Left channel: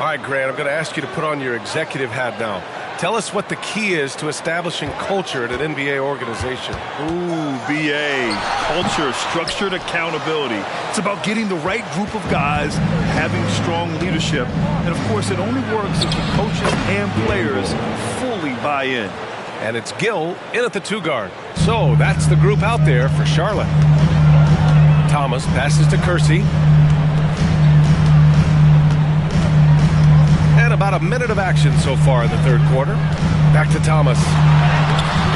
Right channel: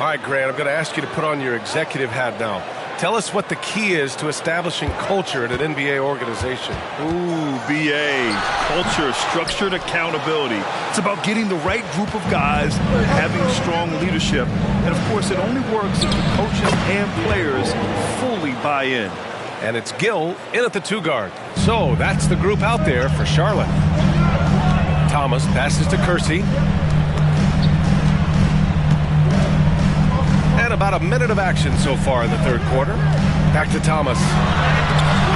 All right, Grant, I'm going to ask you to put on your executive hat now. Tell us what the key is to establishing culture at an NBA organization. Ooh, BA. Culture, structured accountability. It's about getting the right group of guys, having strong leadership. And, of course, it only works if the coaches and players fully buy in. And it's Gill in at the 2-guard. So that's the group out there for Charlotte. Thomas passes to Kersey. And about a minute of action so far in the third quarter. Back to Thomas.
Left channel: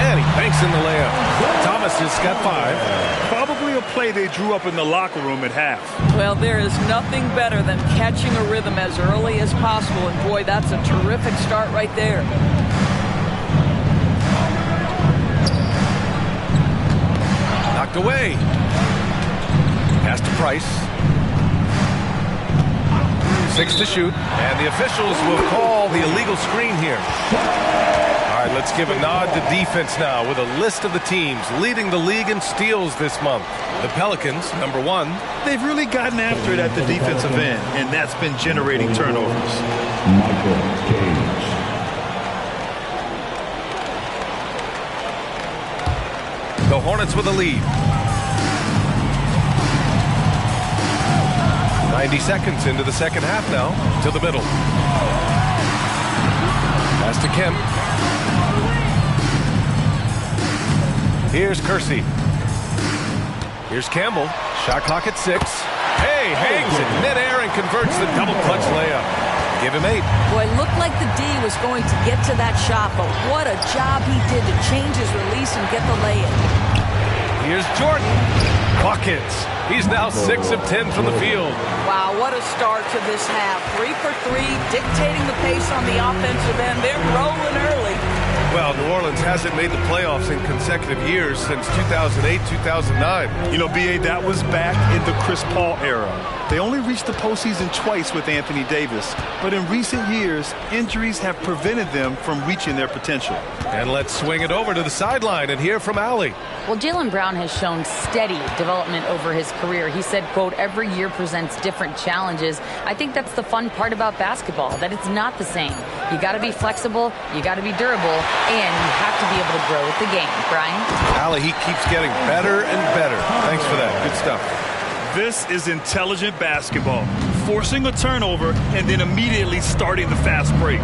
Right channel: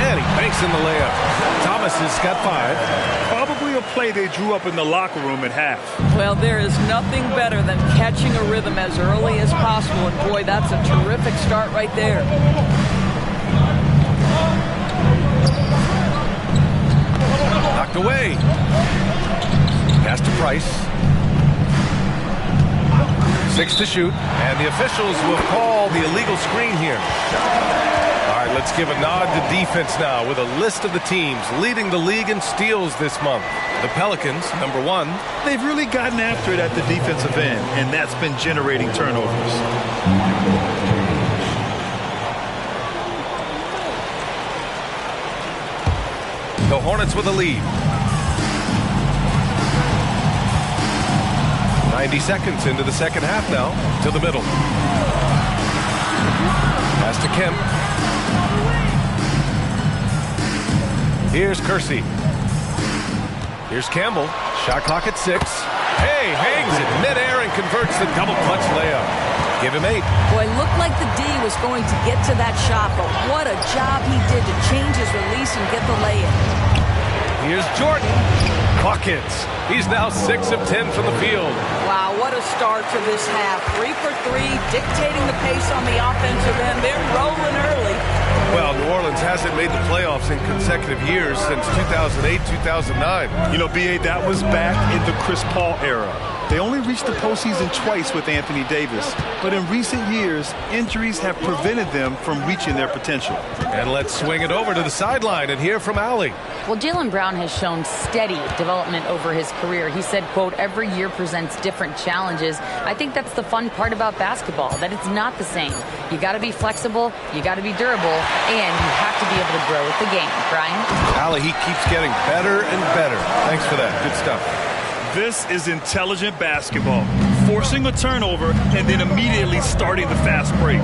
And he banks in the layup. Thomas has got 5. Probably a play they drew up in the locker room at half. Well, there is nothing better than catching a rhythm as early as possible. And, boy, that's a terrific start right there. Knocked away. Pass to Price. 6 to shoot, and the officials will call the illegal screen here. All right, let's give a nod to defense now with a list of the teams leading the league in steals this month. The Pelicans, number 1. They've really gotten after it at the defensive end, and that's been generating turnovers. The Hornets with a lead. 90 seconds into the second half now. To the middle. Pass to Kemp. Here's Kersey. Here's Campbell. Shot clock at 6. Hey, hangs it midair and converts the double clutch layup. Give him 8. Boy, looked like the D was going to get to that shot, but what a job he did to change his release and get the lay-in. Here's Jordan. Buckets. He's now 6 of 10 from the field. Wow, what a start to this half. 3 for 3, dictating the pace on the offensive end. They're rolling early. Well, New Orleans hasn't made the playoffs in consecutive years since 2008-2009. You know, B.A., that was back in the Chris Paul era. They only reached the postseason twice with Anthony Davis. But in recent years, injuries have prevented them from reaching their potential. And let's swing it over to the sideline and hear from Allie. Well, Jaylen Brown has shown steady development over his career. He said, quote, every year presents different challenges. I think that's the fun part about basketball, that it's not the same. You got to be flexible, you got to be durable, and you have to be able to grow with the game. Brian? Allie, he keeps getting better and better. Thanks for that. Good stuff. This is intelligent basketball. Forcing a turnover and then immediately starting the fast break.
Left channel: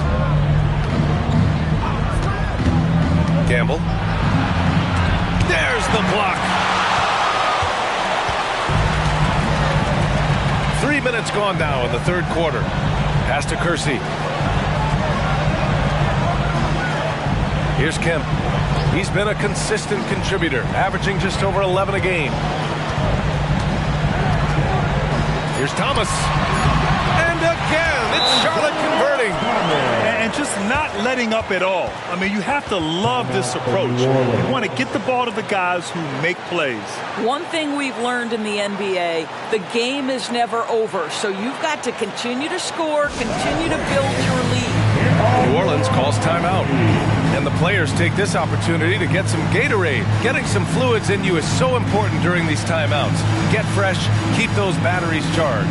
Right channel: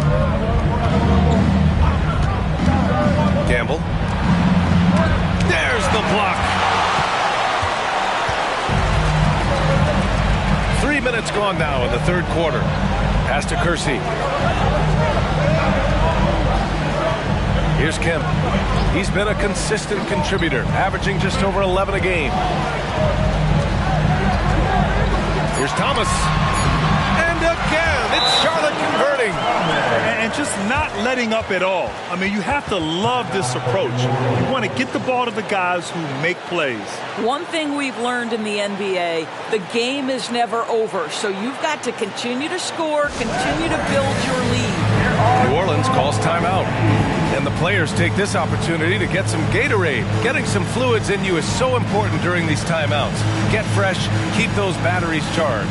Campbell. There's the block. 3 minutes gone now in the third quarter. Pass to Kersey. Here's Kemp. He's been a consistent contributor, averaging just over 11 a game. Here's Thomas. And again, it's Charlotte converting. And just not letting up at all. I mean, you have to love this approach. You want to get the ball to the guys who make plays. One thing we've learned in the NBA, the game is never over. So you've got to continue to score, continue to build your lead. New Orleans calls timeout. And the players take this opportunity to get some Gatorade. Getting some fluids in you is so important during these timeouts. Get fresh, keep those batteries charged.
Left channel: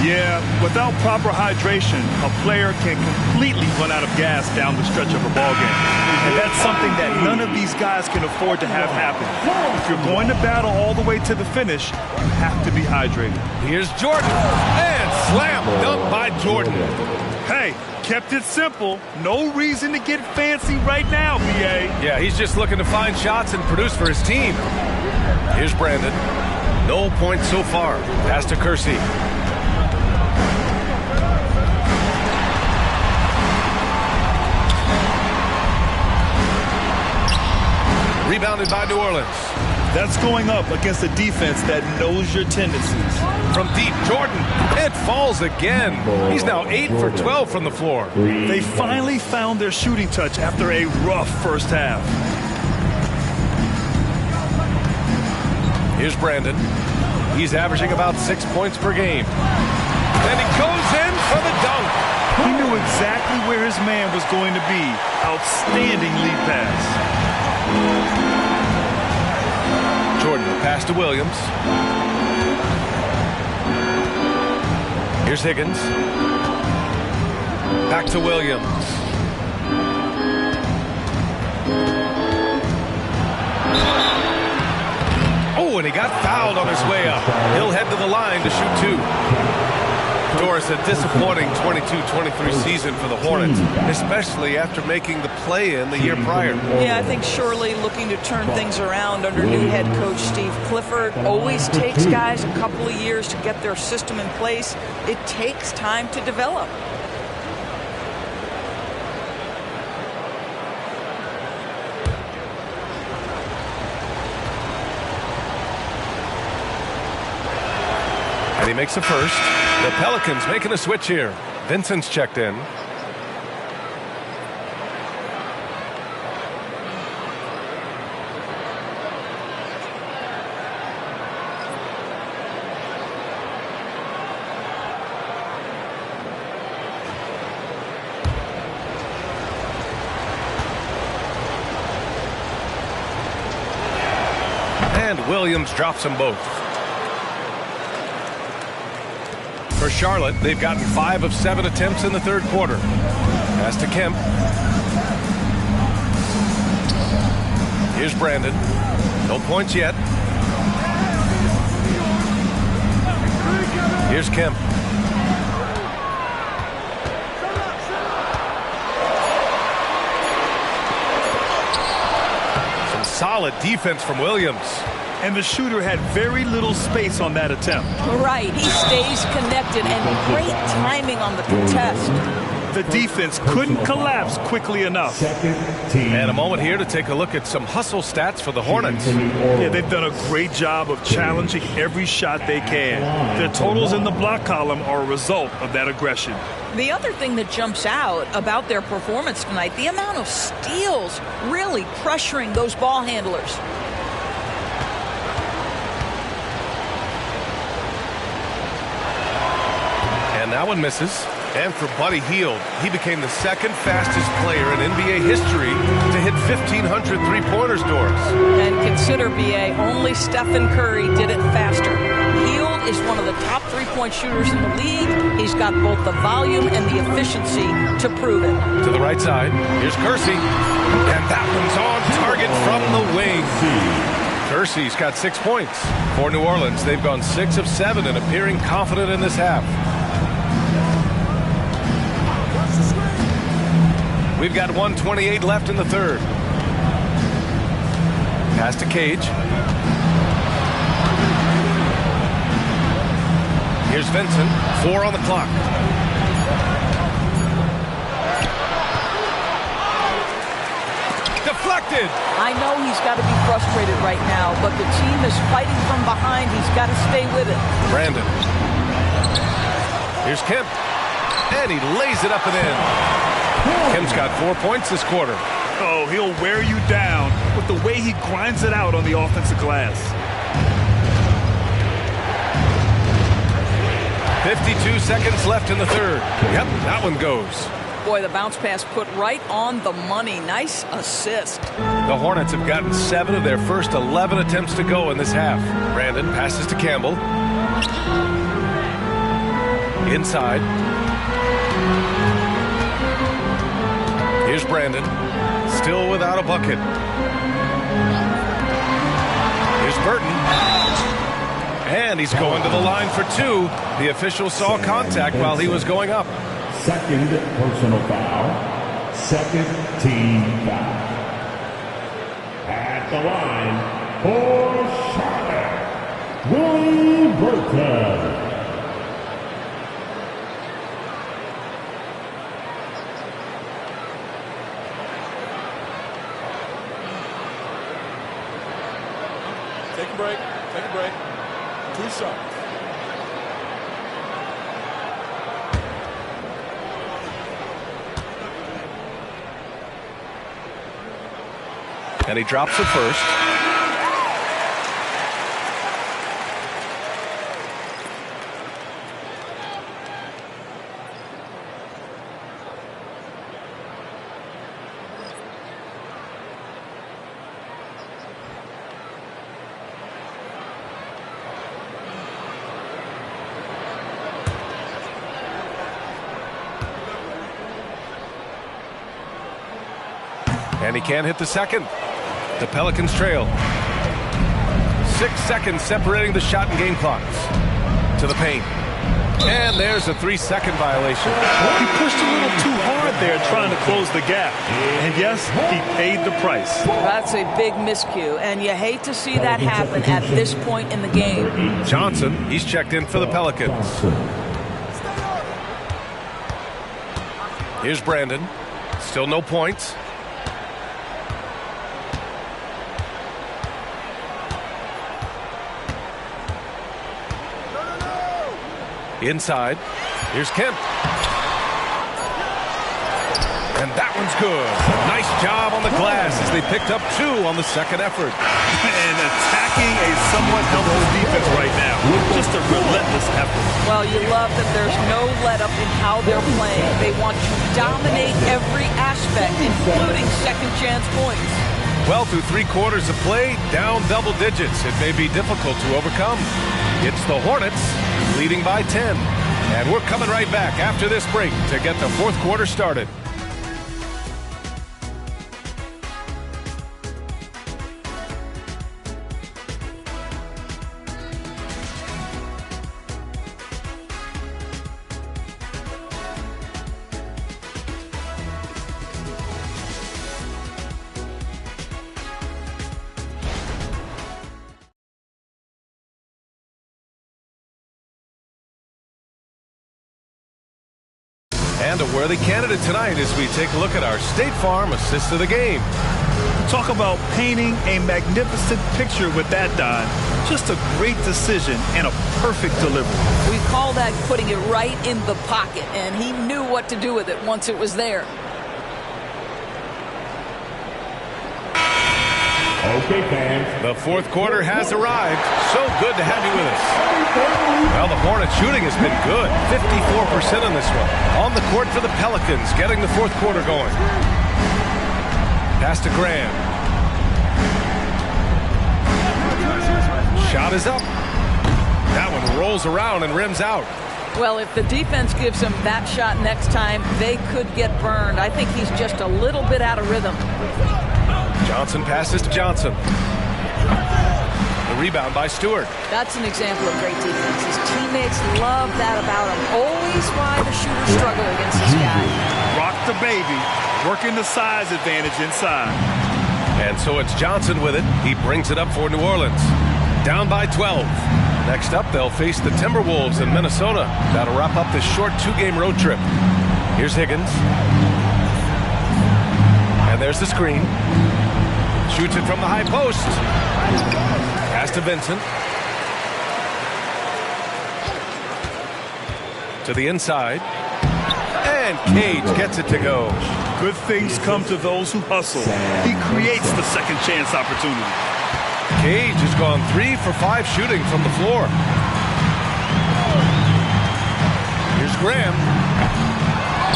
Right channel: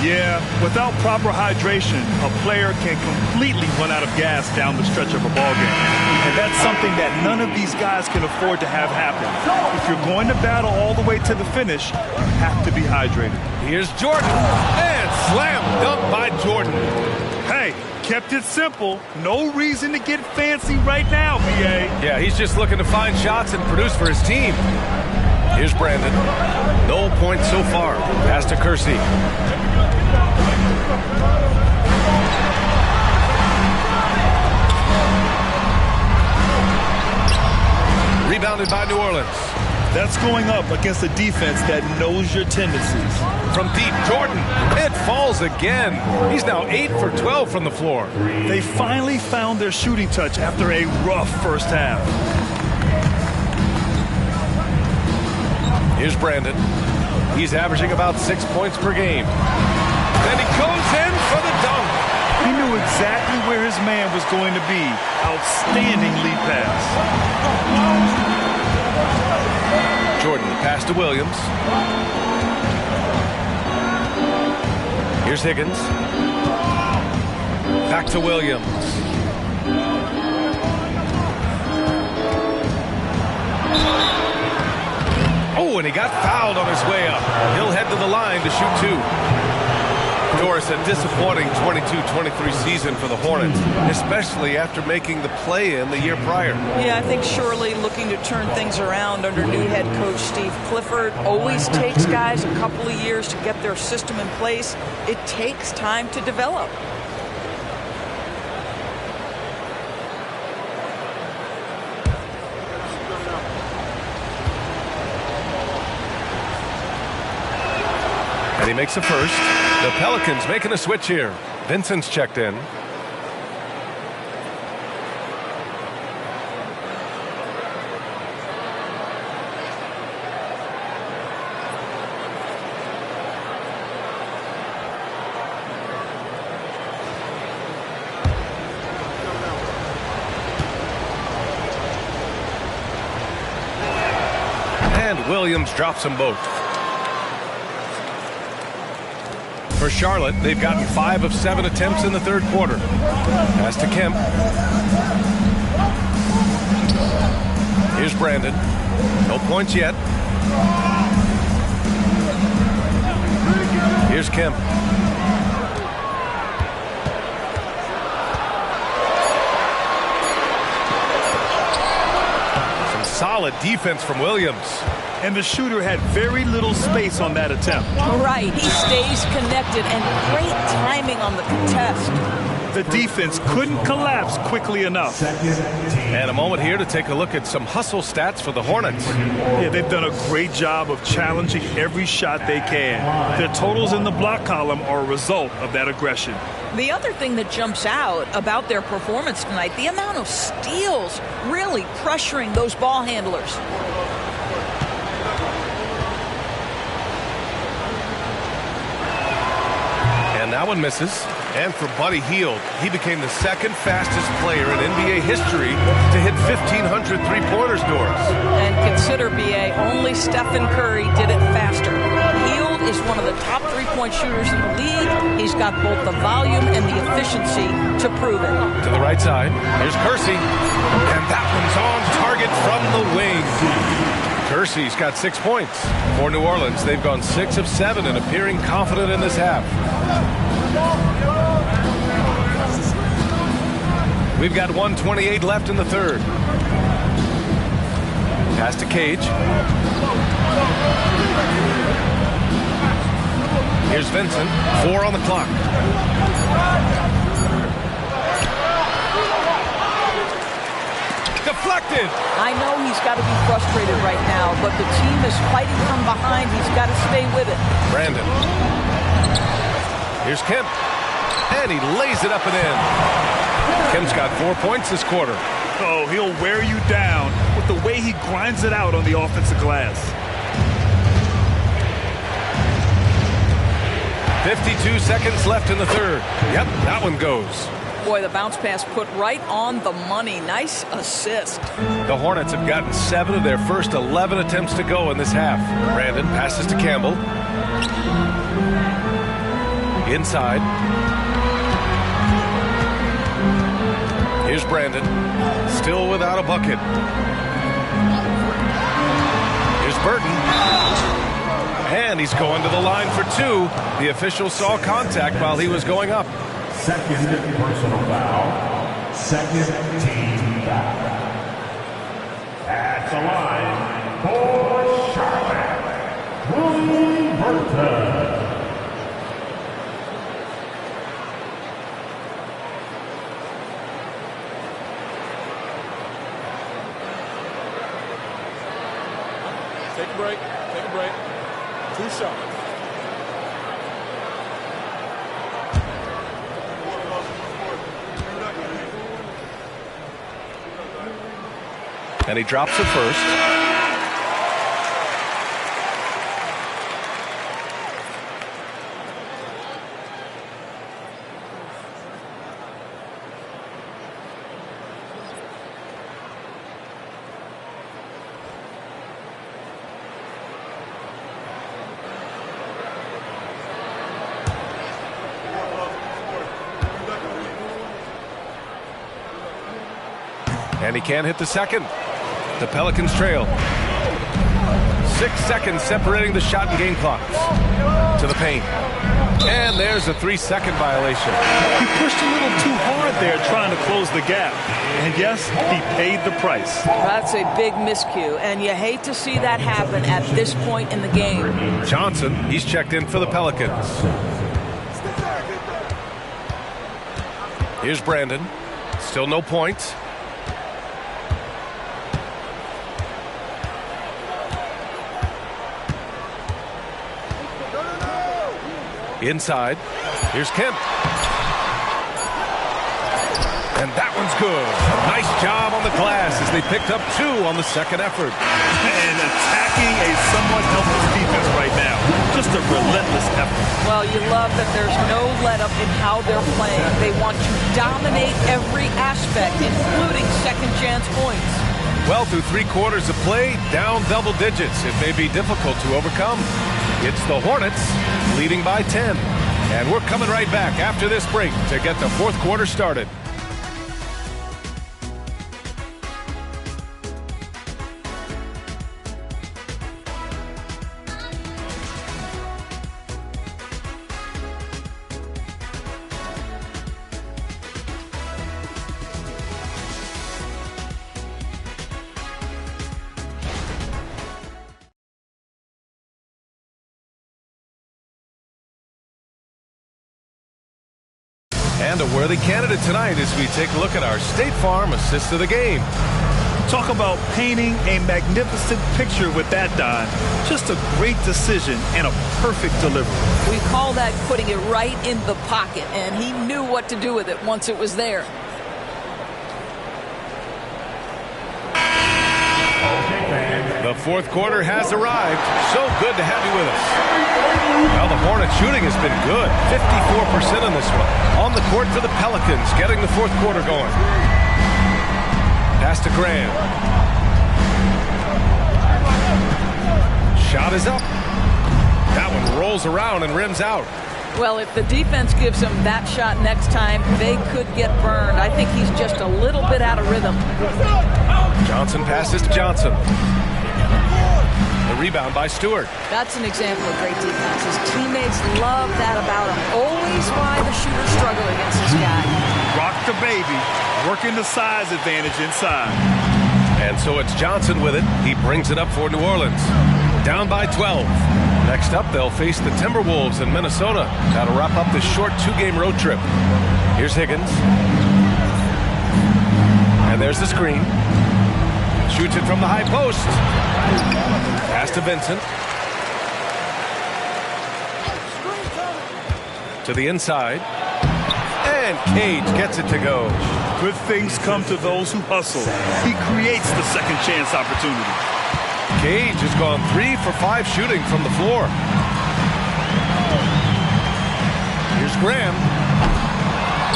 Yeah, without proper hydration, a player can completely run out of gas down the stretch of a ball game. And that's something that none of these guys can afford to have happen. If you're going to battle all the way to the finish, you have to be hydrated. Here's Jordan. And slam dunk by Jordan. Hey, kept it simple. No reason to get fancy right now, B.A. Yeah, he's just looking to find shots and produce for his team. Here's Brandon. No points so far. Pass to Kersey. Rebounded by New Orleans. That's going up against a defense that knows your tendencies. From deep, Jordan. It falls again. He's now 8 for 12 from the floor. They finally found their shooting touch after a rough first half. Here's Brandon. He's averaging about 6 points per game. And he goes in for the dunk. He knew exactly where his man was going to be. Outstanding lead pass. Jordan, the pass to Williams. Here's Higgins. Back to Williams. Oh, and he got fouled on his way up. He'll head to the line to shoot 2. Doris, a disappointing 22-23 season for the Hornets, especially after making the play-in the year prior. Yeah, I think surely looking to turn things around under new head coach Steve Clifford. Always takes guys a couple of years to get their system in place. It takes time to develop. And he makes a first. The Pelicans making a switch here. Vincent's checked in. And Williams drops them both. For Charlotte, they've gotten 5 of 7 attempts in the third quarter. Pass to Kemp. Here's Brandon. No points yet. Here's Kemp. Some solid defense from Williams. And the shooter had very little space on that attempt. Right, he stays connected and great timing on the contest. The defense couldn't collapse quickly enough. And a moment here to take a look at some hustle stats for the Hornets. Yeah, they've done a great job of challenging every shot they can. Their totals in the block column are a result of that aggression. The other thing that jumps out about their performance tonight, the amount of steals really pressuring those ball handlers. And that one misses. And for Buddy Hield, he became the second fastest player in NBA history to hit 1,500 three-pointers, Doris. And consider, BA, only Stephen Curry did it faster. Hield is one of the top three-point shooters in the league. He's got both the volume and the efficiency to prove it. To the right side, here's Kersey. And that one's on target from the wing. Kersey's got 6 points. For New Orleans, they've gone 6 of 7 and appearing confident in this half. We've got 1:28 left in the third. Pass to Cage. Here's Vincent. 4 on the clock. Deflected. I know he's got to be frustrated right now, but the team is fighting from behind. He's got to stay with it. Brandon. Here's Kemp. And he lays it up and in. Kemp's got 4 points this quarter. Oh, he'll wear you down with the way he grinds it out on the offensive glass. 52 seconds left in the third. Yep, that one goes. Boy, the bounce pass put right on the money. Nice assist. The Hornets have gotten 7 of their first 11 attempts to go in this half. Brandon passes to Campbell. Inside. Here's Brandon. Still without a bucket. Here's Burton. And he's going to the line for 2. The official saw contact while he was going up. Second personal foul. Second team foul. At the line for Charlotte, Willie Burton. Take a break. Take a break. 2 shots. And he drops it first. And he can't hit the second. The Pelicans trail. 6 seconds separating the shot and game clocks. To the paint. And there's a 3-second violation. He pushed a little too hard there trying to close the gap. And yes, he paid the price. That's a big miscue, and you hate to see that happen at this point in the game. Johnson, he's checked in for the Pelicans. Here's Brandon. Still no points. Inside. Here's Kemp. And that one's good. A nice job on the glass as they picked up 2 on the second effort. And attacking a somewhat helpless defense right now. Just a relentless effort. Well, you love that there's no let-up in how they're playing. They want to dominate every aspect, including second-chance points. Well, through 3 quarters of play, down double digits. It may be difficult to overcome. It's the Hornets leading by 10. And we're coming right back after this break to get the fourth quarter started. And a worthy candidate tonight as we take a look at our State Farm assist of the game. Talk about painting a magnificent picture with that, Don. Just a great decision and a perfect delivery. We call that putting it right in the pocket, and he knew what to do with it once it was there. Okay, fans. The fourth quarter has arrived. So good to have you with us. Well, the Hornets shooting has been good. 54% on this one. On the court for the Pelicans, getting the fourth quarter going. Pass to Graham. Shot is up. That one rolls around and rims out. Well, if the defense gives him that shot next time, they could get burned. I think he's just a little bit out of rhythm. Johnson passes to Johnson. The rebound by Stewart. That's an example of great defense. His teammates love that about him. Always why the shooters struggle against this guy. Rock the baby, working the size advantage inside. And so it's Johnson with it. He brings it up for New Orleans. Down by 12. Next up, they'll face the Timberwolves in Minnesota. That'll wrap up this short 2-game road trip. Here's Higgins. And there's the screen. Shoots it from the high post. Pass to Vincent. To the inside. And Cage gets it to go. Good things come to those who hustle. He creates the second chance opportunity. Cage has gone 3 for 5 shooting from the floor. Here's Graham.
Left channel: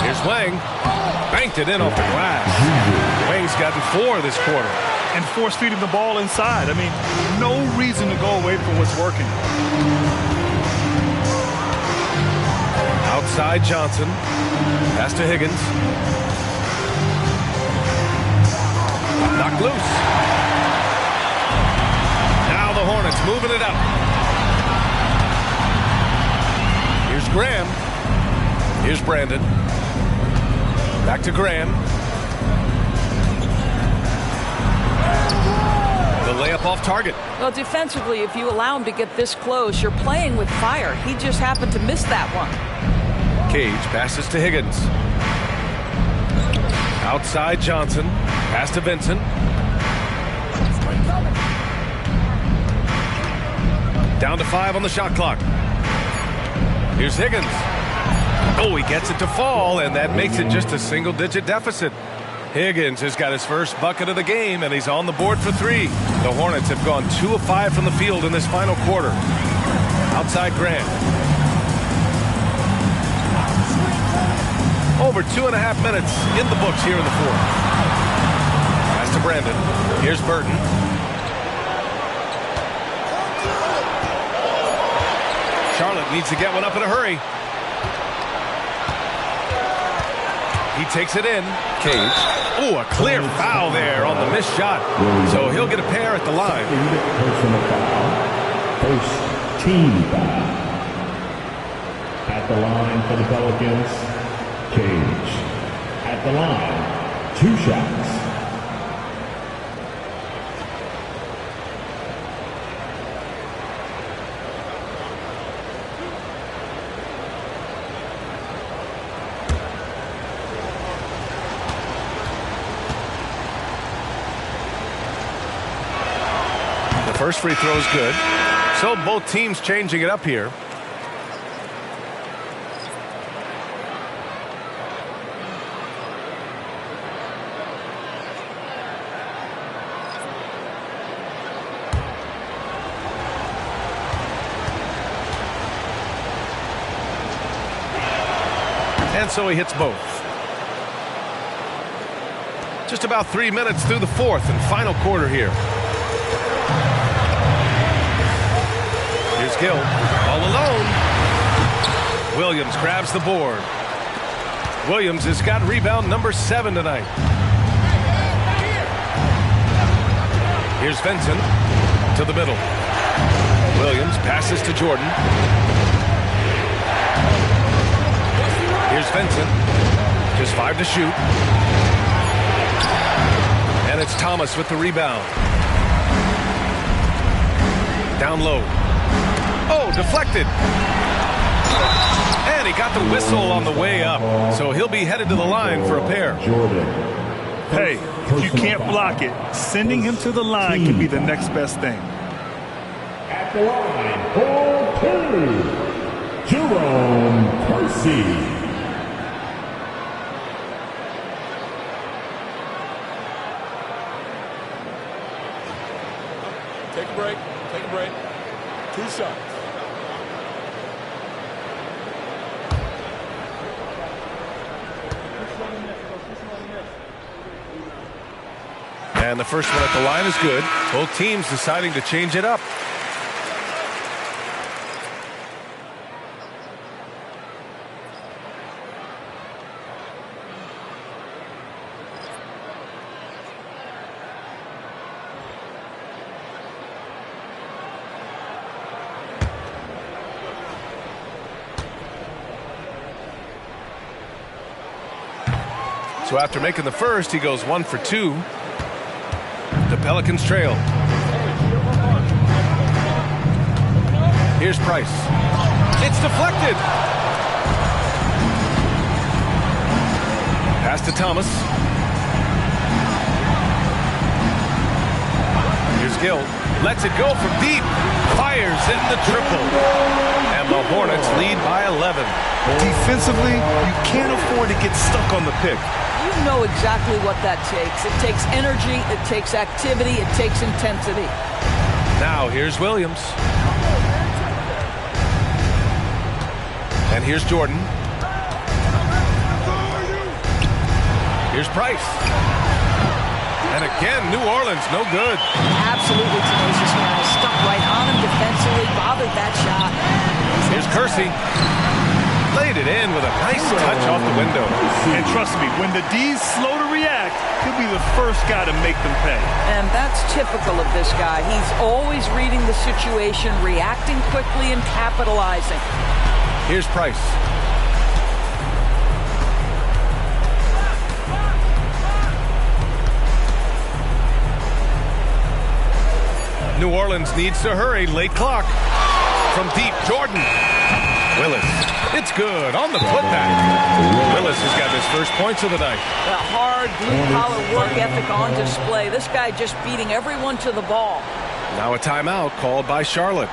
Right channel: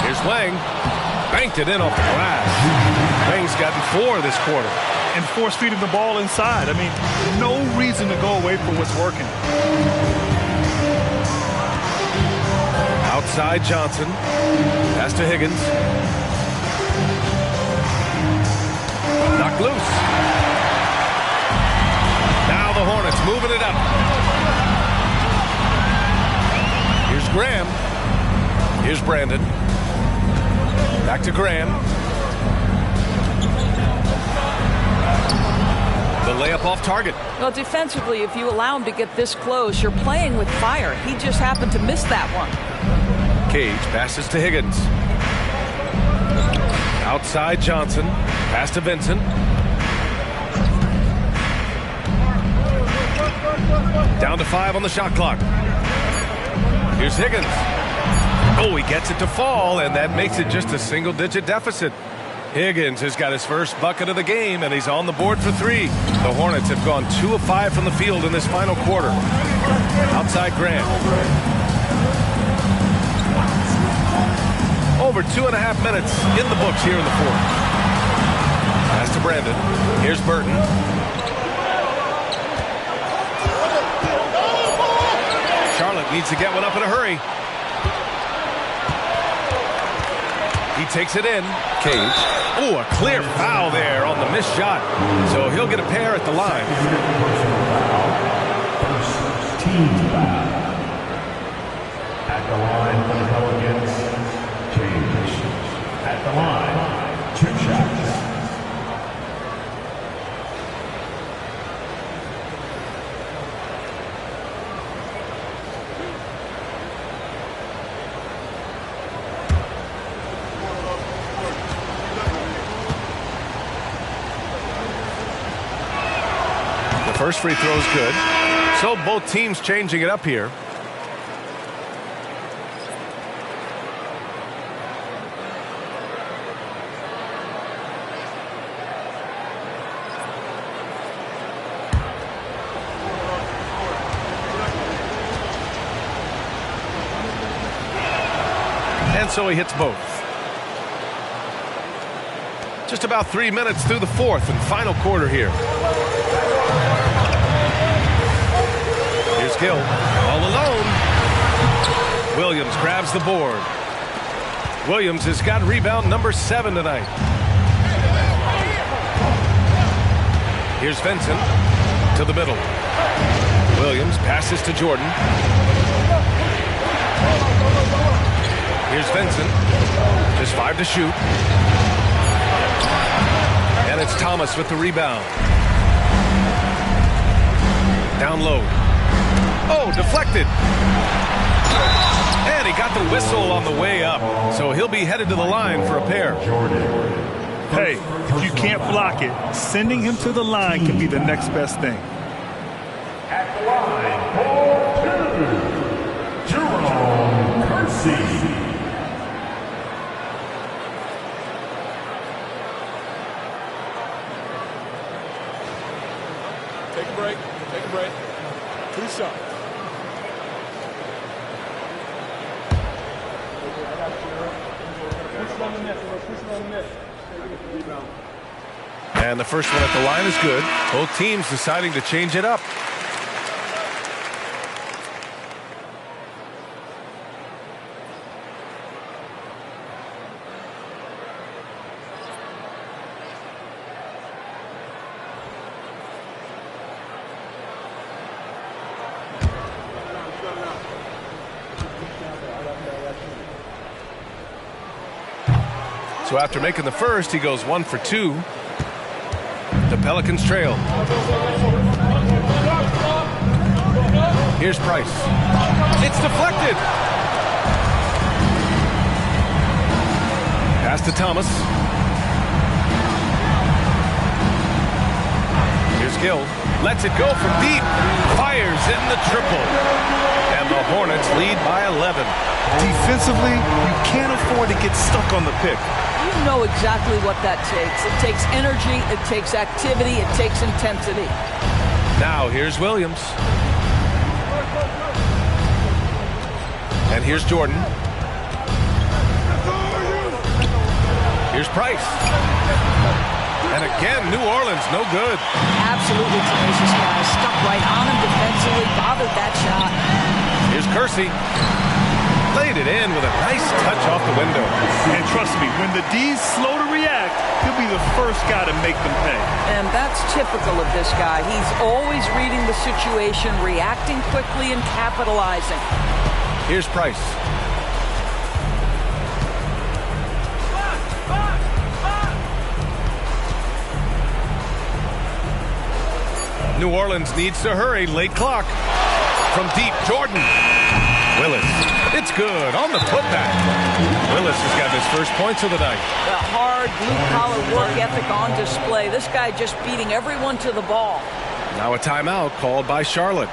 Here's Wang. Banked it in off the glass. Wang's gotten 4 this quarter. And force-feeding the ball inside. I mean, no reason to go away from what's working. Outside Johnson. Pass to Higgins. Knocked loose. Now the Hornets moving it up. Here's Graham. Here's Brandon. Back to Graham. The layup off target. Well, defensively, if you allow him to get this close, you're playing with fire. He just happened to miss that one. Cage passes to Higgins. Outside Johnson. Pass to Vincent. Down to 5 on the shot clock. Here's Higgins. Oh, he gets it to fall, and that makes it just a single-digit deficit. Higgins has got his first bucket of the game, and he's on the board for 3. The Hornets have gone 2 of 5 from the field in this final quarter. Outside Grant. Over 2.5 minutes in the books here in the fourth. Pass to Brandon. Here's Burton. Charlotte needs to get one up in a hurry. He takes it in. Cage. Oh, a clear foul there on the missed shot. So he'll get a pair at the line. Personal foul. First team foul. At the line for the Pelicans, Cage. At the line, 2 shots. The first free throw is good. So both teams changing it up here. And so he hits both. Just about 3 minutes through the fourth and final quarter here. Here's Gill, all alone. Williams grabs the board. Williams has got rebound number 7 tonight. Here's Vincent to the middle. Williams passes to Jordan. Here's Vincent, just 5 to shoot. And it's Thomas with the rebound. Down low. Oh, deflected. And he got the whistle on the way up. So he'll be headed to the line for a pair. Jordan. Hey, if you can't block it, sending him to the line can be the next best thing. At the line for 2, Jerome Kersey. Take a break. Take a break. 2 shots. And the first one at the line is good. Both teams deciding to change it up. So after making the first, he goes 1 for 2. The Pelicans trail. Here's Price. It's deflected. Pass to Thomas. Here's Gill. Lets it go from deep. Fires in the triple. And the Hornets lead by 11. Defensively, you can't afford to get stuck on the pick. You know exactly what that takes. It takes energy, it takes activity, it takes intensity. Now here's Williams. And here's Jordan. Here's Price. And again, New Orleans, no good. Absolutely tenacious guys. Stuck right on him defensively, bothered that shot. Here's Kersey. Laid it in with a nice touch off the window. And trust me, when the D's slow to react, he'll be the first guy to make them pay. And that's typical of this guy. He's always reading the situation, reacting quickly and capitalizing. Here's Price. New Orleans needs to hurry. Late clock. From deep, Jordan. Willis. It's good on the putback. Willis has got his first points of the night. The hard blue-collar work ethic on display. This guy just beating everyone to the ball. Now a timeout called by Charlotte.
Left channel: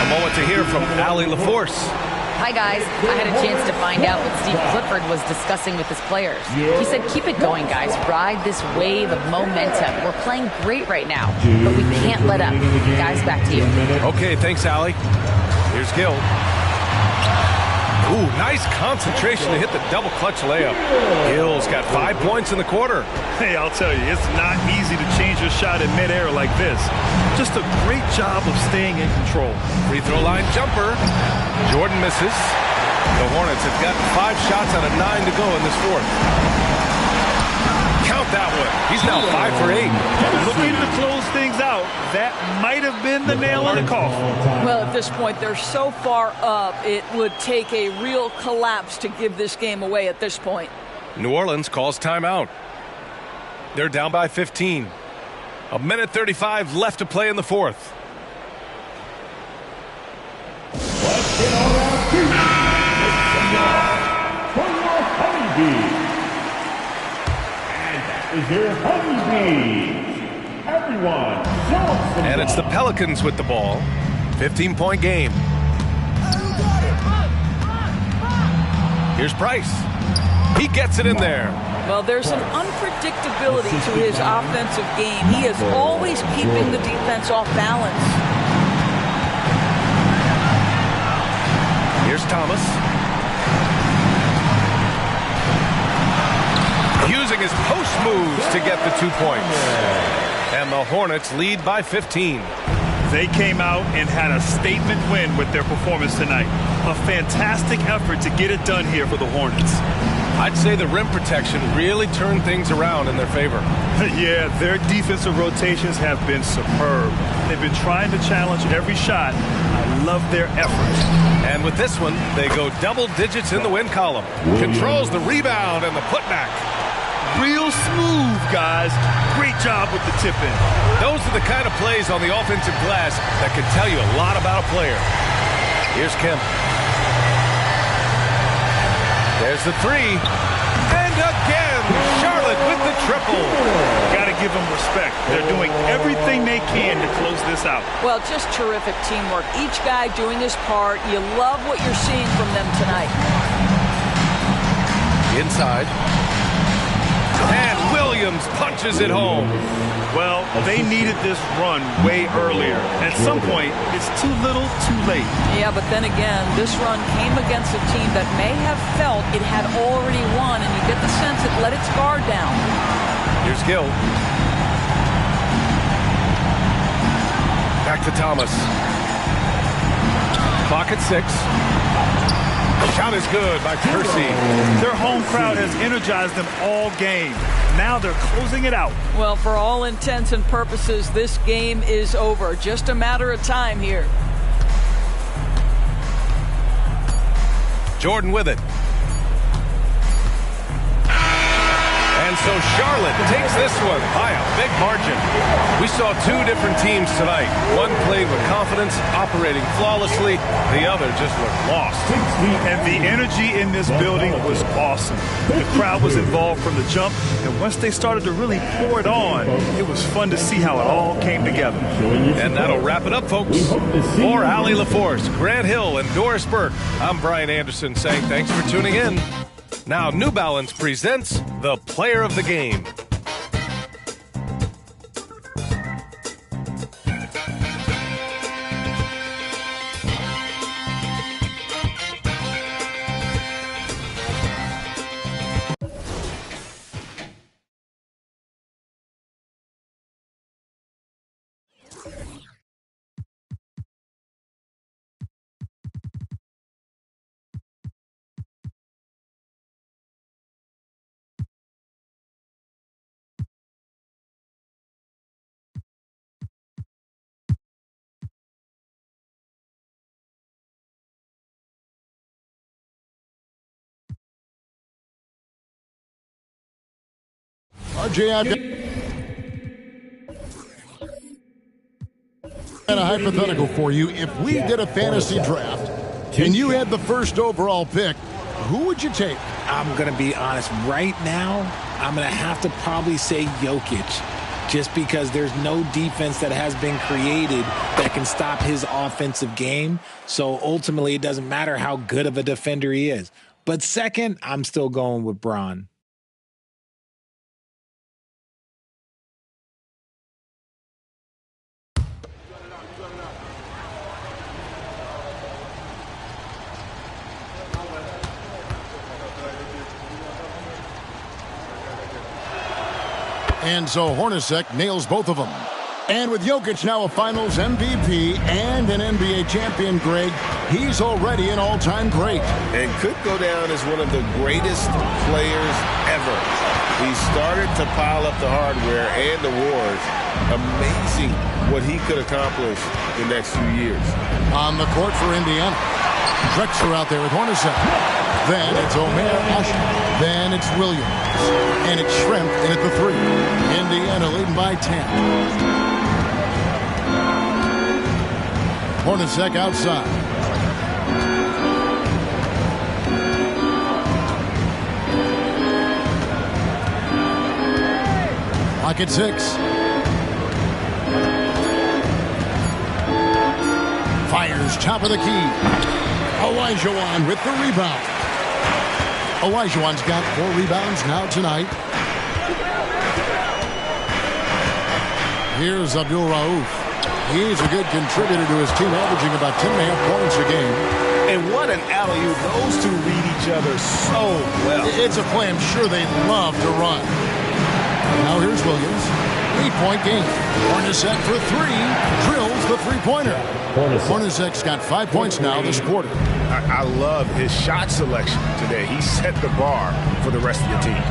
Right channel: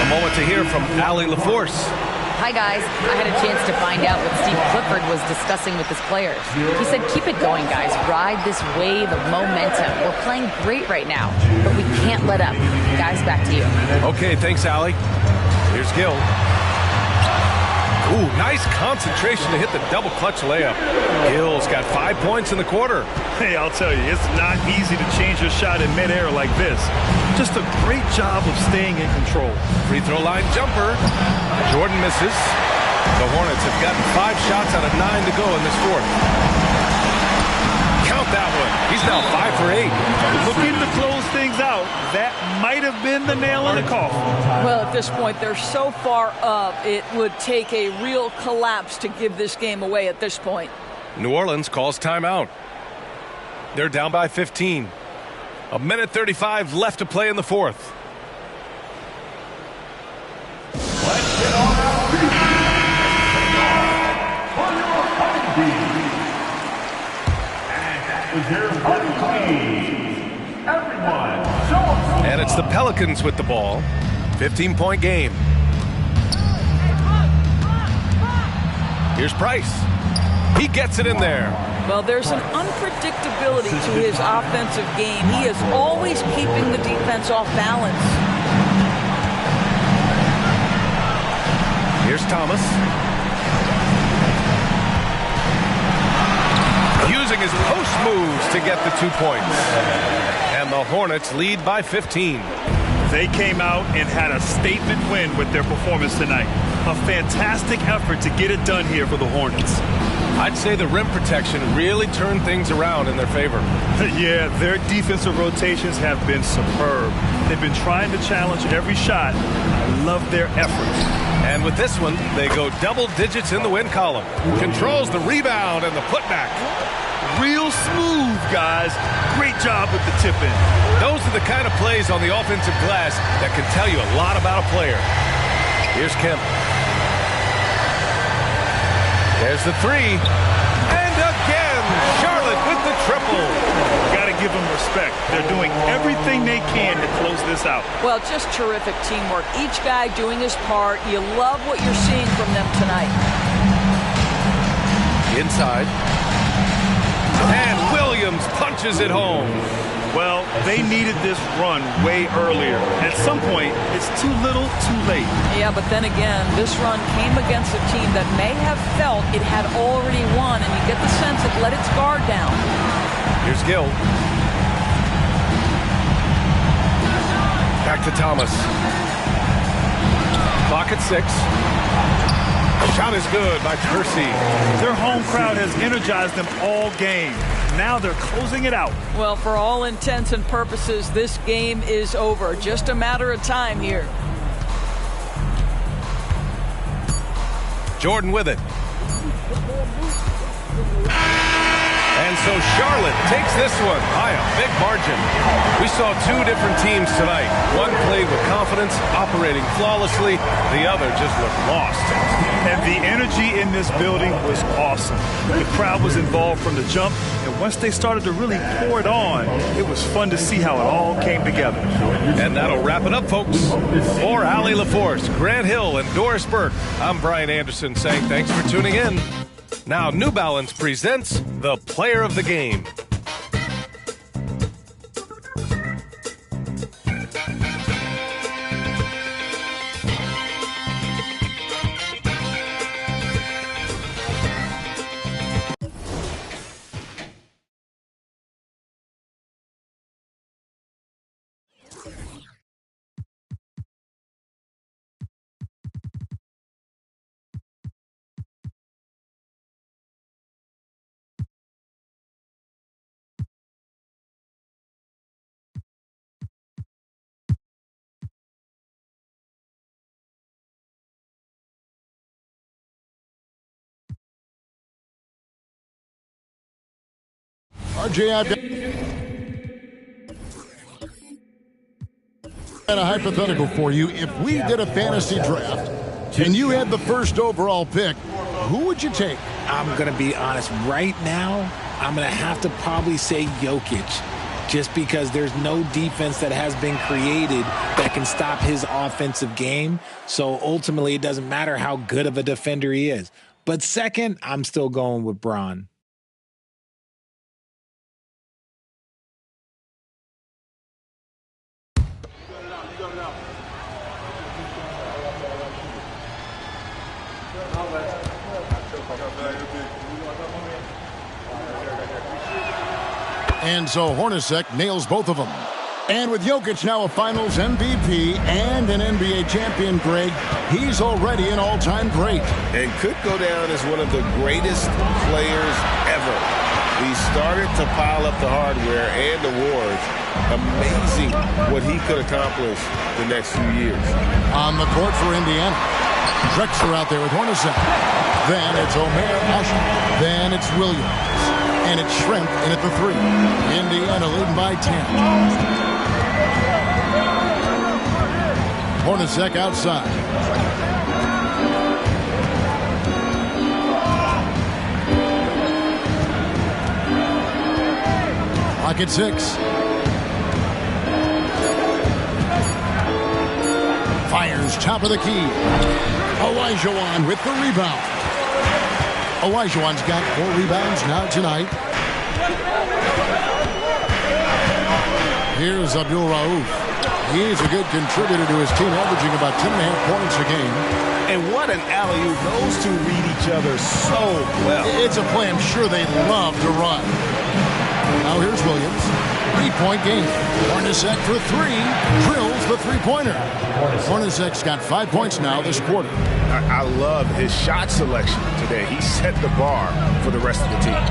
A moment to hear from Allie LaForce. Hi, guys. I had a chance to find out what Steve Clifford was discussing with his players. He said, keep it going, guys. Ride this wave of momentum. We're playing great right now, but we can't let up. Guys, back to you. Okay, thanks, Allie. Here's Gill. Ooh, nice concentration to hit the double clutch layup. Gill's got 5 points in the quarter. Hey, I'll tell you, it's not easy to change your shot in midair like this. Just a great job of staying in control. Free throw line jumper. Jordan misses. The Hornets have gotten 5 shots out of 9 to go in this fourth. Count that one. He's now 5 for 8. Looking to close things out. That might have been the nail in the coffin. Well, at this point, they're so far up, it would take a real collapse to give this game away at this point. New Orleans calls timeout. They're down by 15. 1:35 left to play in the fourth. Let's get on our feet. For your honeybees. And that is your honeybees. Everyone, show us some And it's the Pelicans with the ball. 15-point game. Here's Price. He gets it in there. Well, there's an unpredictability to his offensive game. He is always keeping the defense off balance. Here's Thomas. Using his post moves to get the 2 points. And the Hornets lead by 15. They came out and had a statement win with their performance tonight. A fantastic effort to get it done here for the Hornets. I'd say the rim protection really turned things around in their favor. Yeah, their defensive rotations have been superb. They've been trying to challenge every shot. I love their effort. And with this one, they go double digits in the win column. Controls the rebound and the putback. Real smooth, guys. Great job with the tip-in. Those are the kind of plays on the offensive glass that can tell you a lot about a player. Here's Kemp. There's the 3. And again, Charlotte with the triple. Got to give them respect. They're doing everything they can to close this out. Well, just terrific teamwork. Each guy doing his part. You love what you're seeing from them tonight. Inside. And Williams punches it home. Well, they needed this run way earlier. At some point, it's too little, too late. Yeah, but then again, this run came against a team that may have felt it had already won, and you get the sense it let its guard down. Here's Gill. Back to Thomas. Clock at 6. Shot is good by Kersey. Their home crowd has energized them all game. Now they're closing it out. Well, for all intents and purposes, this game is over. Just a matter of time here. Jordan with it. And so Charlotte takes this one by a big margin. We saw 2 different teams tonight. One played with confidence, operating flawlessly. The other just looked lost. And the energy in this building was awesome. The crowd was involved from the jump, and once they started to really pour it on, it was fun to see how it all came together. And that'll wrap it up, folks. For Allie LaForce, Grant Hill, and Doris Burke, I'm Brian Anderson saying thanks for tuning in. Now, New Balance presents the Player of the Game. RJ, I've got a hypothetical for you. If we did a fantasy draft and you had the first overall pick, who would you take? I'm going to be honest. Right now, I'm going to have to probably say Jokic, just because there's no defense that has been created that can stop his offensive game. So ultimately, it doesn't matter how good of a defender he is. But second, I'm still going with Bron. And so Hornacek nails both of them. And with Jokic now a Finals MVP and an NBA champion, Greg, he's already an all-time great. And could go down as one of the greatest players ever. He started to pile up the hardware and awards. Amazing what he could accomplish the next few years. On the court for Indiana. Drexler out there with Hornacek. Then it's Omer Asher. Then it's Williams. And it's Schrempf in at the 3. Indiana leading by 10. Hornacek outside. Clock at 6. Fires top of the key. Olajuwon with the rebound. Olajuwon's got 4 rebounds now tonight. Here's Abdul Rauf. He's a good contributor to his team, averaging about 10.5 points a game. And what an alley-oop. Those two read each other so well. It's a play I'm sure they love to run. Now here's Williams. 3-point game. Hornacek for 3. Drills the three-pointer. Hornacek's got 5 points now this quarter. I love his shot selection today. He set the bar for the rest of the team.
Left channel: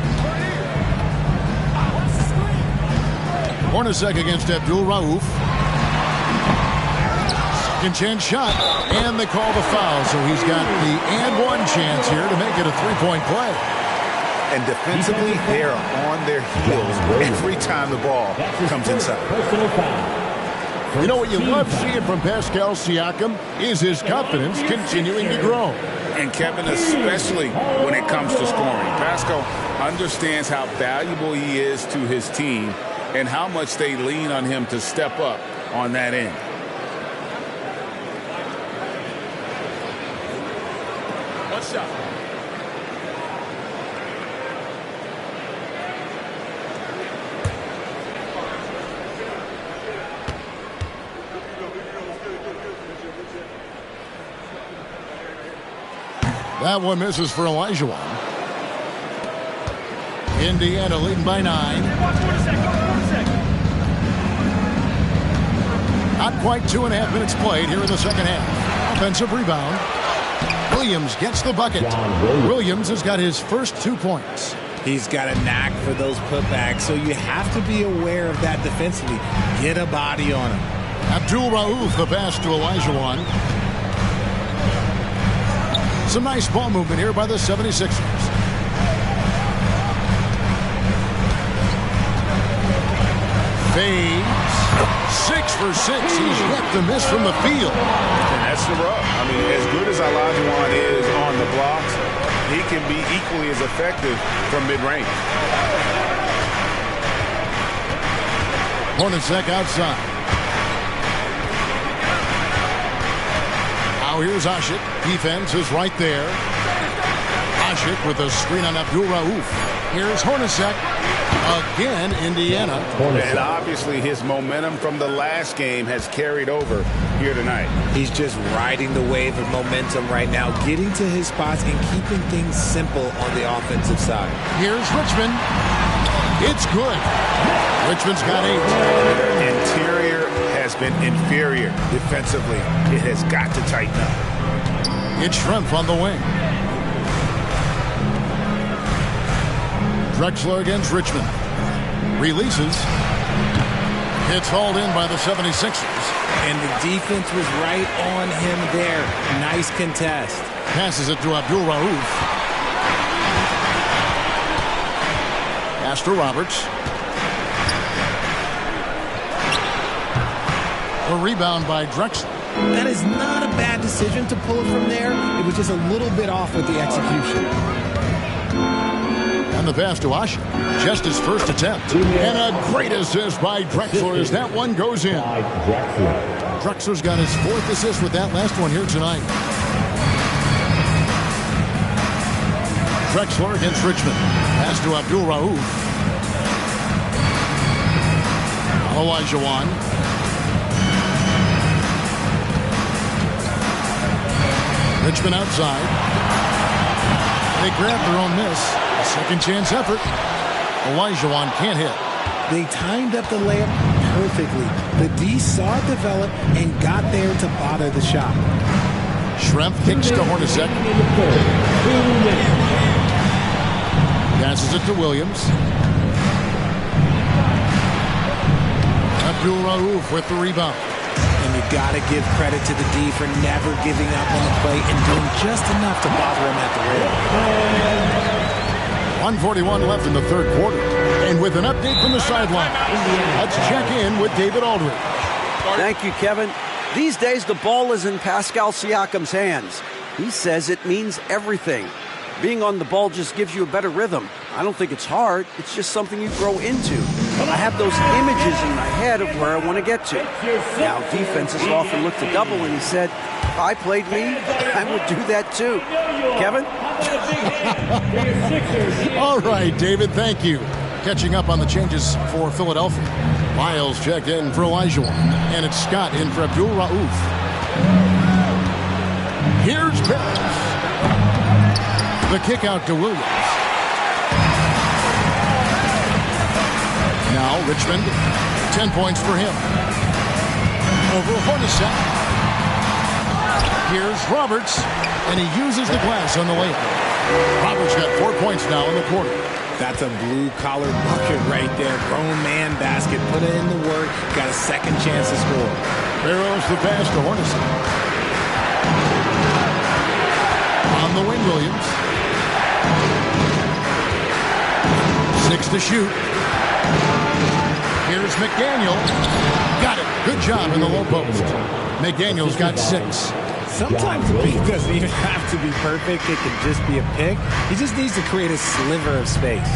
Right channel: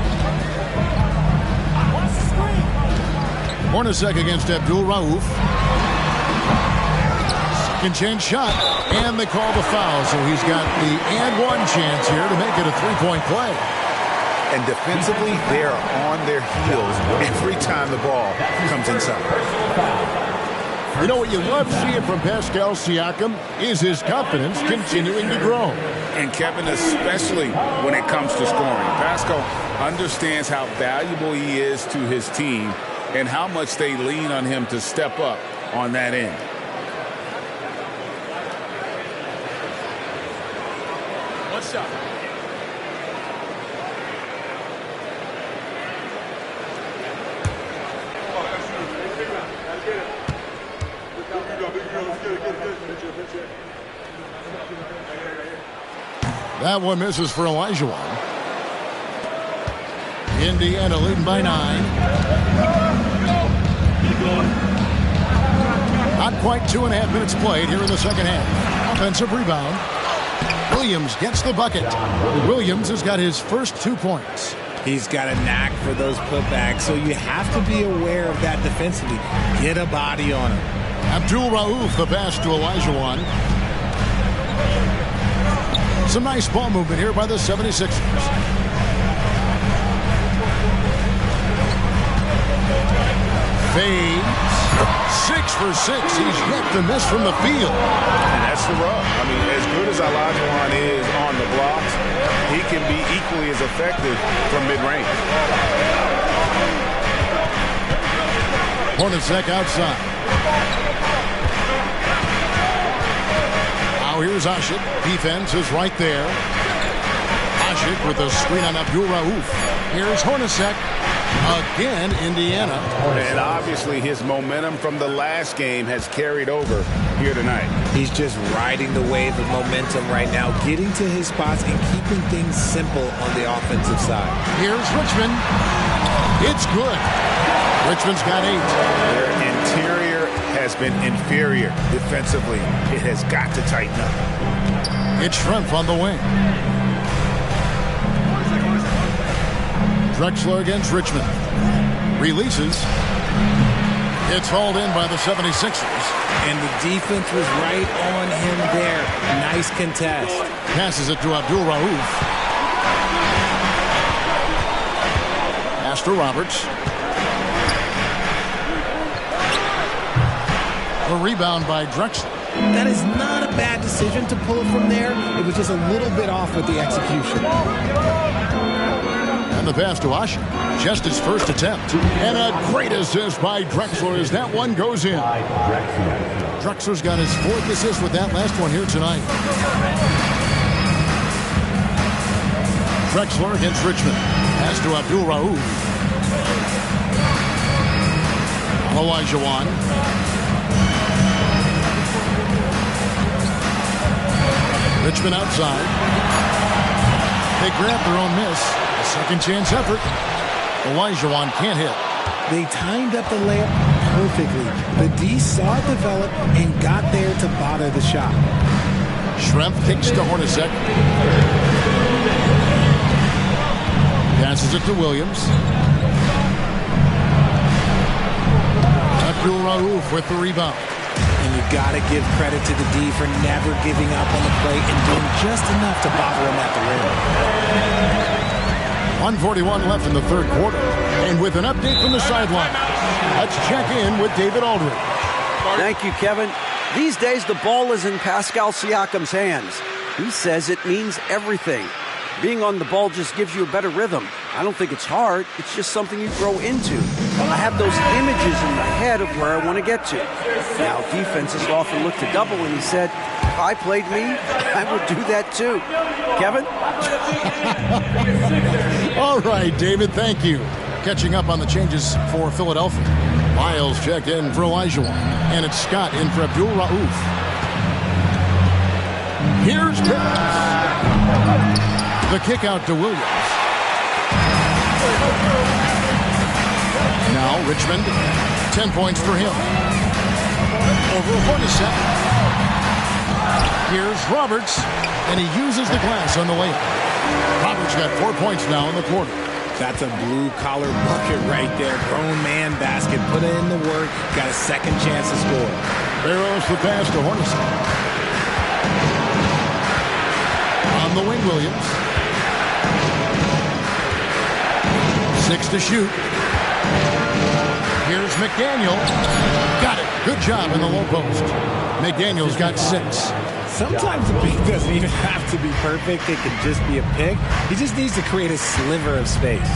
Hornacek against Abdul Rauf. Second chance shot. And they call the foul, so he's got the and one chance here to make it a 3-point play. And defensively, they are on their heels every time the ball comes inside. You know what you love seeing from Pascal Siakam is his confidence continuing to grow. And Kevin, especially when it comes to scoring. Pascal understands how valuable he is to his team and how much they lean on him to step up on that end. One shot. That one misses for Olajuwon. Indiana leading by 9. Not quite 2.5 minutes played here in the second half. Offensive rebound. Williams gets the bucket. Williams has got his first 2 points. He's got a knack for those putbacks, so you have to be aware of that defensively. Get a body on him. Abdul Rauf, the pass to Olajuwon. Some nice ball movement here by the 76ers. Fades. 6 for 6. He's yet to miss from the field. And that's the rub. I mean, as good as Olajuwon is on the blocks, he can be equally as effective from mid-range. Hornacek outside. Now here's Asher. Defense is right there. Asher with a screen on Abdul Rauf. Here's Hornacek. Again, Indiana. And obviously his momentum from the last game has carried over here tonight. He's just riding the wave of momentum right now, getting to his spots and keeping things simple on the offensive side. Here's Richmond. It's good. Richmond's got 8. Their interior has been inferior defensively. It has got to tighten up. It's Schrempf on the wing. Drexler against Richmond. Releases. It's hauled in by the 76ers. And the defense was right on him there. Nice contest. Passes it to Abdul Rauf. Pass to Roberts. A rebound by Drexler. That is not a bad decision to pull it from there. It was just a little bit off with the execution. And the pass to Asher. Just his first attempt. And a great assist by Drexler as that one goes in. Drexler's got his 4th assist with that last one here tonight. Drexler against Richmond. Pass to Abdul Rauf. Olajuwon. Richmond outside. They grab their own miss. A second chance effort. Olajuwon can't hit. They timed up the layup perfectly. The D saw it develop and got there to bother the shot. Schrempf kicks to Hornacek. Passes it to Williams. Abdul-Rauf with the rebound. And you got to give credit to the D for never giving up on the play and doing just enough to bother him at the rim. 1:41 left in the third quarter. And with an update from the sideline, let's check in with David Aldridge. Thank you, Kevin. These days, the ball is in Pascal Siakam's hands. He says it means everything. Being on the ball just gives you a better rhythm. I don't think it's hard. It's just something you grow into. I have those images in my head of where I want to get to. Now, defenses often look to double, and he said, if I played me, I would do that too. Kevin? All right, David, thank you. Catching up on the changes for Philadelphia. Miles checked in for Elijah, and it's Scott in for Abdul-Rauf. Here's Pierce. The kick out to Williams. Now Richmond, 10 points for him. Over Hornacek. Here's Roberts, and he uses the glass on the layup. Roberts got 4 points now in the quarter. That's a blue-collar bucket right there. Grown man basket. Put in the work. Got a second chance to score. Barrows the pass to Hornacek. On the wing, Williams. 6 to shoot. Here's McDaniel. Got it. Good job in the low post. McDaniel's got 6. Sometimes the pick doesn't even have to be perfect. It can just be a pick. He just needs to create a sliver of space.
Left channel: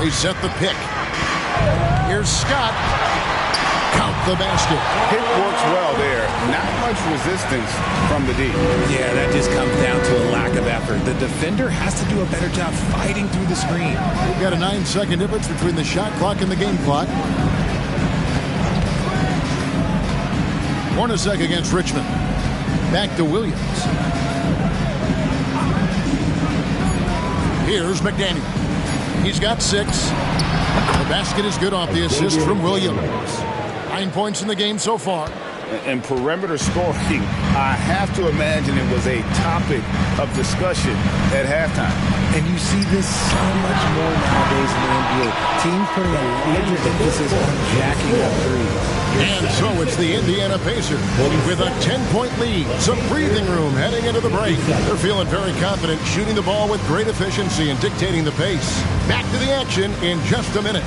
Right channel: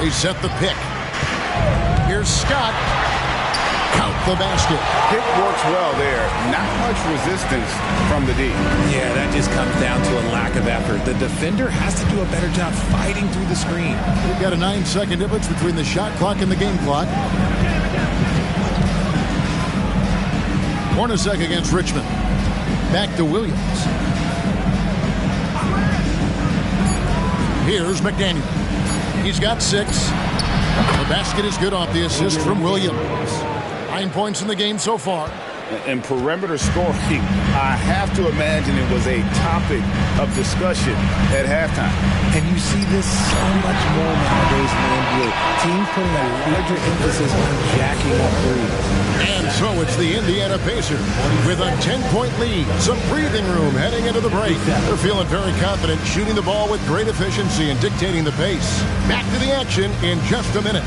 They set the pick. Here's Scott. Count the basket. Pick works well there. Not much resistance from the D. Yeah, that just comes down to a lack of effort. The defender has to do a better job fighting through the screen. We've got a 9-second difference between the shot clock and the game clock. Hornacek against Richmond. Back to Williams. Here's McDaniel. He's got 6. The basket is good off the assist from Williams. 9 points in the game so far. And perimeter scoring, I have to imagine it was a topic of discussion at halftime. And you see this so much more nowadays in the NBA. Teams putting a larger emphasis on jacking up threes. And so it's the Indiana Pacers with a 10-point lead. Some breathing room heading into the break. They're feeling very confident, shooting the ball with great efficiency and dictating the pace. Back to the action in just a minute.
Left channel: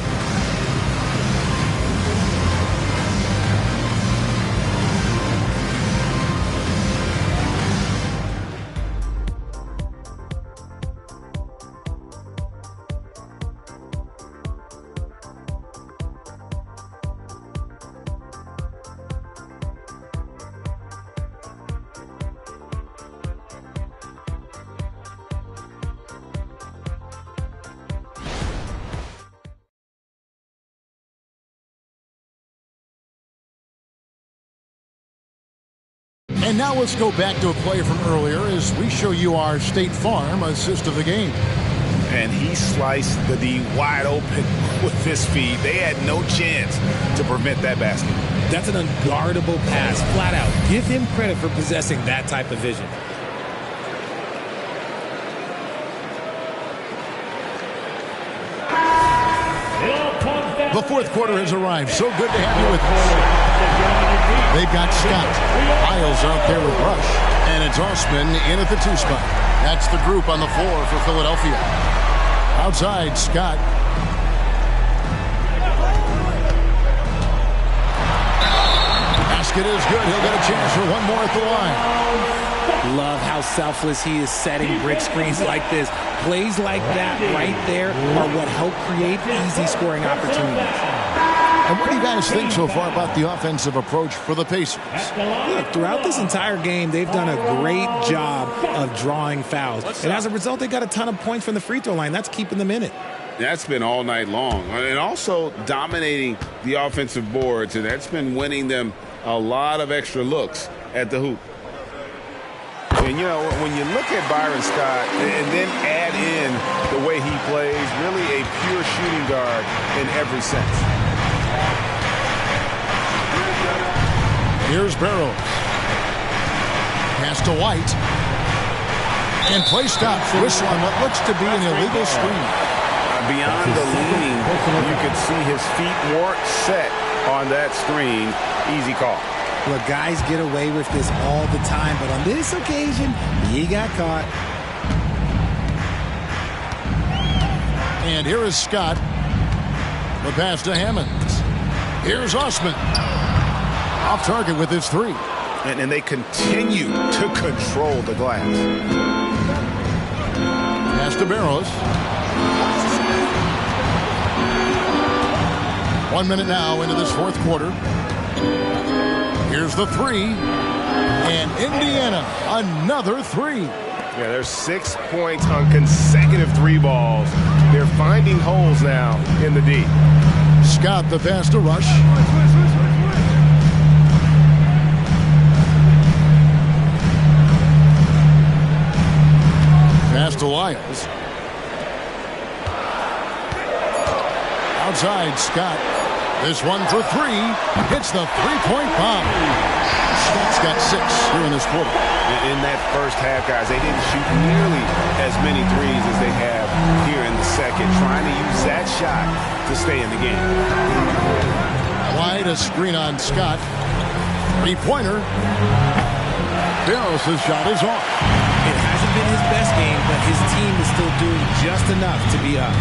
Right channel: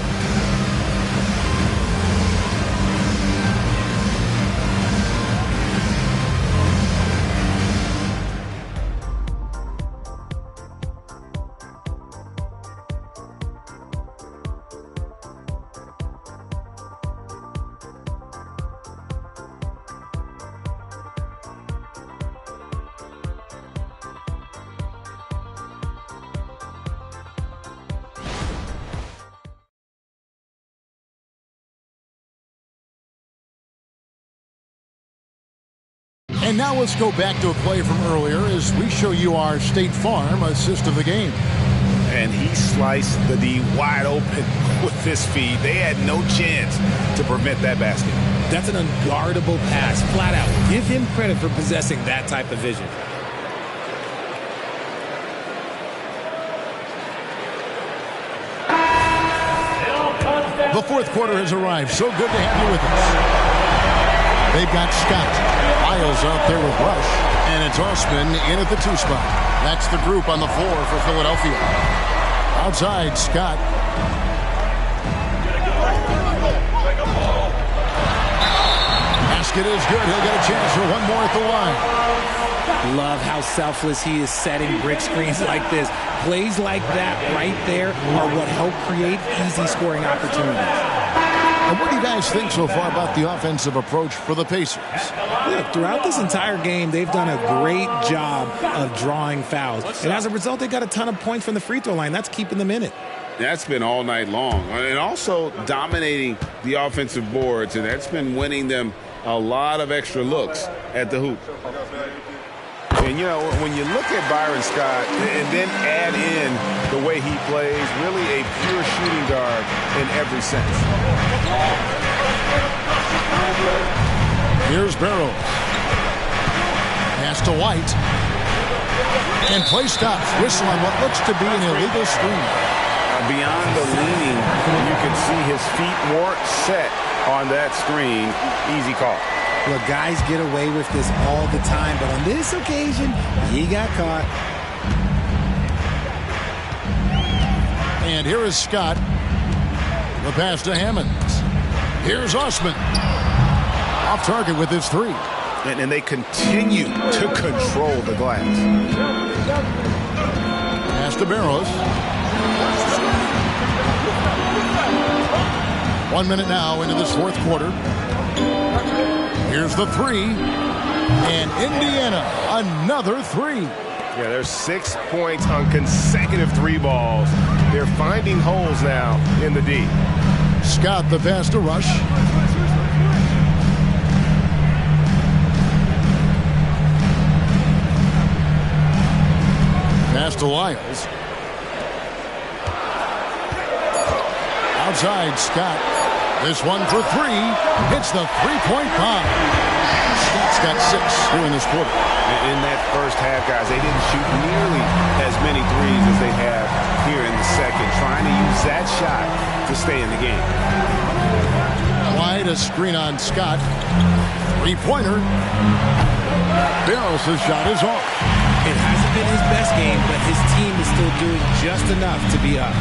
And now let's go back to a play from earlier as we show you our State Farm assist of the game. And he sliced the D wide open with this feed. They had no chance to prevent that basket. That's an unguardable pass, flat out. Give him credit for possessing that type of vision. The fourth quarter has arrived. So good to have you with us. They've got Scott. Miles out there with Rush. And it's Osman in at the 2 spot. That's the group on the floor for Philadelphia. Outside, Scott. Basket is good. He'll get a chance for one more at the line. Love how selfless he is setting brick screens like this. Plays like that right there are what help create easy scoring opportunities. And what do you guys think so far about the offensive approach for the Pacers? Look, throughout this entire game, they've done a great job of drawing fouls. And as a result, they got a ton of points from the free throw line. That's keeping them in it. That's been all night long. And also dominating the offensive boards. And that's been winning them a lot of extra looks at the hoop. And, you know, when you look at Byron Scott and then add in the way he plays, really a pure shooting guard in every sense. Here's Barrows. Pass to White. And play stops. Whistle on what looks to be an illegal screen. Beyond the leaning, you could see his feet weren't set on that screen. Easy call. Look, guys get away with this all the time, but on this occasion, he got caught. And here is Scott. The pass to Hammonds. Here's Osman. Off target with his three. And they continue to control the glass. Pass to Barrows. 1 minute now into this fourth quarter. Here's the three. And Indiana, another three. Yeah, there's 6 points on consecutive three balls. They're finding holes now in the D. Scott, the pass to Rush. Pass to Lyles. Outside, Scott. This one for three. Hits the three-point bomb. Scott's got 6 here in this quarter. In that first half, guys, they didn't shoot nearly as many threes as they have here in the second, trying to use that shot to stay in the game. Wide, a screen on Scott. Three-pointer. Barrows' shot is off. It hasn't been his best game, but his team is still doing just enough to be up.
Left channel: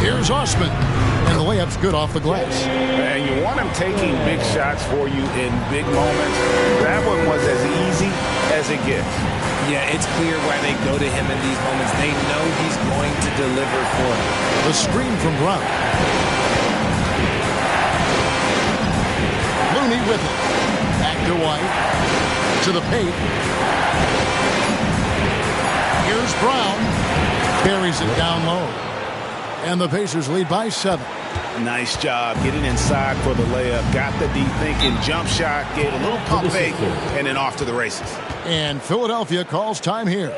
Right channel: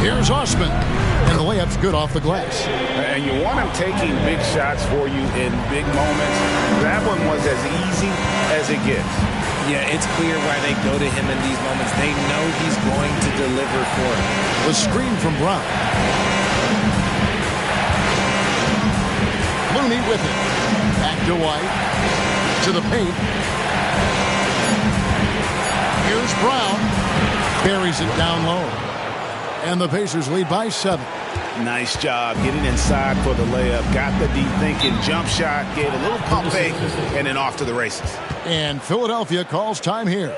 Here's Osman. And the layup's good off the glass. And you want him taking big shots for you in big moments. That one was as easy as it gets. Yeah, it's clear why they go to him in these moments. They know he's going to deliver for them. The screen from Brown. Looney with it. Back to White. To the paint. Here's Brown. Carries it down low. And the Pacers lead by 7. Nice job getting inside for the layup. Got the D thinking, jump shot, gave a little pump fake, and then off to the races. And Philadelphia calls time here.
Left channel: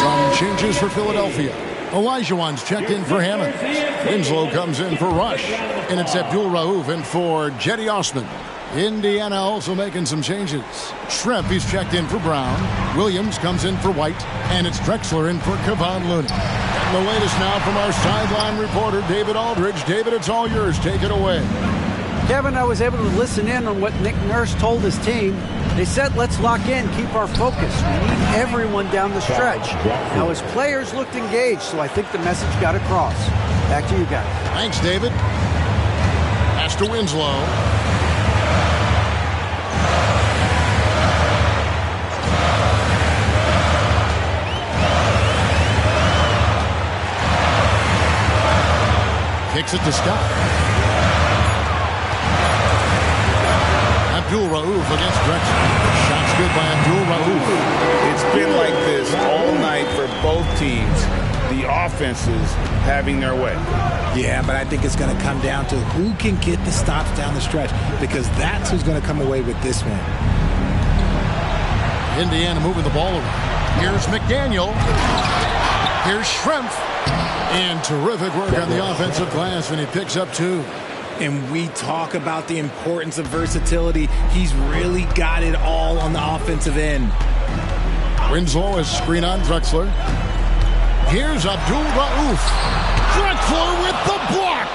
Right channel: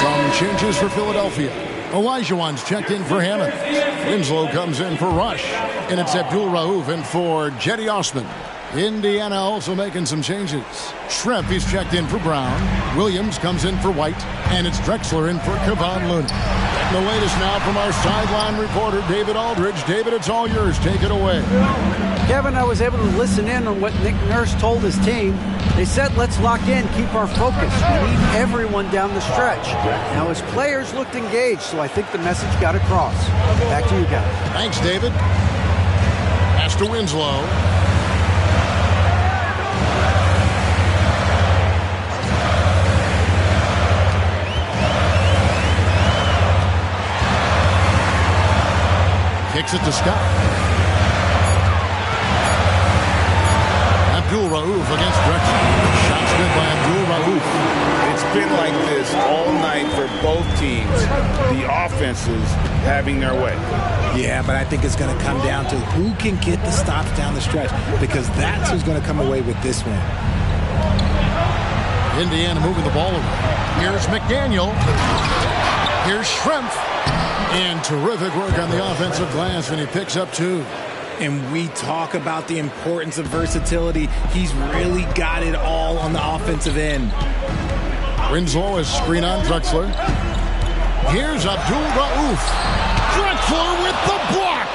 Some changes for Philadelphia. Olajuwon's checked in for Hammond. Winslow comes in for Rush. And it's Abdul Rauf in for Jetty Osman. Indiana also making some changes. Schrempf, he's checked in for Brown. Williams comes in for White. And it's Drexler in for Kevon Looney. Getting the latest now from our sideline reporter, David Aldridge. David, it's all yours. Take it away. Kevin, I was able to listen in on what Nick Nurse told his team. They said, let's lock in, keep our focus. We need everyone down the stretch. Now, his players looked engaged, so I think the message got across. Back to you guys. Thanks, David. Pass to Winslow. Kicks it to Scott. Abdul Rauf against Drexler. Shots good by Abdul Rauf. It's been like this all night for both teams. The offenses having their way. Yeah, but I think it's going to come down to who can get the stops down the stretch, because that's who's going to come away with this one. Indiana moving the ball around. Here's McDaniel. Here's Schrempf. And terrific work on the offensive glass, and he picks up 2. And we talk about the importance of versatility. He's really got it all on the offensive end. Winslow is screen on Drexler. Here's Abdul Rauf. Drexler with the block.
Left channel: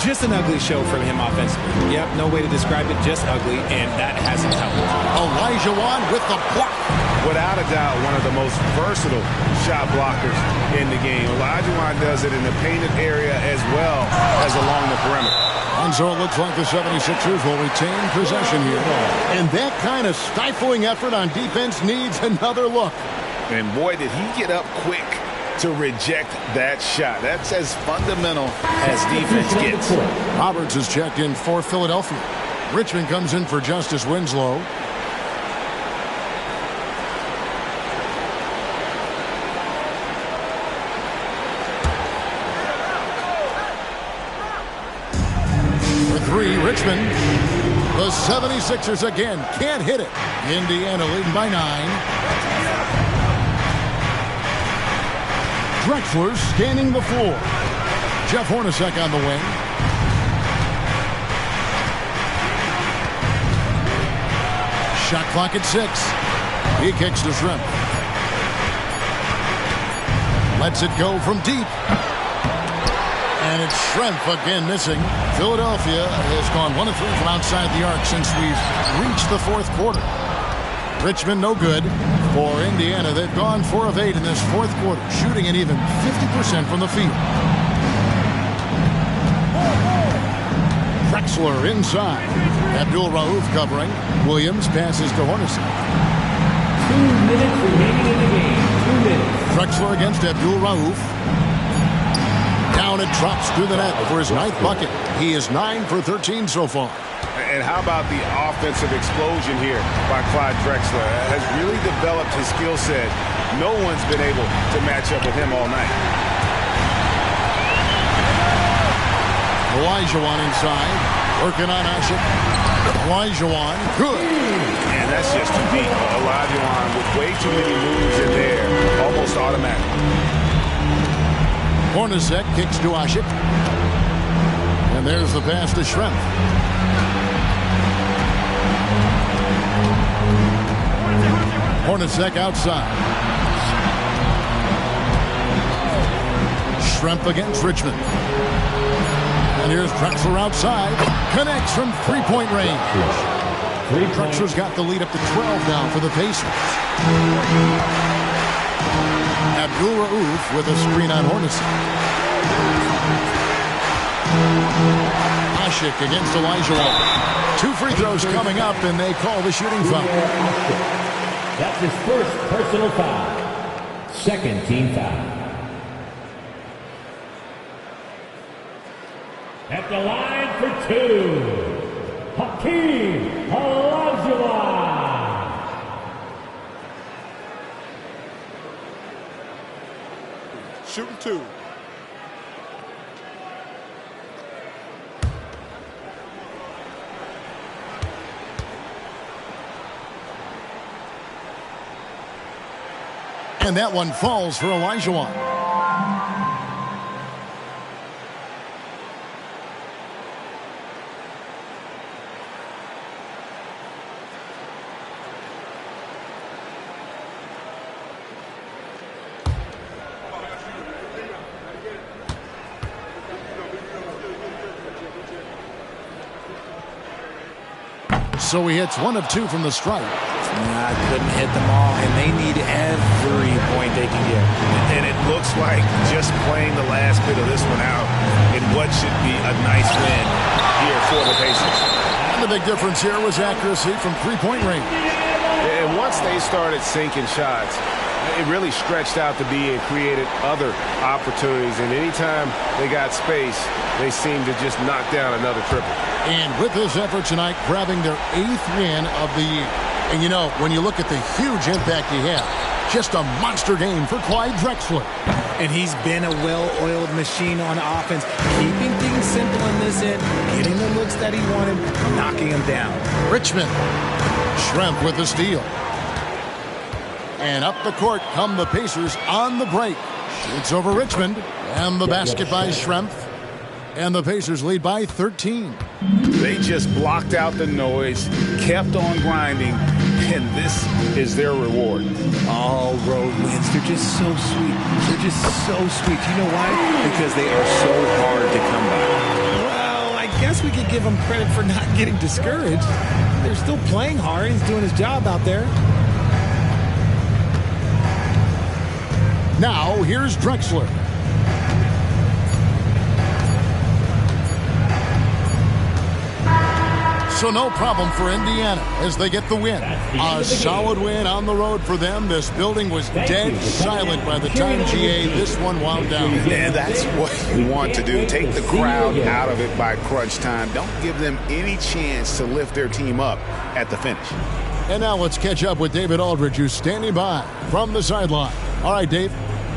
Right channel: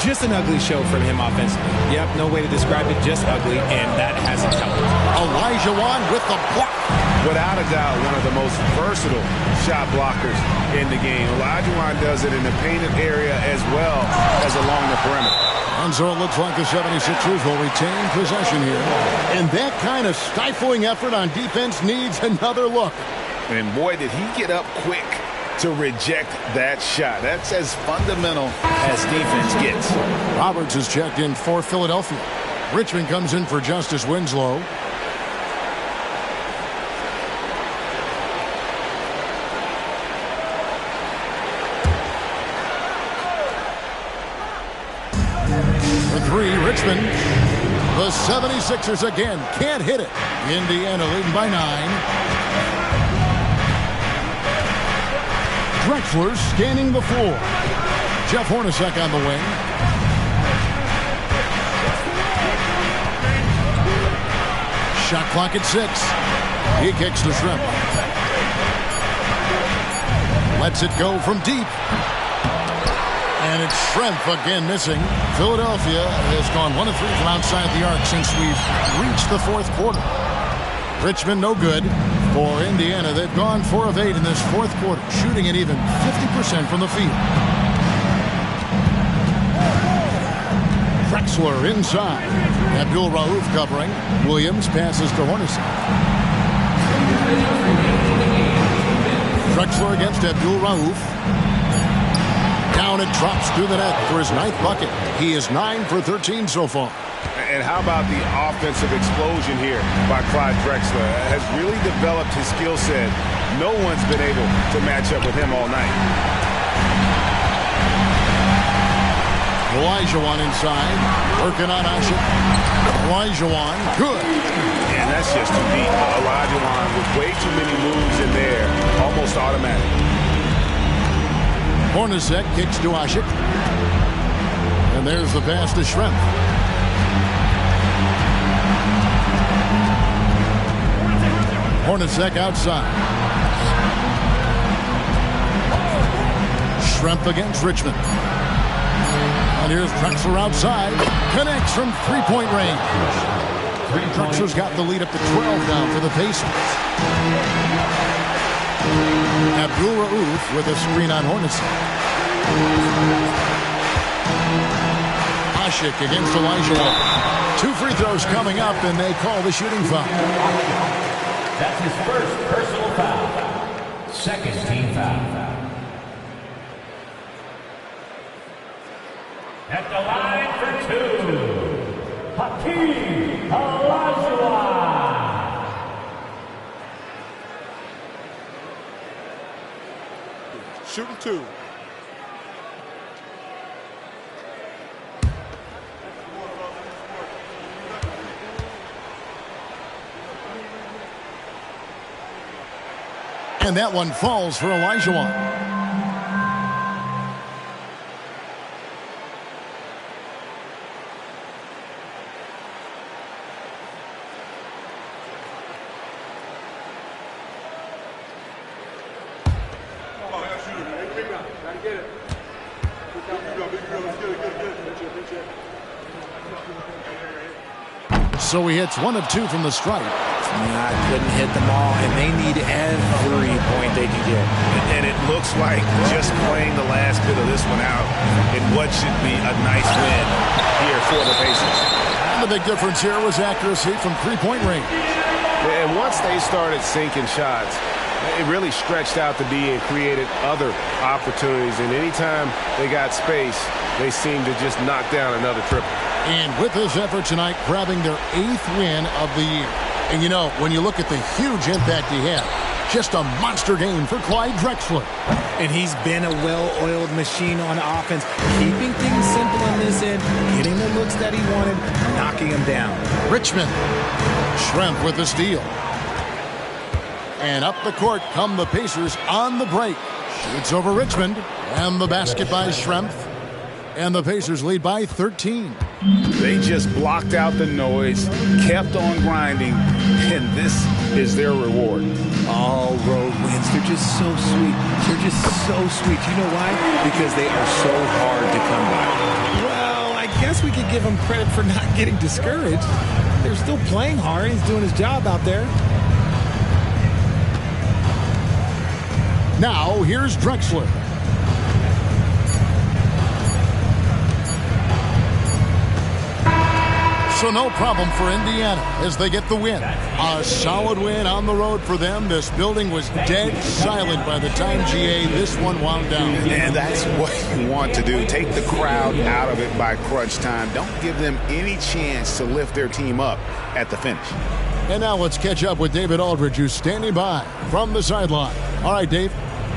Just an ugly show from him offensively. Yep, no way to describe it, just ugly, and that hasn't helped. Olajuwon with the block. Without a doubt, one of the most versatile shot blockers in the game. Olajuwon does it in the painted area as well as along the perimeter. And so it looks like the 76ers will retain possession here. And that kind of stifling effort on defense needs another look. And boy, did he get up quick to reject that shot. That's as fundamental as defense gets. Roberts is checked in for Philadelphia. Richmond comes in for Justice Winslow. Richmond. The 76ers again can't hit it. Indiana leading by 9. Drexler scanning the floor. Jeff Hornacek on the wing. Shot clock at 6. He kicks to Shrimp. Lets it go from deep. And it's Shrimp again missing. Philadelphia has gone 1 of 3 from outside the arc since we've reached the fourth quarter. Richmond no good. For Indiana, they've gone 4 of 8 in this fourth quarter, shooting at even 50% from the field. Drexler inside. Abdul Rauf covering. Williams passes to Hornacek. Drexler against Abdul Rauf. Down it drops through the net for his 9th bucket. He is 9 for 13 so far. And how about the offensive explosion here by Clyde Drexler? Has really developed his skill set. No one's been able to match up with him all night. Olajuwon inside. Working on Ashik. Olajuwon. Good. And that's just too deep. Olajuwon with way too many moves in there. Almost automatic. Hornacek kicks to Ashik. And there's the pass to Shrimp. Hornacek outside. Shrimp against Richmond. And here's Drexler outside. Connects from three-point range. Drexler's got the lead up to 12 now for the Pacers. Abdul Rauf with a screen on Hornacek. Ashik against Olajuwon. 2 free throws coming up, and they call the shooting foul. That's his first personal foul. Second team foul. At the line for 2, Hakeem Olajuwon. Shooting 2. And that one falls for Olajuwon. So he hits 1 of 2 from the stripe. I couldn't hit them all, and they need every point they can get. And it looks like just playing the last bit of this one out in what should be a nice win here for the Pacers. And the big difference here was accuracy from three-point range. And once they started sinking shots, it really stretched out the D and created other opportunities. And anytime they got space, they seemed to just knock down another triple. And with this effort tonight, grabbing their 8th win of the year. And you know, when you look at the huge impact he had, just a monster game for Clyde Drexler. And he's been a well-oiled machine on offense, keeping things simple in this end, getting the looks that he wanted, knocking them down. Richmond. Shrimp with the steal. And up the court come the Pacers on the break. Shoots over Richmond. And the basket by Shrimp. And the Pacers lead by 13. They just blocked out the noise, kept on grinding, and this is their reward. All road wins. They're just so sweet. They're just so sweet. You know why? Because they are so hard to come by. Well, I guess we could give him credit for not getting discouraged. They're still playing hard. He's doing his job out there. Now, here's Drexler. So no problem for Indiana as they get the win. A solid win on the road for them. This building was dead silent by the time, GA, this one wound down. And that's what you want to do. Take the crowd out of it by crunch time. Don't give them any chance to lift their team up at the finish. And now let's catch up with David Aldridge, who's standing by from the sideline. All right, Dave.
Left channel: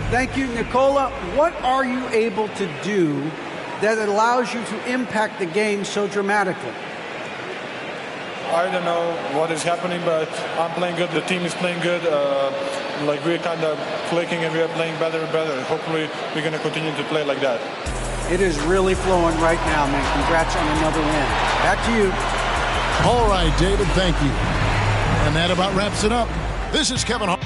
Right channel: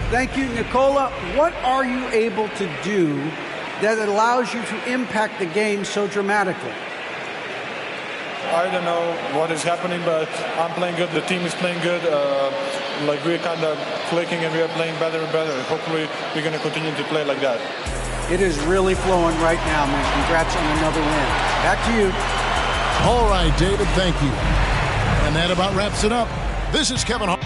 Thank you, Nicola. What are you able to do that allows you to impact the game so dramatically? I don't know what is happening, but I'm playing good. The team is playing good. Like we're kind of clicking and we are playing better and better. Hopefully we're going to continue to play like that. It is really flowing right now, man. Congrats on another win. Back to you. All right, David, thank you. And that about wraps it up. This is Kevin Hart.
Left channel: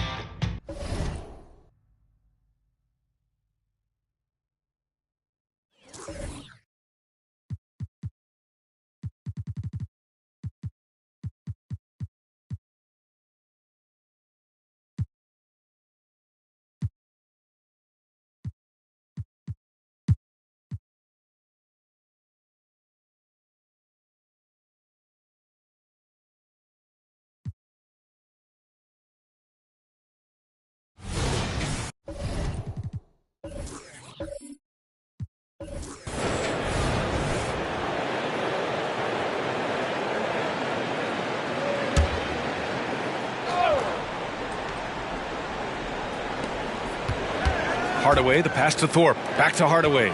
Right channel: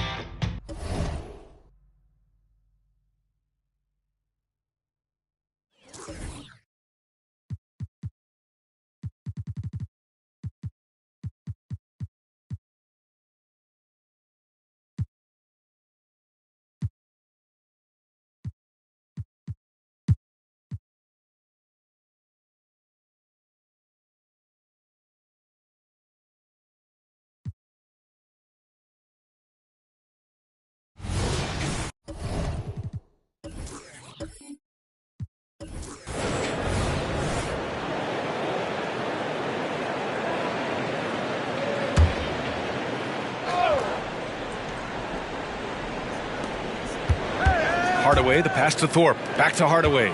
Hardaway, the pass to Thorpe. Back to Hardaway.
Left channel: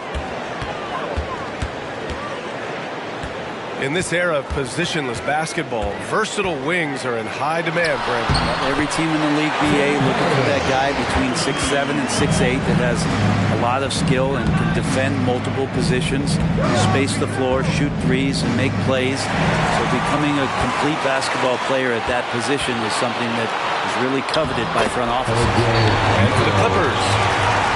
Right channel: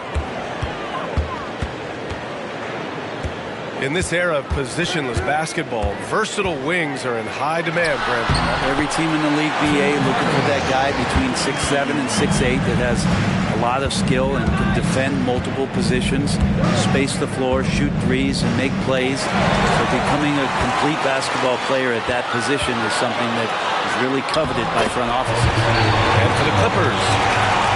In this era of positionless basketball, versatile wings are in high demand, Brent. Every team in the league, BA, looking for that guy between 6'7" and 6'8" that has a lot of skill and can defend multiple positions, space the floor, shoot threes, and make plays. So becoming a complete basketball player at that position is something that is really coveted by front offices. And for the Clippers.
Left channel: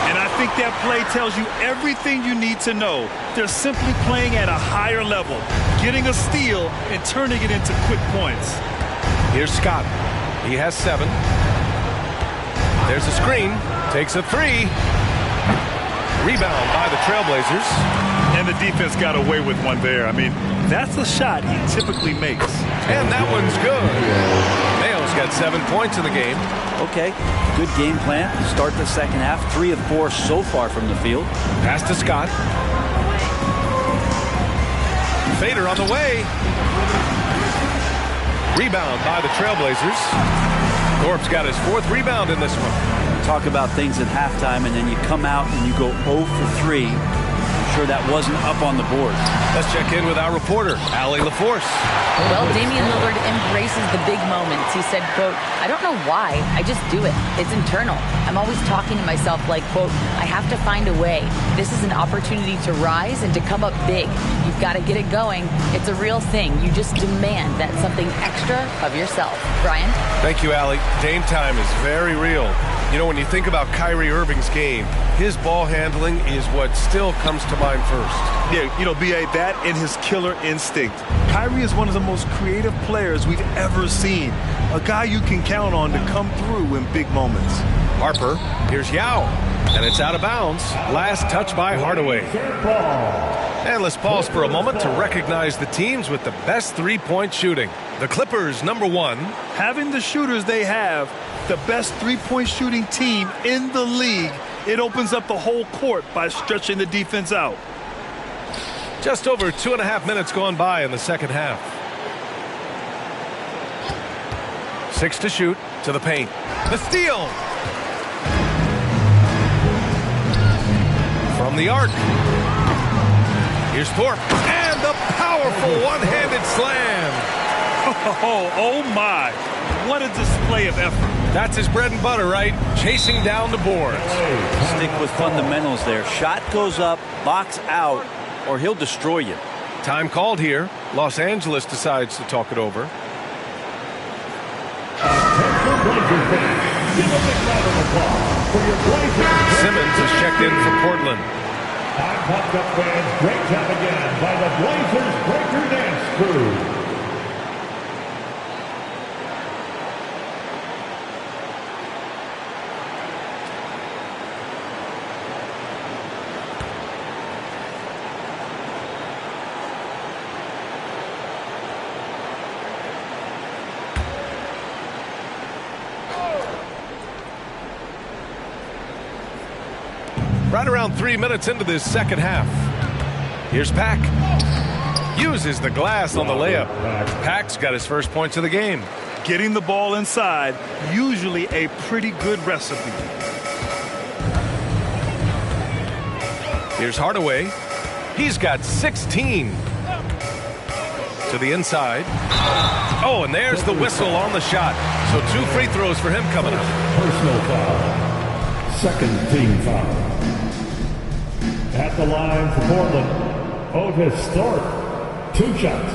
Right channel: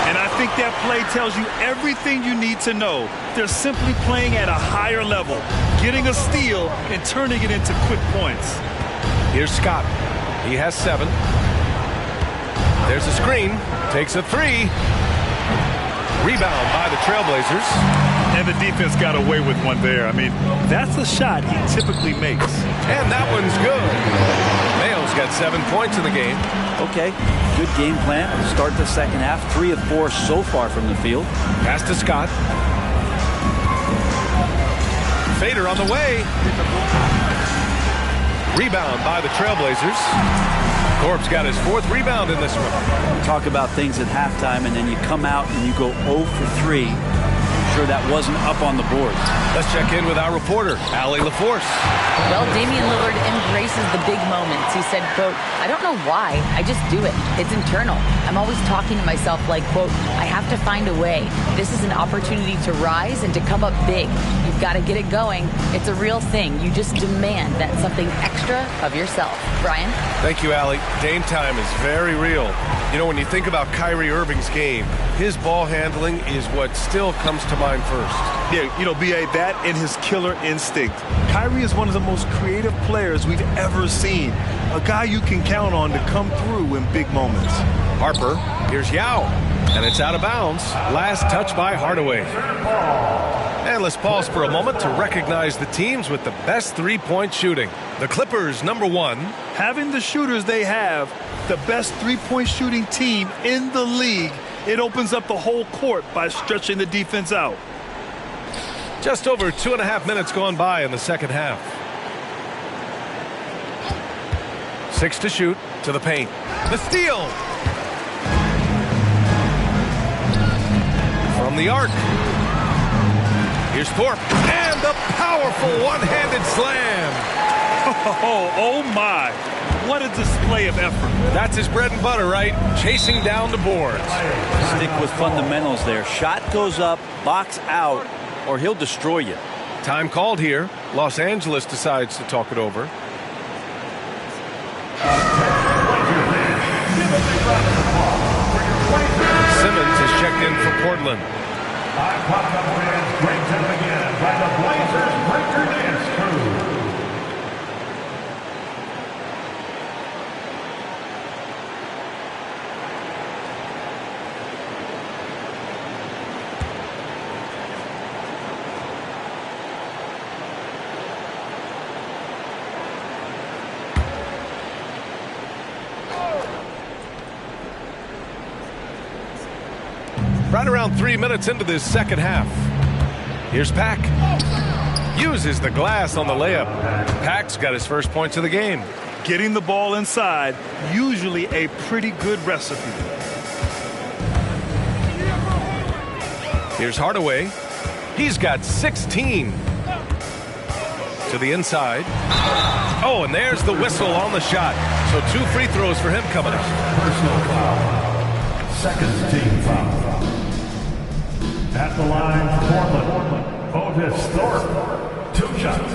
And I think that play tells you everything you need to know. They're simply playing at a higher level, getting a steal and turning it into quick points. Here's Scott. He has 7. There's a screen. Takes a 3. Rebound by the Trailblazers. And the defense got away with one there. I mean, that's a shot he typically makes. And that one's good. Mayo's got 7 points in the game. Okay, good game plan. Start the second half. 3 of 4 so far from the field. Pass to Scott. Fader on the way. Rebound by the Trailblazers. Thorpe's got his 4th rebound in this one. Talk about things at halftime, and then you come out and you go 0 for 3. I'm sure that wasn't up on the board. Let's check in with our reporter, Allie LaForce. Well, Damian Lillard embraces the big moments. He said, quote, I don't know why, I just do it. It's internal. I'm always talking to myself like, quote, I have to find a way. This is an opportunity to rise and to come up big. You've got to get it going. It's a real thing. You just demand that something extra of yourself. Brian? Thank you, Allie. Dame time is very real. You know, when you think about Kyrie Irving's game, his ball handling is what still comes to mind first. Yeah, you know, B.A., that and his killer instinct. Kyrie is one of the most creative players we've ever seen. A guy you can count on to come through in big moments. Harper, here's Yao, and it's out of bounds. Last touch by Hardaway. And let's pause for a moment to recognize the teams with the best three-point shooting. The Clippers, number 1. Having the shooters they have, the best three-point shooting team in the league, it opens up the whole court by stretching the defense out. Just over 2.5 minutes gone by in the second half. 6 to shoot, to the paint. The steal! From the arc. Here's Thorpe. And the powerful one-handed slam. Oh my. What a display of effort. That's his bread and butter, right? Chasing down the boards. Stick with fundamentals there. Shot goes up, box out, or he'll destroy you. Time called here. Los Angeles decides to talk it over. Simmons is checked in for Portland. I'm pumped up fans. Great time again by the Blazers Breaker Dance Crew. Right around 3 minutes into this second half. Here's Pack. Uses the glass on the layup. Pack's got his first points of the game. Getting the ball inside, usually a pretty good recipe. Here's Hardaway. He's got 16. To the inside. Oh, and there's the whistle on the shot. So 2 free throws for him coming up. Personal foul. Second team foul. At the line for Portland, Otis Thorpe. 2 shots.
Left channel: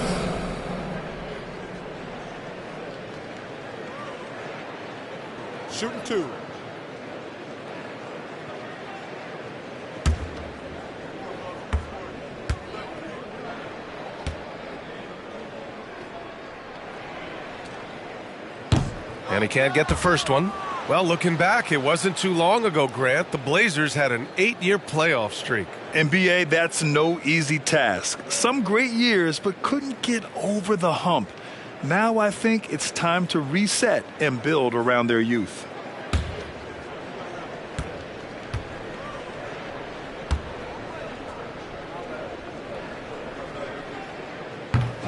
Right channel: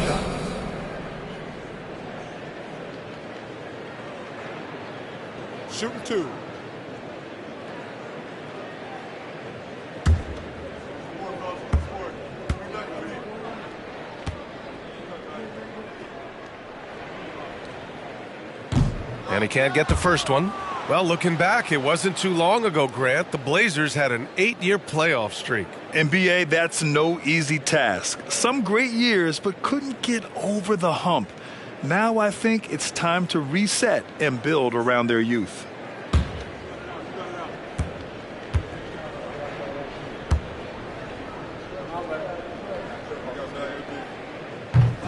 Shooting 2. And he can't get the first one. Well, looking back, it wasn't too long ago, Grant. The Blazers had an 8-year playoff streak. NBA, that's no easy task. Some great years, but couldn't get over the hump. Now I think it's time to reset and build around their youth.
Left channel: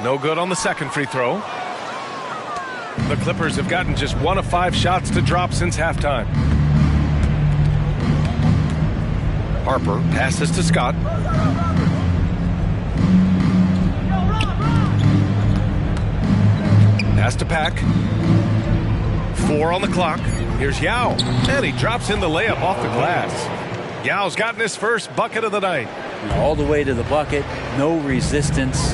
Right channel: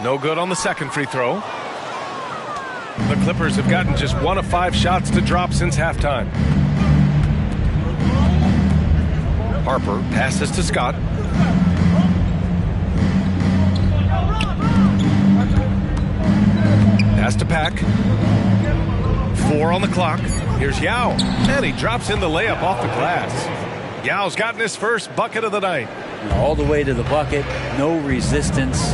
No good on the second free throw. The Clippers have gotten just 1 of 5 shots to drop since halftime. Harper passes to Scott. Pass to Pack. 4 on the clock. Here's Yao. And he drops in the layup off the glass. Yao's gotten his first bucket of the night. All the way to the bucket. No resistance.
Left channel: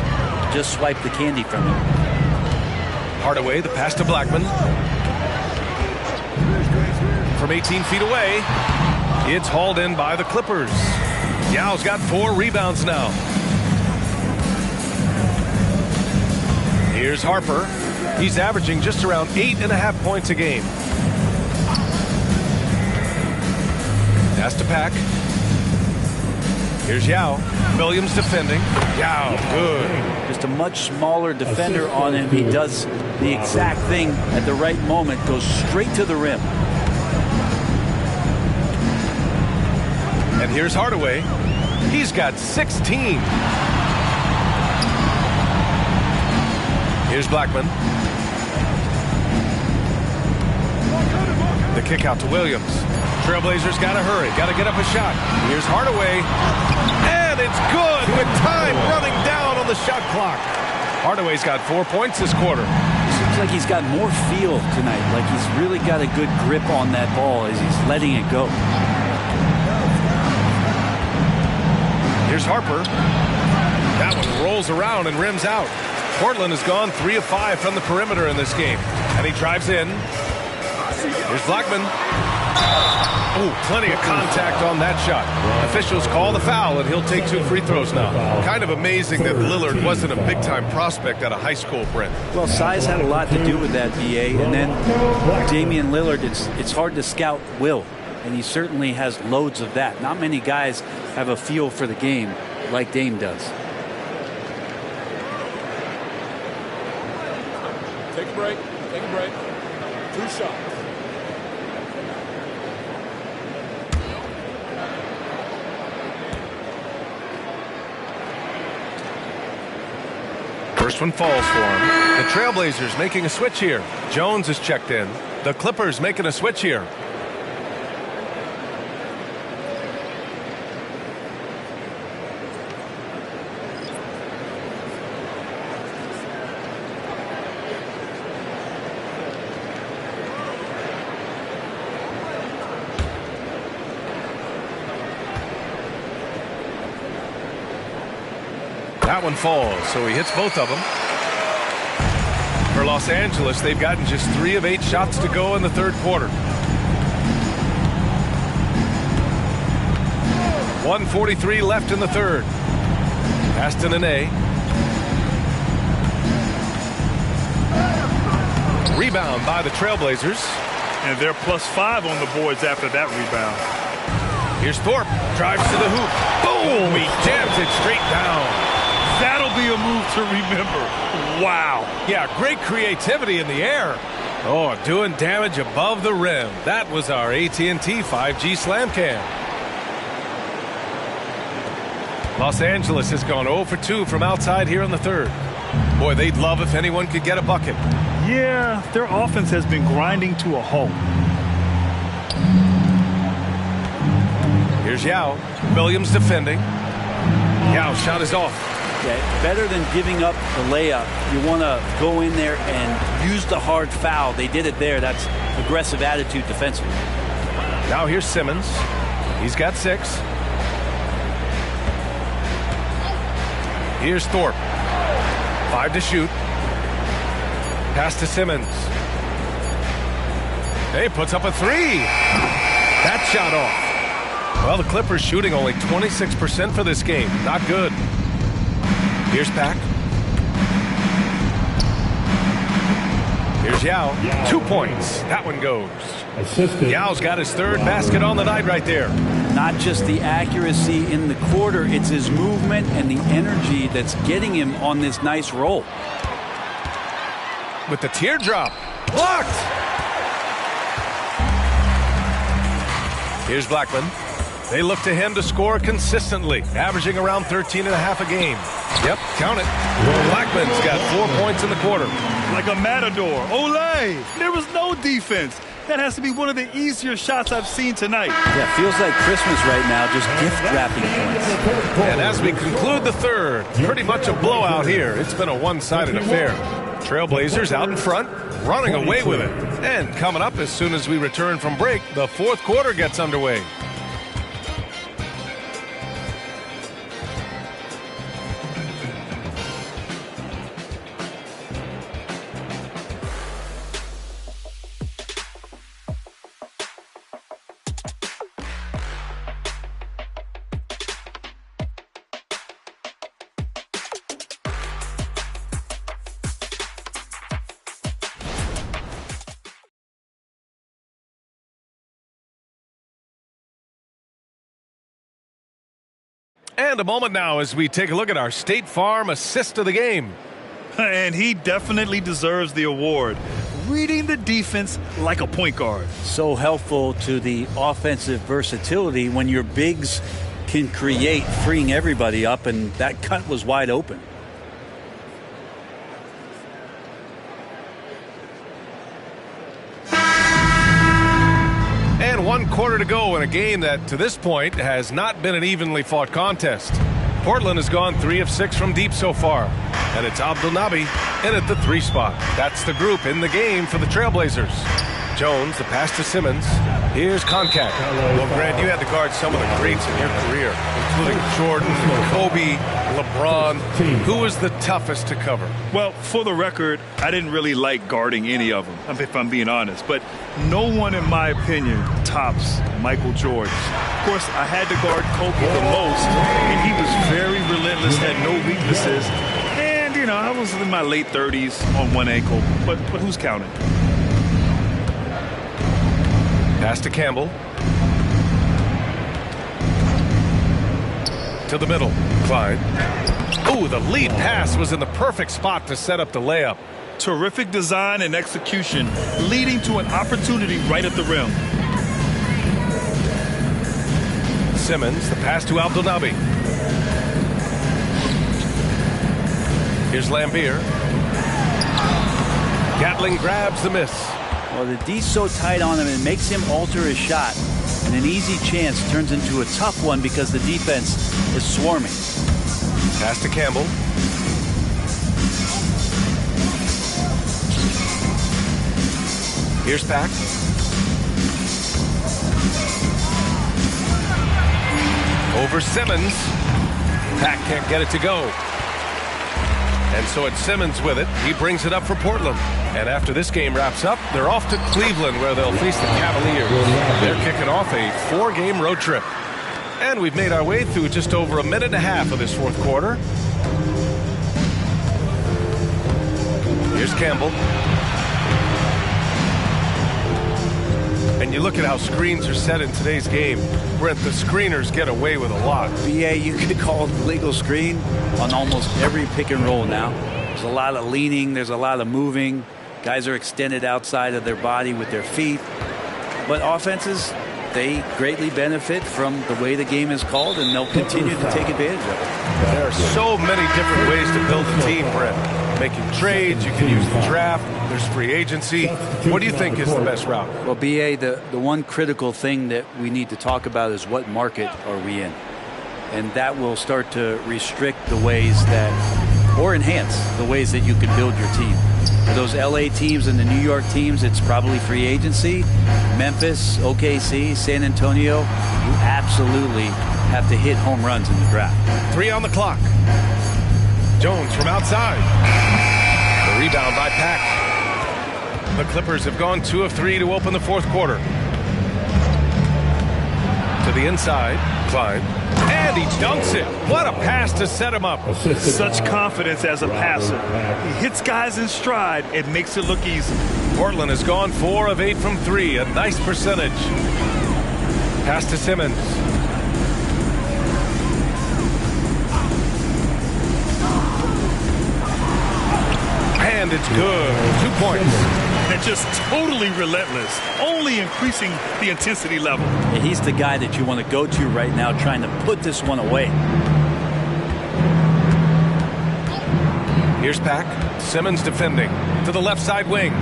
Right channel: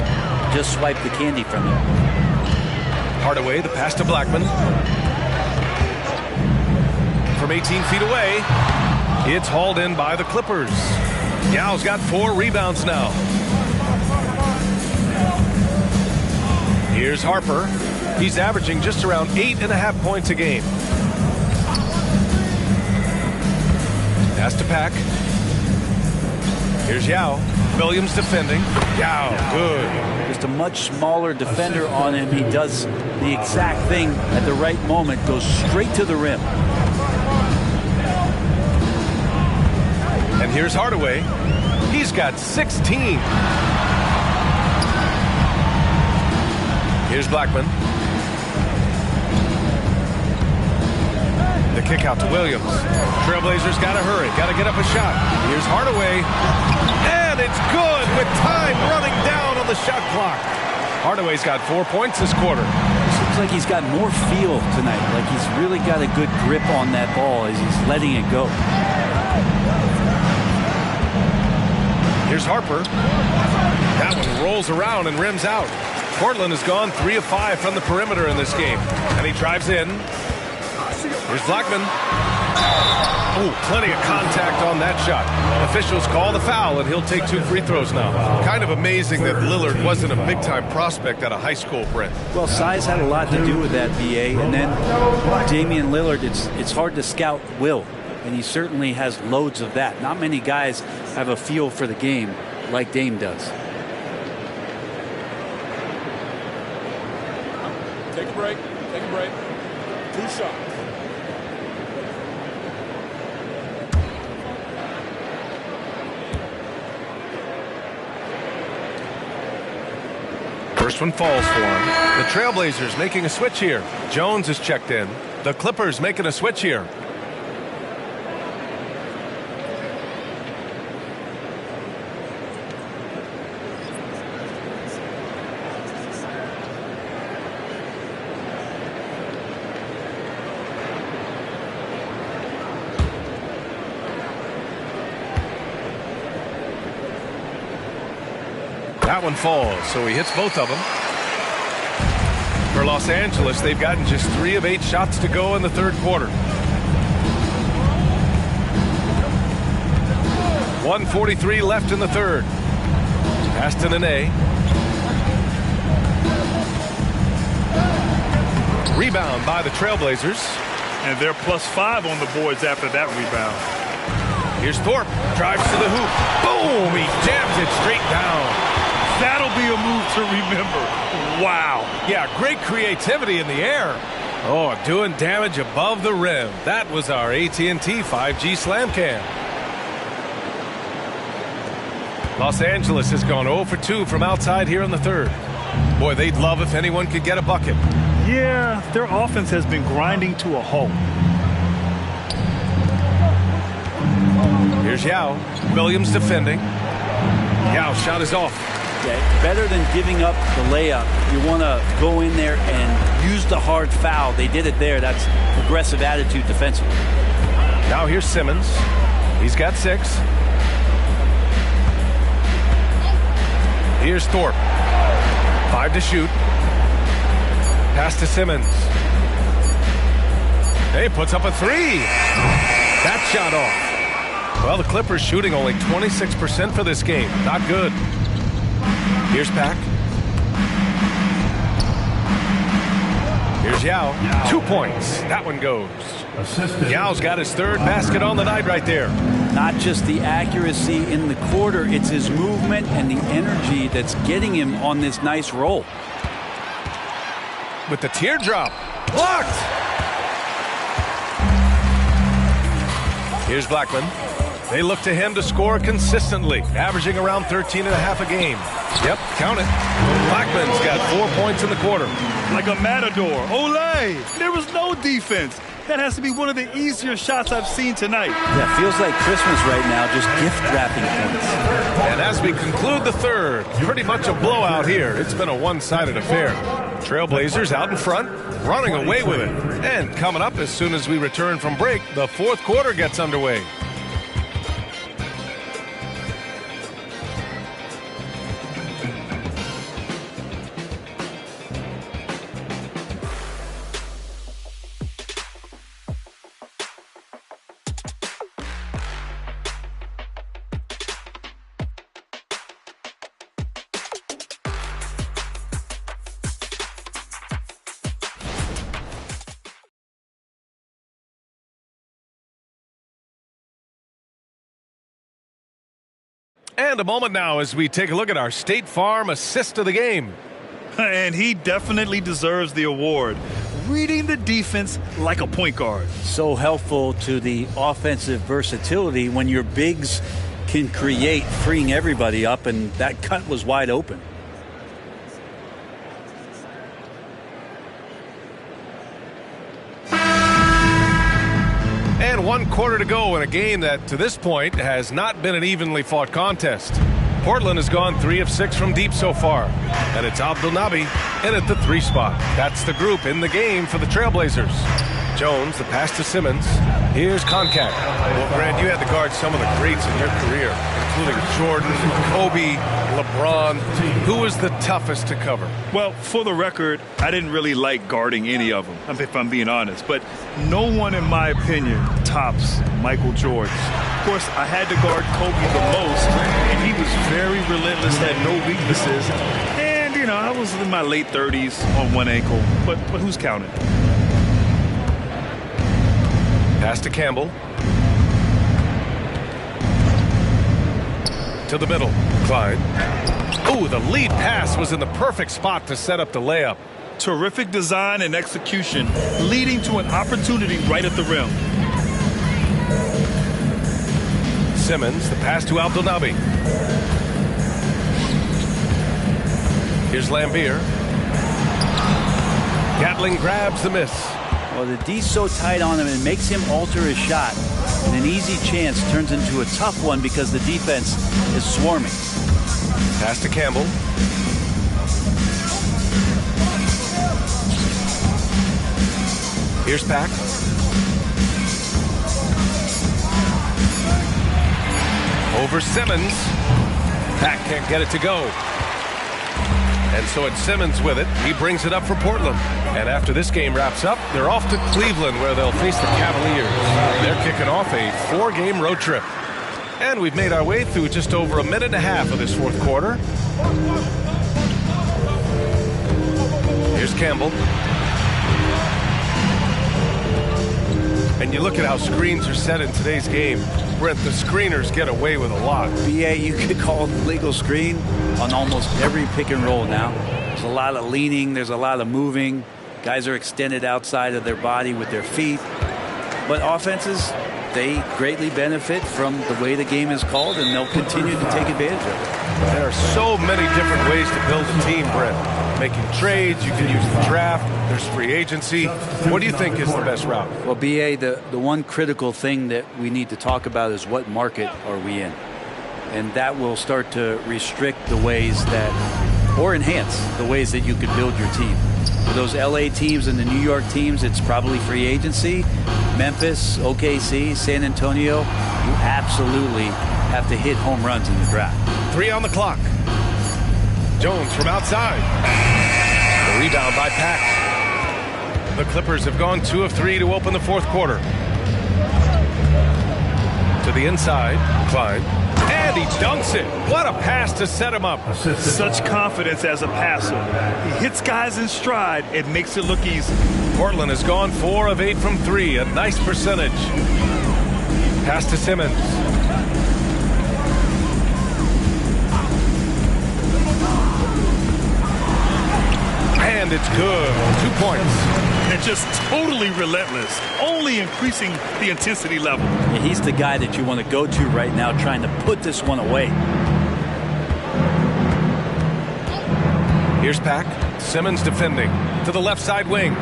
Just swipe the candy from him. Hardaway, the pass to Blackman. From 18 feet away, it's hauled in by the Clippers. Yao's got 4 rebounds now. Here's Harper. He's averaging just around 8.5 points a game. Pass to Pack. Here's Yao. Williams defending. Yao, good. Just a much smaller defender on him. He does the exact thing at the right moment. Goes straight to the rim. And here's Hardaway. He's got 16. Here's Blackman. The kick out to Williams. Trailblazers got to hurry. Got to get up a shot. Here's Hardaway. And it's good with time running down on the shot clock. Hardaway's got 4 points this quarter. It seems like he's got more feel tonight. Like he's really got a good grip on that ball as he's letting it go. Here's Harper. That one rolls around and rims out. Portland has gone 3 of 5 from the perimeter in this game. And he drives in. Here's Blackman. Oh, plenty of contact on that shot. Officials call the foul, and he'll take 2 free throws now. Kind of amazing that Lillard wasn't a big-time prospect out of high school, Brent. Well, size had a lot to do with that, BA. And then Damian Lillard, it's hard to scout will. And he certainly has loads of that. Not many guys have a feel for the game like Dame does. Take a break. Take a break. 2 shots. First one falls for him. The Trailblazers making a switch here. Jones is checked in. The Clippers making a switch here. That one falls, so he hits both of them. For Los Angeles, they've gotten just 3 of 8 shots to go in the third quarter. 1:43 left in the third. Pass to Nene. Rebound by the Trailblazers. And they're +5 on the boards after that rebound. Here's Thorpe. Drives to the hoop. Boom! He jams it straight down. That'll be a move to remember. Wow. Yeah, great creativity in the air. Oh, doing damage above the rim. That was our AT&T 5G Slam Cam. Los Angeles has gone 0 for 2 from outside here in the third. Boy, they'd love if anyone could get a bucket. Yeah, their offense has been grinding to a halt. Here's Yao. Williams defending. Yao shot is off. Yeah, better than giving up the layup. You want to go in there and use the hard foul. They did it there. That's aggressive attitude defensively. Now here's Simmons. He's got 6. Here's Thorpe. 5 to shoot. Pass to Simmons. He puts up a 3. That shot off. Well, the Clippers shooting only 26% for this game. Not good. Here's Pack. Here's Yao. 2 points. That one goes. Yao's got his 3rd basket on the night right there. Not just the accuracy in the quarter, it's his movement and the energy that's getting him on this nice roll. With the teardrop. Blocked! Here's Blackman. They look to him to score consistently, averaging around 13.5 a game. Yep, count it. Blackman's got 4 points in the quarter. Like a matador. Olay! There was no defense. That has to be one of the easier shots I've seen tonight. Yeah, feels like Christmas right now, just gift wrapping points. And as we conclude the 3rd, pretty much a blowout here. It's been a one-sided affair. Trailblazers out in front, running away with it. And coming up as soon as we return from break, the 4th quarter gets underway. And a moment now as we take a look at our State Farm assist of the game. And he definitely deserves the award. Reading the defense like a point guard. So helpful to the offensive versatility when your bigs can create, freeing everybody up, and that cut was wide open. And 1 quarter to go in a game that, to this point, has not been an evenly fought contest. Portland has gone 3 of 6 from deep so far. And it's Abdelnaby in at the 3 spot. That's the group in the game for the Trailblazers. Jones, the pass to Simmons. Here's Concat. Well, Grant, you had to guard some of the greats in your career, including Jordan, Kobe, LeBron. Who was the toughest to cover? Well, for the record, I didn't really like guarding any of them, if I'm being honest. But no one, in my opinion, tops Michael Jordan. Of course, I had to guard Kobe the most, and he was very relentless, had no weaknesses. And, you know, I was in my late 30s on one ankle. But who's counting? Pass to Campbell. To the middle. Clyde. Oh, the lead pass was in the perfect spot to set up the layup. Terrific design and execution, leading to an opportunity right at the rim. Simmons, the pass to Abdelnaby. Here's Lambier. Gatling grabs the miss. Well, the D's so tight on him, it makes him alter his shot. And an easy chance turns into a tough one because the defense is swarming. Pass to Campbell. Here's Pack. Over Simmons. Pack can't get it to go. And so it's Simmons with it. He brings it up for Portland. And after this game wraps up, they're off to Cleveland where they'll face the Cavaliers. They're kicking off a 4-game road trip. And we've made our way through just over a minute and a half of this 4th quarter. Here's Campbell. And you look at how screens are set in today's game. Brent, the screeners get away with a lot. BA, you could call it legal screen on almost every pick and roll now. There's a lot of leaning. There's a lot of moving. Guys are extended outside of their body with their feet. But offenses, they greatly benefit from the way the game is called, and they'll continue to take advantage of it. There are so many different ways to build a team, Brent. Making trades, you can use the draft, there's free agency. What do you think is the best route? Well, BA, the one critical thing that we need to talk about is what market are we in? and that will start to restrict the ways that, or enhance the ways that you can build your team. For those LA teams and the New York teams, it's probably free agency. Memphis, OKC, San Antonio, you absolutely have to hit home runs in the draft. 3 on the clock. Jones from outside. The rebound by Pack. The Clippers have gone 2 of 3 to open the fourth quarter. To the inside, Klein. And he dunks it. What a pass to set him up. Such confidence as a passer. He hits guys in stride. It makes it look easy. Portland has gone 4 of 8 from 3. A nice percentage. Pass to Simmons. And it's good. 2 points. And just totally relentless, only increasing the intensity level. Yeah, he's the guy that you want to go to right now, trying to put this one away. Here's Pack. Simmons defending to the left side wing.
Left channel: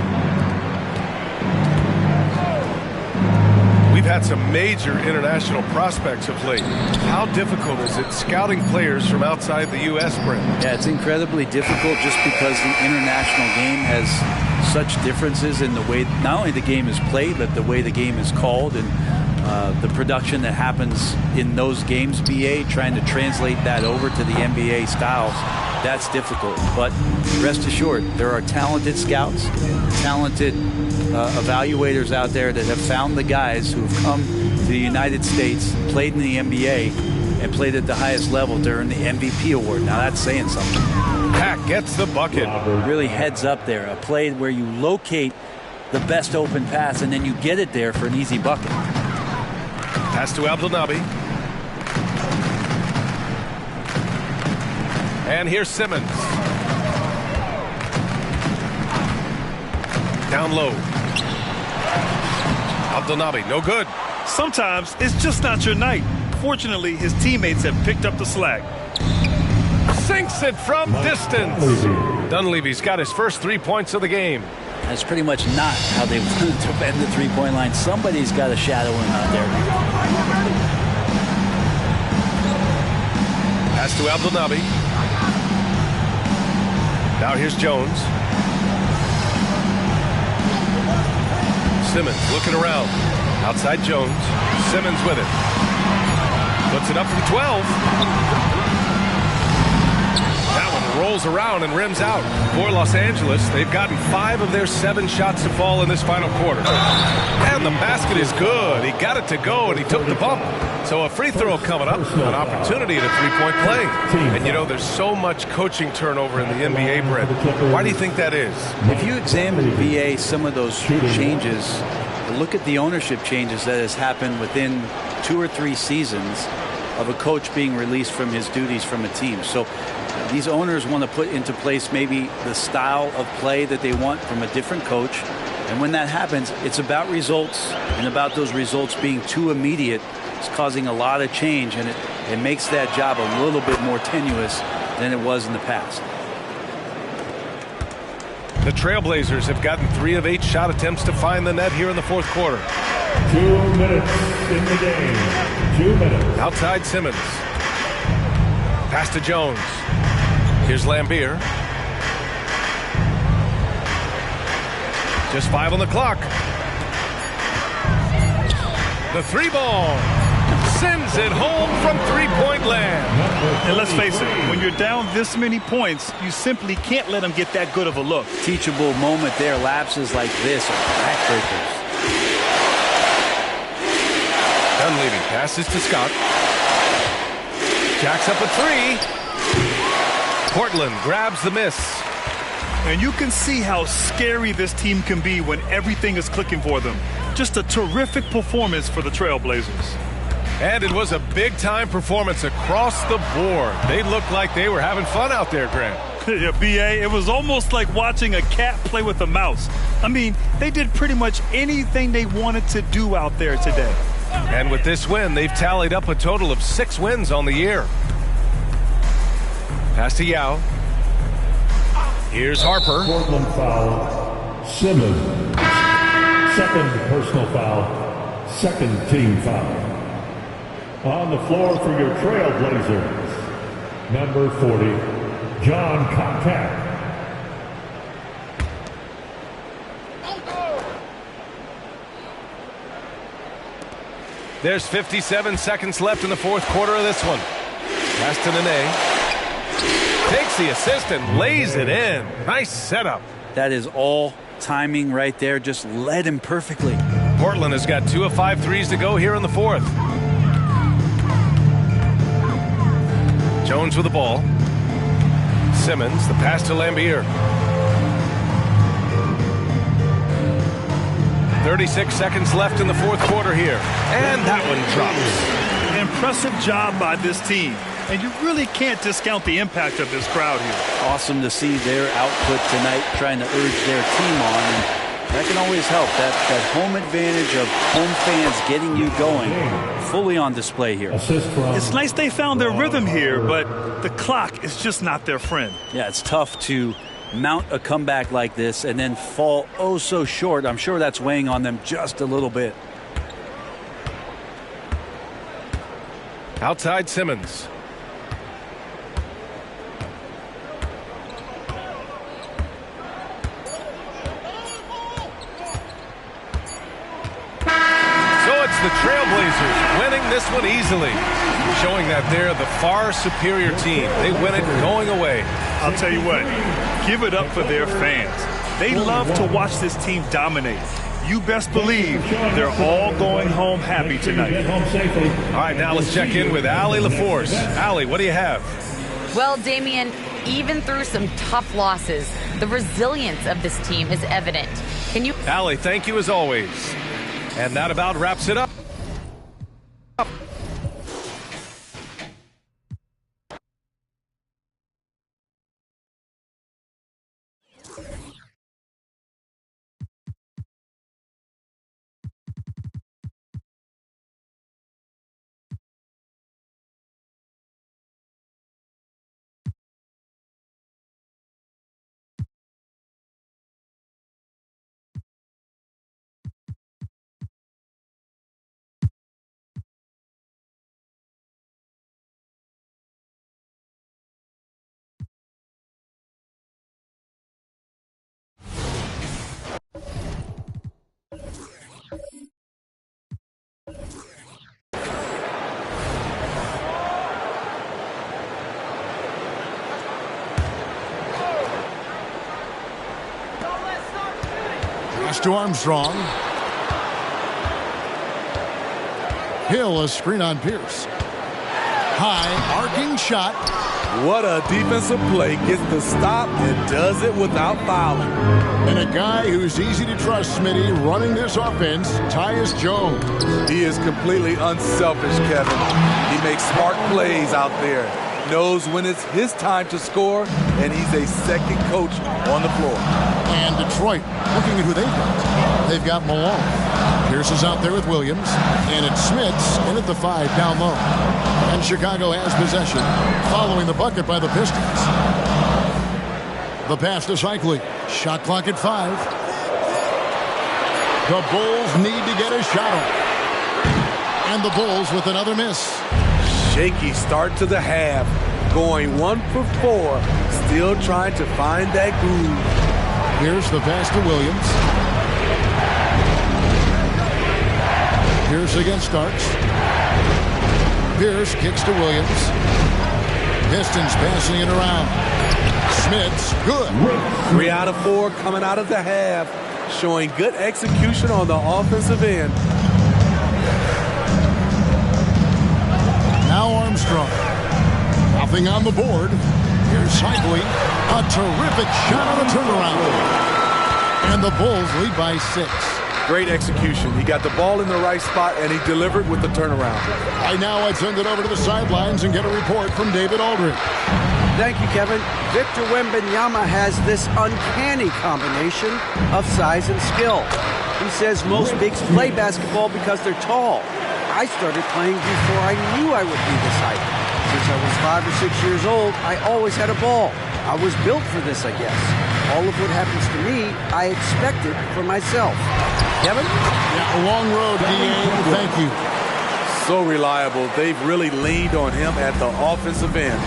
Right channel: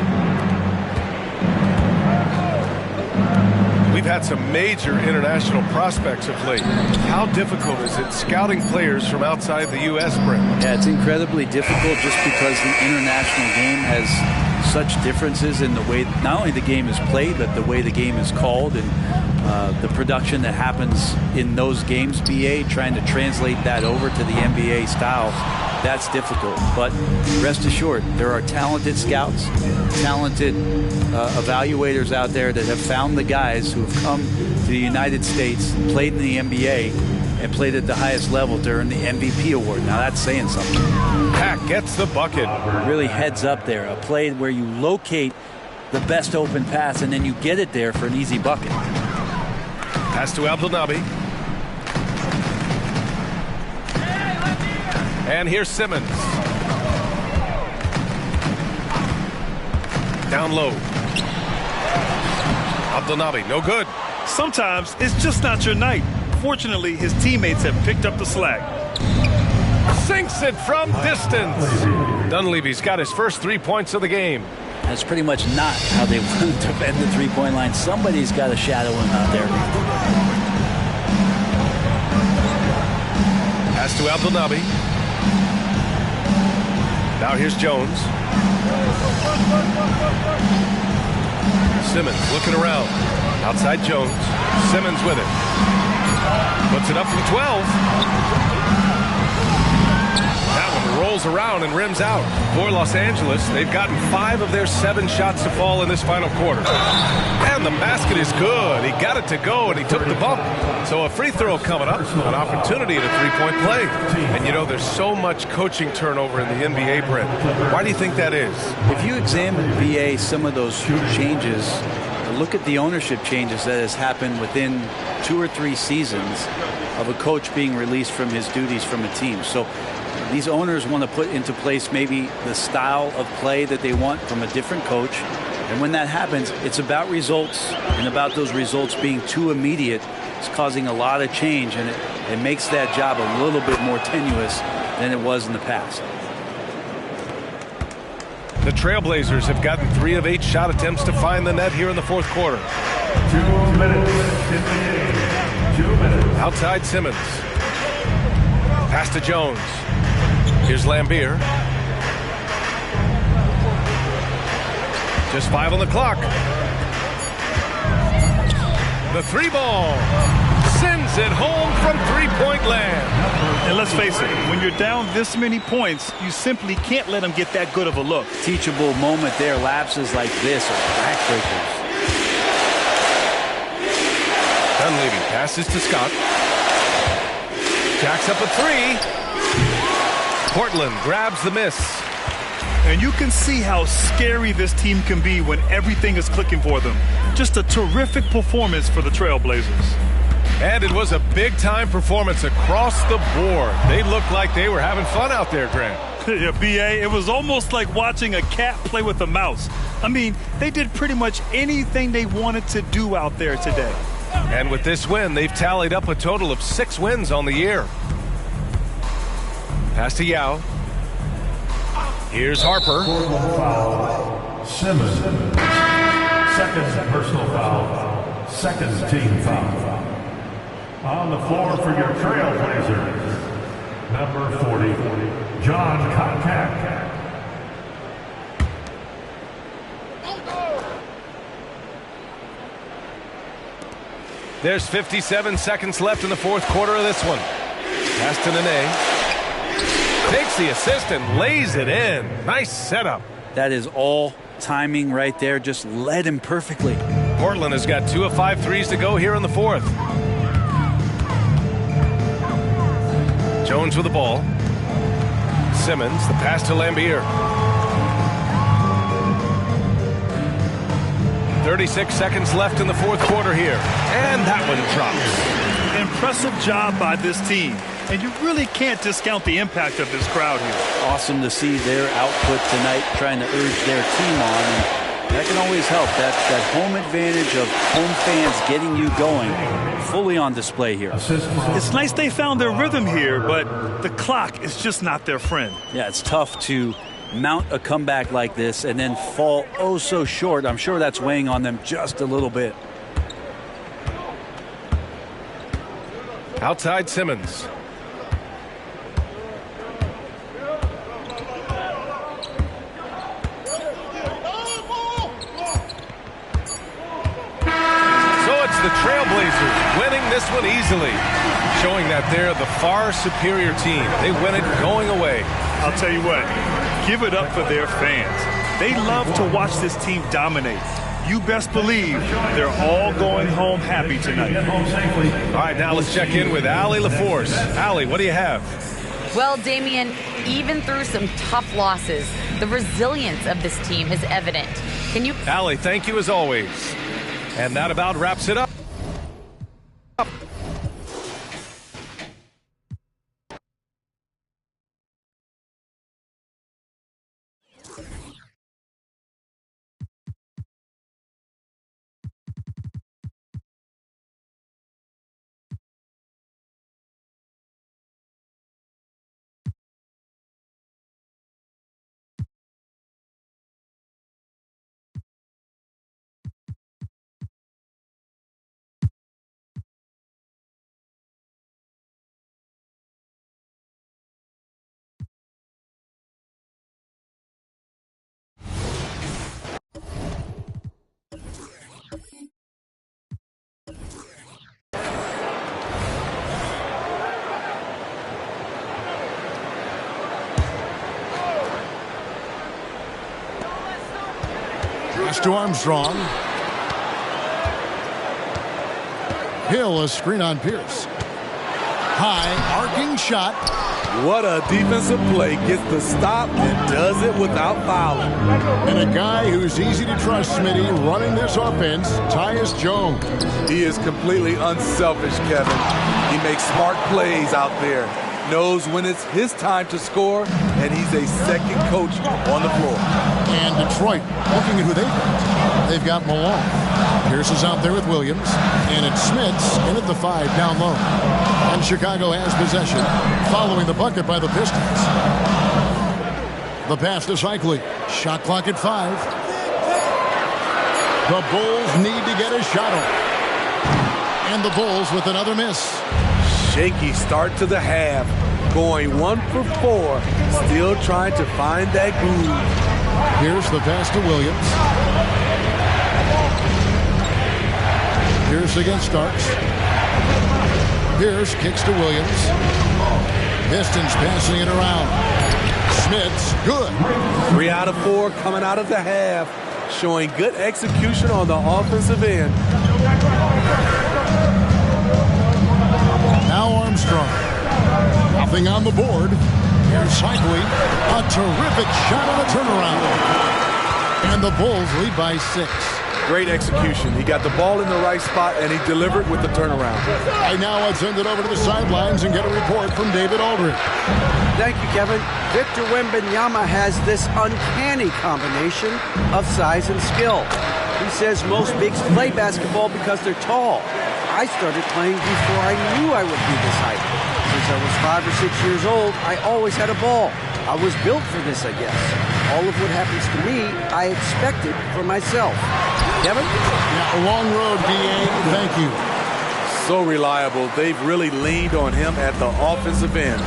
We've had some major international prospects of late. How difficult is it scouting players from outside the U.S., Brent? Yeah, it's incredibly difficult just because the international game has such differences in the way not only the game is played, but the way the game is called, and the production that happens in those games, BA, trying to translate that over to the NBA style, that's difficult. But rest assured, there are talented scouts, talented evaluators out there that have found the guys who have come to the United States, played in the NBA, and played at the highest level to earn the MVP award. Now that's saying something. Pack gets the bucket. Really heads up there. A play where you locate the best open pass and then you get it there for an easy bucket. Pass to Abdelnaby. And here's Simmons. Down low. Abdelnaby, no good. Sometimes it's just not your night. Fortunately, his teammates have picked up the slack. Sinks it from distance. Dunleavy's got his first 3 points of the game. That's pretty much not how they defend the three-point line. Somebody's got to shadow him out there. Pass to Abdelnaby. Now here's Jones. Simmons looking around. Outside Jones. Simmons with it. Puts it up from 12. That one rolls around and rims out. For Los Angeles, they've gotten 5 of their 7 shots to fall in this final quarter. And the basket is good. He got it to go, and he took the bump. So a free throw coming up, an opportunity at a three-point play. And, you know, there's so much coaching turnover in the NBA, Brent. Why do you think that is? If you examine, VA, some of those changes, look at the ownership changes that has happened within 2 or 3 seasons of a coach being released from his duties from a team. So these owners want to put into place maybe the style of play that they want from a different coach. And when that happens, it's about results, and about those results being too immediate. It's causing a lot of change, and it makes that job a little bit more tenuous than it was in the past. The Trailblazers have gotten 3 of 8 shot attempts to find the net here in the fourth quarter. 2 minutes in the game. 2 minutes. Outside Simmons. Pass to Jones. Here's Lambier. Just 5 on the clock. The 3 ball. Sends it home from three-point land. And let's face it, when you're down this many points, you simply can't let them get that good of a look. Teachable moment there. Lapses like this are backbreakers. Dunleavy passes to Scott. Jacks up a 3. Portland grabs the miss. And you can see how scary this team can be when everything is clicking for them. Just a terrific performance for the Trailblazers. And it was a big-time performance across the board. They looked like they were having fun out there, Grant. Yeah, B.A., it was almost like watching a cat play with a mouse. I mean, they did pretty much anything they wanted to do out there today. And with this win, they've tallied up a total of 6 wins on the year. Pass to Yao. Here's Harper. Portland foul. Simmons. Second personal foul. Second team foul. On the floor for your Trailblazers, number 40, John Contact. There's 57 seconds left in the fourth quarter of this one. Pass to Nene. Takes the assist and lays it in. Nice setup. That is all timing right there. Just led him perfectly. Portland has got 2 of 5 threes to go here in the fourth. Jones with the ball. Simmons, the pass to Lambier. 36 seconds left in the fourth quarter here. And that one drops. Impressive job by this team. And you really can't discount the impact of this crowd here. Awesome to see their output tonight, trying to urge their team on. And that can always help. That home advantage of home fans getting you going, fully on display here. It's nice they found their rhythm here, but the clock is just not their friend. Yeah, it's tough to mount a comeback like this and then fall oh so short. I'm sure that's weighing on them just a little bit. Outside Simmons. So it's the Trailblazers winning this one easily, showing that they're the far superior team. They win it going away. I'll tell you what, give it up for their fans. They love to watch this team dominate. You best believe they're all going home happy tonight. All right, now let's check in with Allie LaForce. Allie, what do you have? Well, Damian, even through some tough losses, the resilience of this team is evident. Can you... Allie, thank you as always. And that about wraps it up. Pass to Armstrong. Hill, a screen on Pierce. High, arcing shot. What a defensive play. Gets the stop and does it without fouling. And a guy who's easy to trust, Smitty, running this offense, Tyus Jones. He is completely unselfish, Kevin. He makes smart plays out there. Knows when it's his time to score, and he's a second coach on the floor. And Detroit, looking at who they've got. They've got Malone. Pierce is out there with Williams. And it's Smits in at the 5 down low. And Chicago has possession, following the bucket by the Pistons. The pass to Cycli. Shot clock at 5. The Bulls need to get a shot off. And the Bulls with another miss. Shaky start to the half. Going 1 for 4. Still trying to find that groove. Here's the pass to Williams. Pierce against Starks. Pierce kicks to Williams. Pistons passing it around. Smits, good. 3 out of 4 coming out of the half. Showing good execution on the offensive end. Now Armstrong. Nothing on the board. Here's Cycli. A terrific shot on a turnaround. And the Bulls lead by 6. Great execution. He got the ball in the right spot, and he delivered with the turnaround. Right now, I'd send it over to the sidelines and get a report from David Aldridge. Thank you, Kevin. Victor Wembanyama has this uncanny combination of size and skill. He says most bigs play basketball because they're tall. I started playing before I knew I would be this height. Since I was 5 or 6 years old, I always had a ball. I was built for this, I guess. All of what happens to me, I expected for myself. Kevin? Yeah, a long road, D.A. Thank you. so reliable. They've really leaned on him at the offensive end.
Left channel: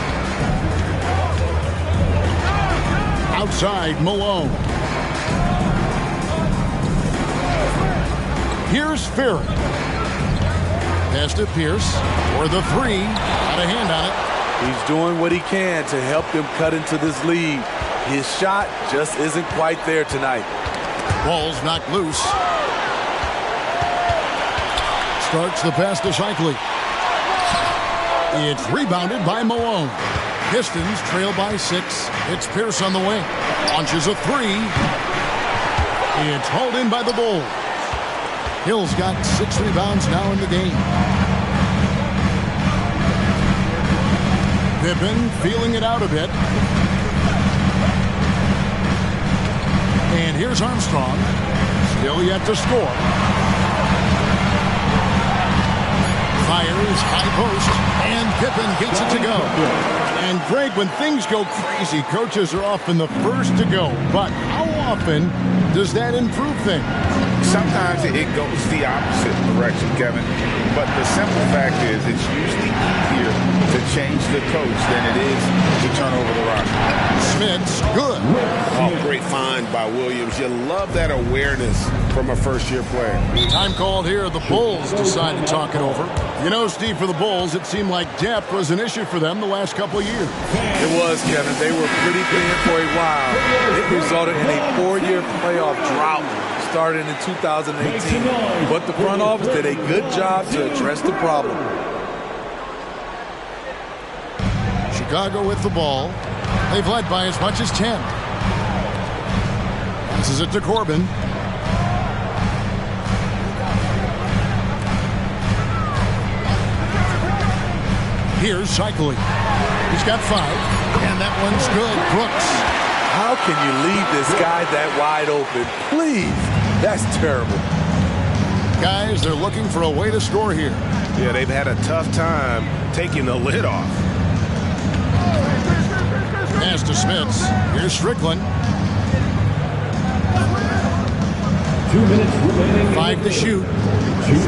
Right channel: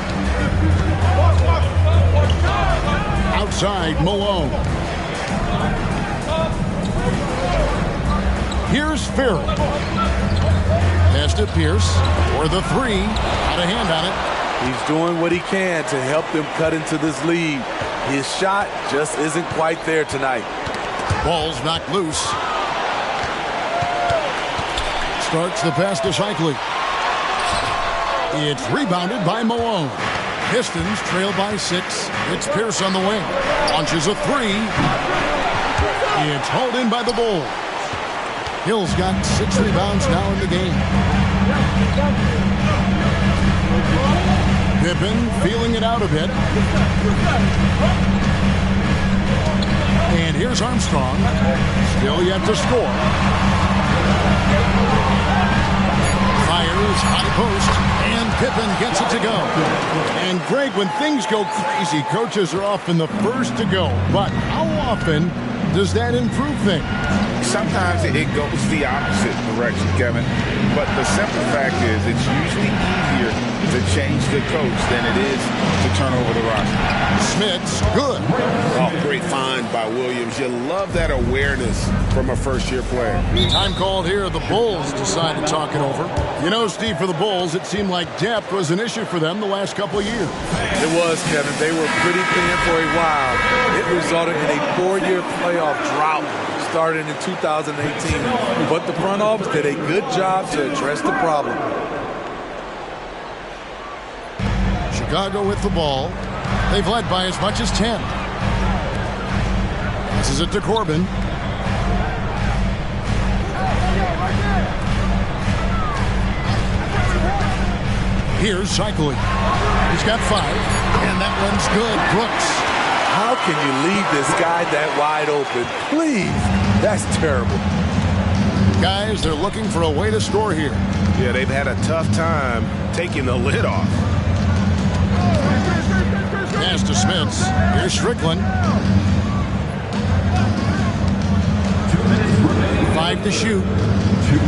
Outside, Malone. Here's Ferry. Pass to Pierce for the three. Got a hand on it. He's doing what he can to help them cut into this lead. His shot just isn't quite there tonight. Ball's knocked loose. Starts the pass to Shikely. It's rebounded by Malone. Pistons trail by 6. It's Pierce on the wing. Launches a three. It's hauled in by the Bulls. Hill's got 6 rebounds now in the game. Pippen feeling it out a bit. And here's Armstrong. Still yet to score. Fires high post. And Pippen gets it to go. And Greg, when things go crazy, coaches are often the first to go. But how often does that improve things? Sometimes it goes the opposite direction, Kevin. But the simple fact is it's usually easier to change the coach than it is to turn over the roster. Smith's good. Oh, great find by Williams. You love that awareness from a first-year player. Time called here. The Bulls decide to talk it over. You know, Steve, for the Bulls, it seemed like depth was an issue for them the last couple of years. It was, Kevin. They were pretty thin for a while. It resulted in a 4-year playoff drought starting in 2018. But the front office did a good job to address the problem. Chicago with the ball. They've led by as much as 10. Passes it to Corbin. Here's Shikely. He's got 5, and that one's good. Brooks. How can you leave this guy that wide open? Please. That's terrible. Guys, they're looking for a way to score here. Yeah, they've had a tough time taking the lid off. Pass to Smits. Here's Strickland. 2 minutes remaining. 5 to shoot. 2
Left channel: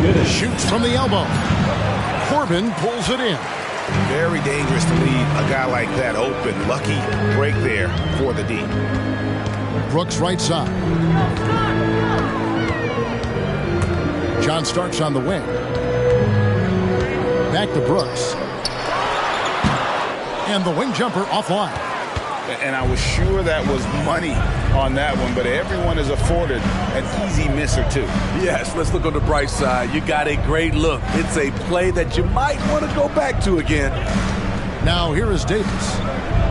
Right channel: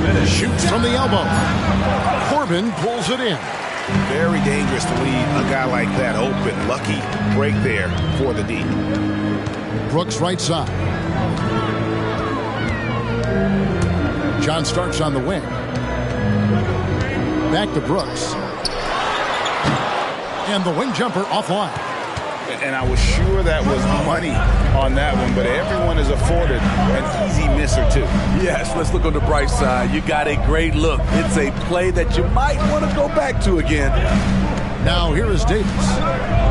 minutes. Shoots from the elbow. Corbin pulls it in. Very dangerous to leave a guy like that open. Lucky break there for the D. Brooks right side. John Starks on the wing. Back to Brooks. And the wing jumper offline. And I was sure that was money on that one, but everyone is afforded an easy miss or two. Yes, let's look on the bright side. You got a great look. It's a play that you might want to go back to again. Now here is Davis.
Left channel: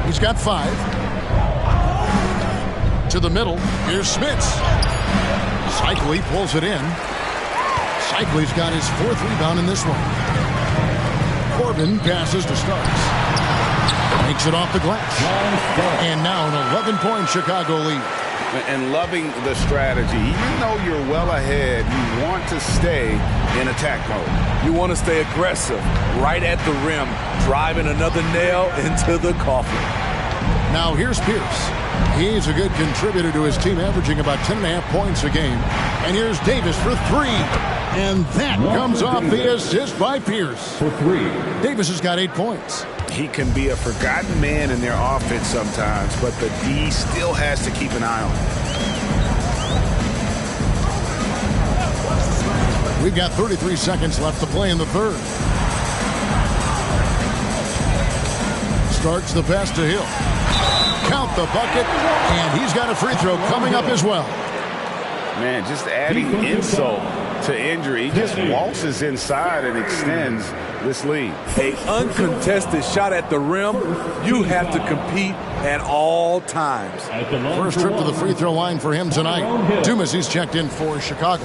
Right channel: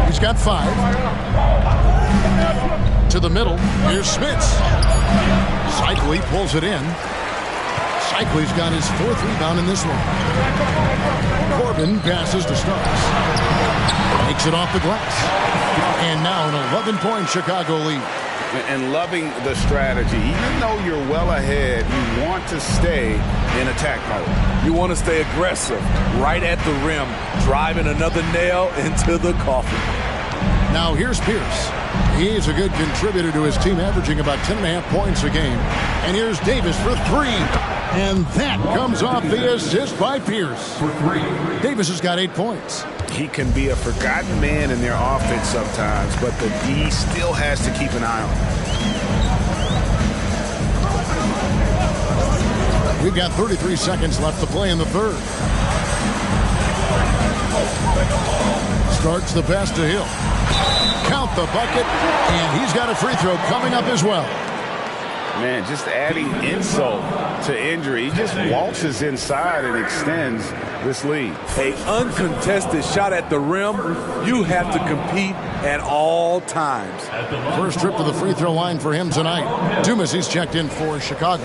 He's got 5. To the middle. Here's Smits. Shikely pulls it in. Shikely's got his 4th rebound in this one. Corbin passes to Starks. Makes it off the glass. And now an 11-point Chicago lead. And loving the strategy. Even though you're well ahead, you want to stay in attack mode. You want to stay aggressive, right at the rim, driving another nail into the coffin. Now here's Pierce. He's a good contributor to his team, averaging about 10.5 points a game. And here's Davis for 3. And that comes off the assist by Pierce. For 3. Davis has got 8 points. He can be a forgotten man in their offense sometimes, but the D still has to keep an eye on him. We've got 33 seconds left to play in the third. Starks the pass to Hill. Count the bucket, and he's got a free throw coming up as well. Man, just adding insult to injury. He just waltzes inside and extends this lead. A uncontested shot at the rim. You have to compete at all times. First trip to the free throw line for him tonight. Dumas, he's checked in for Chicago.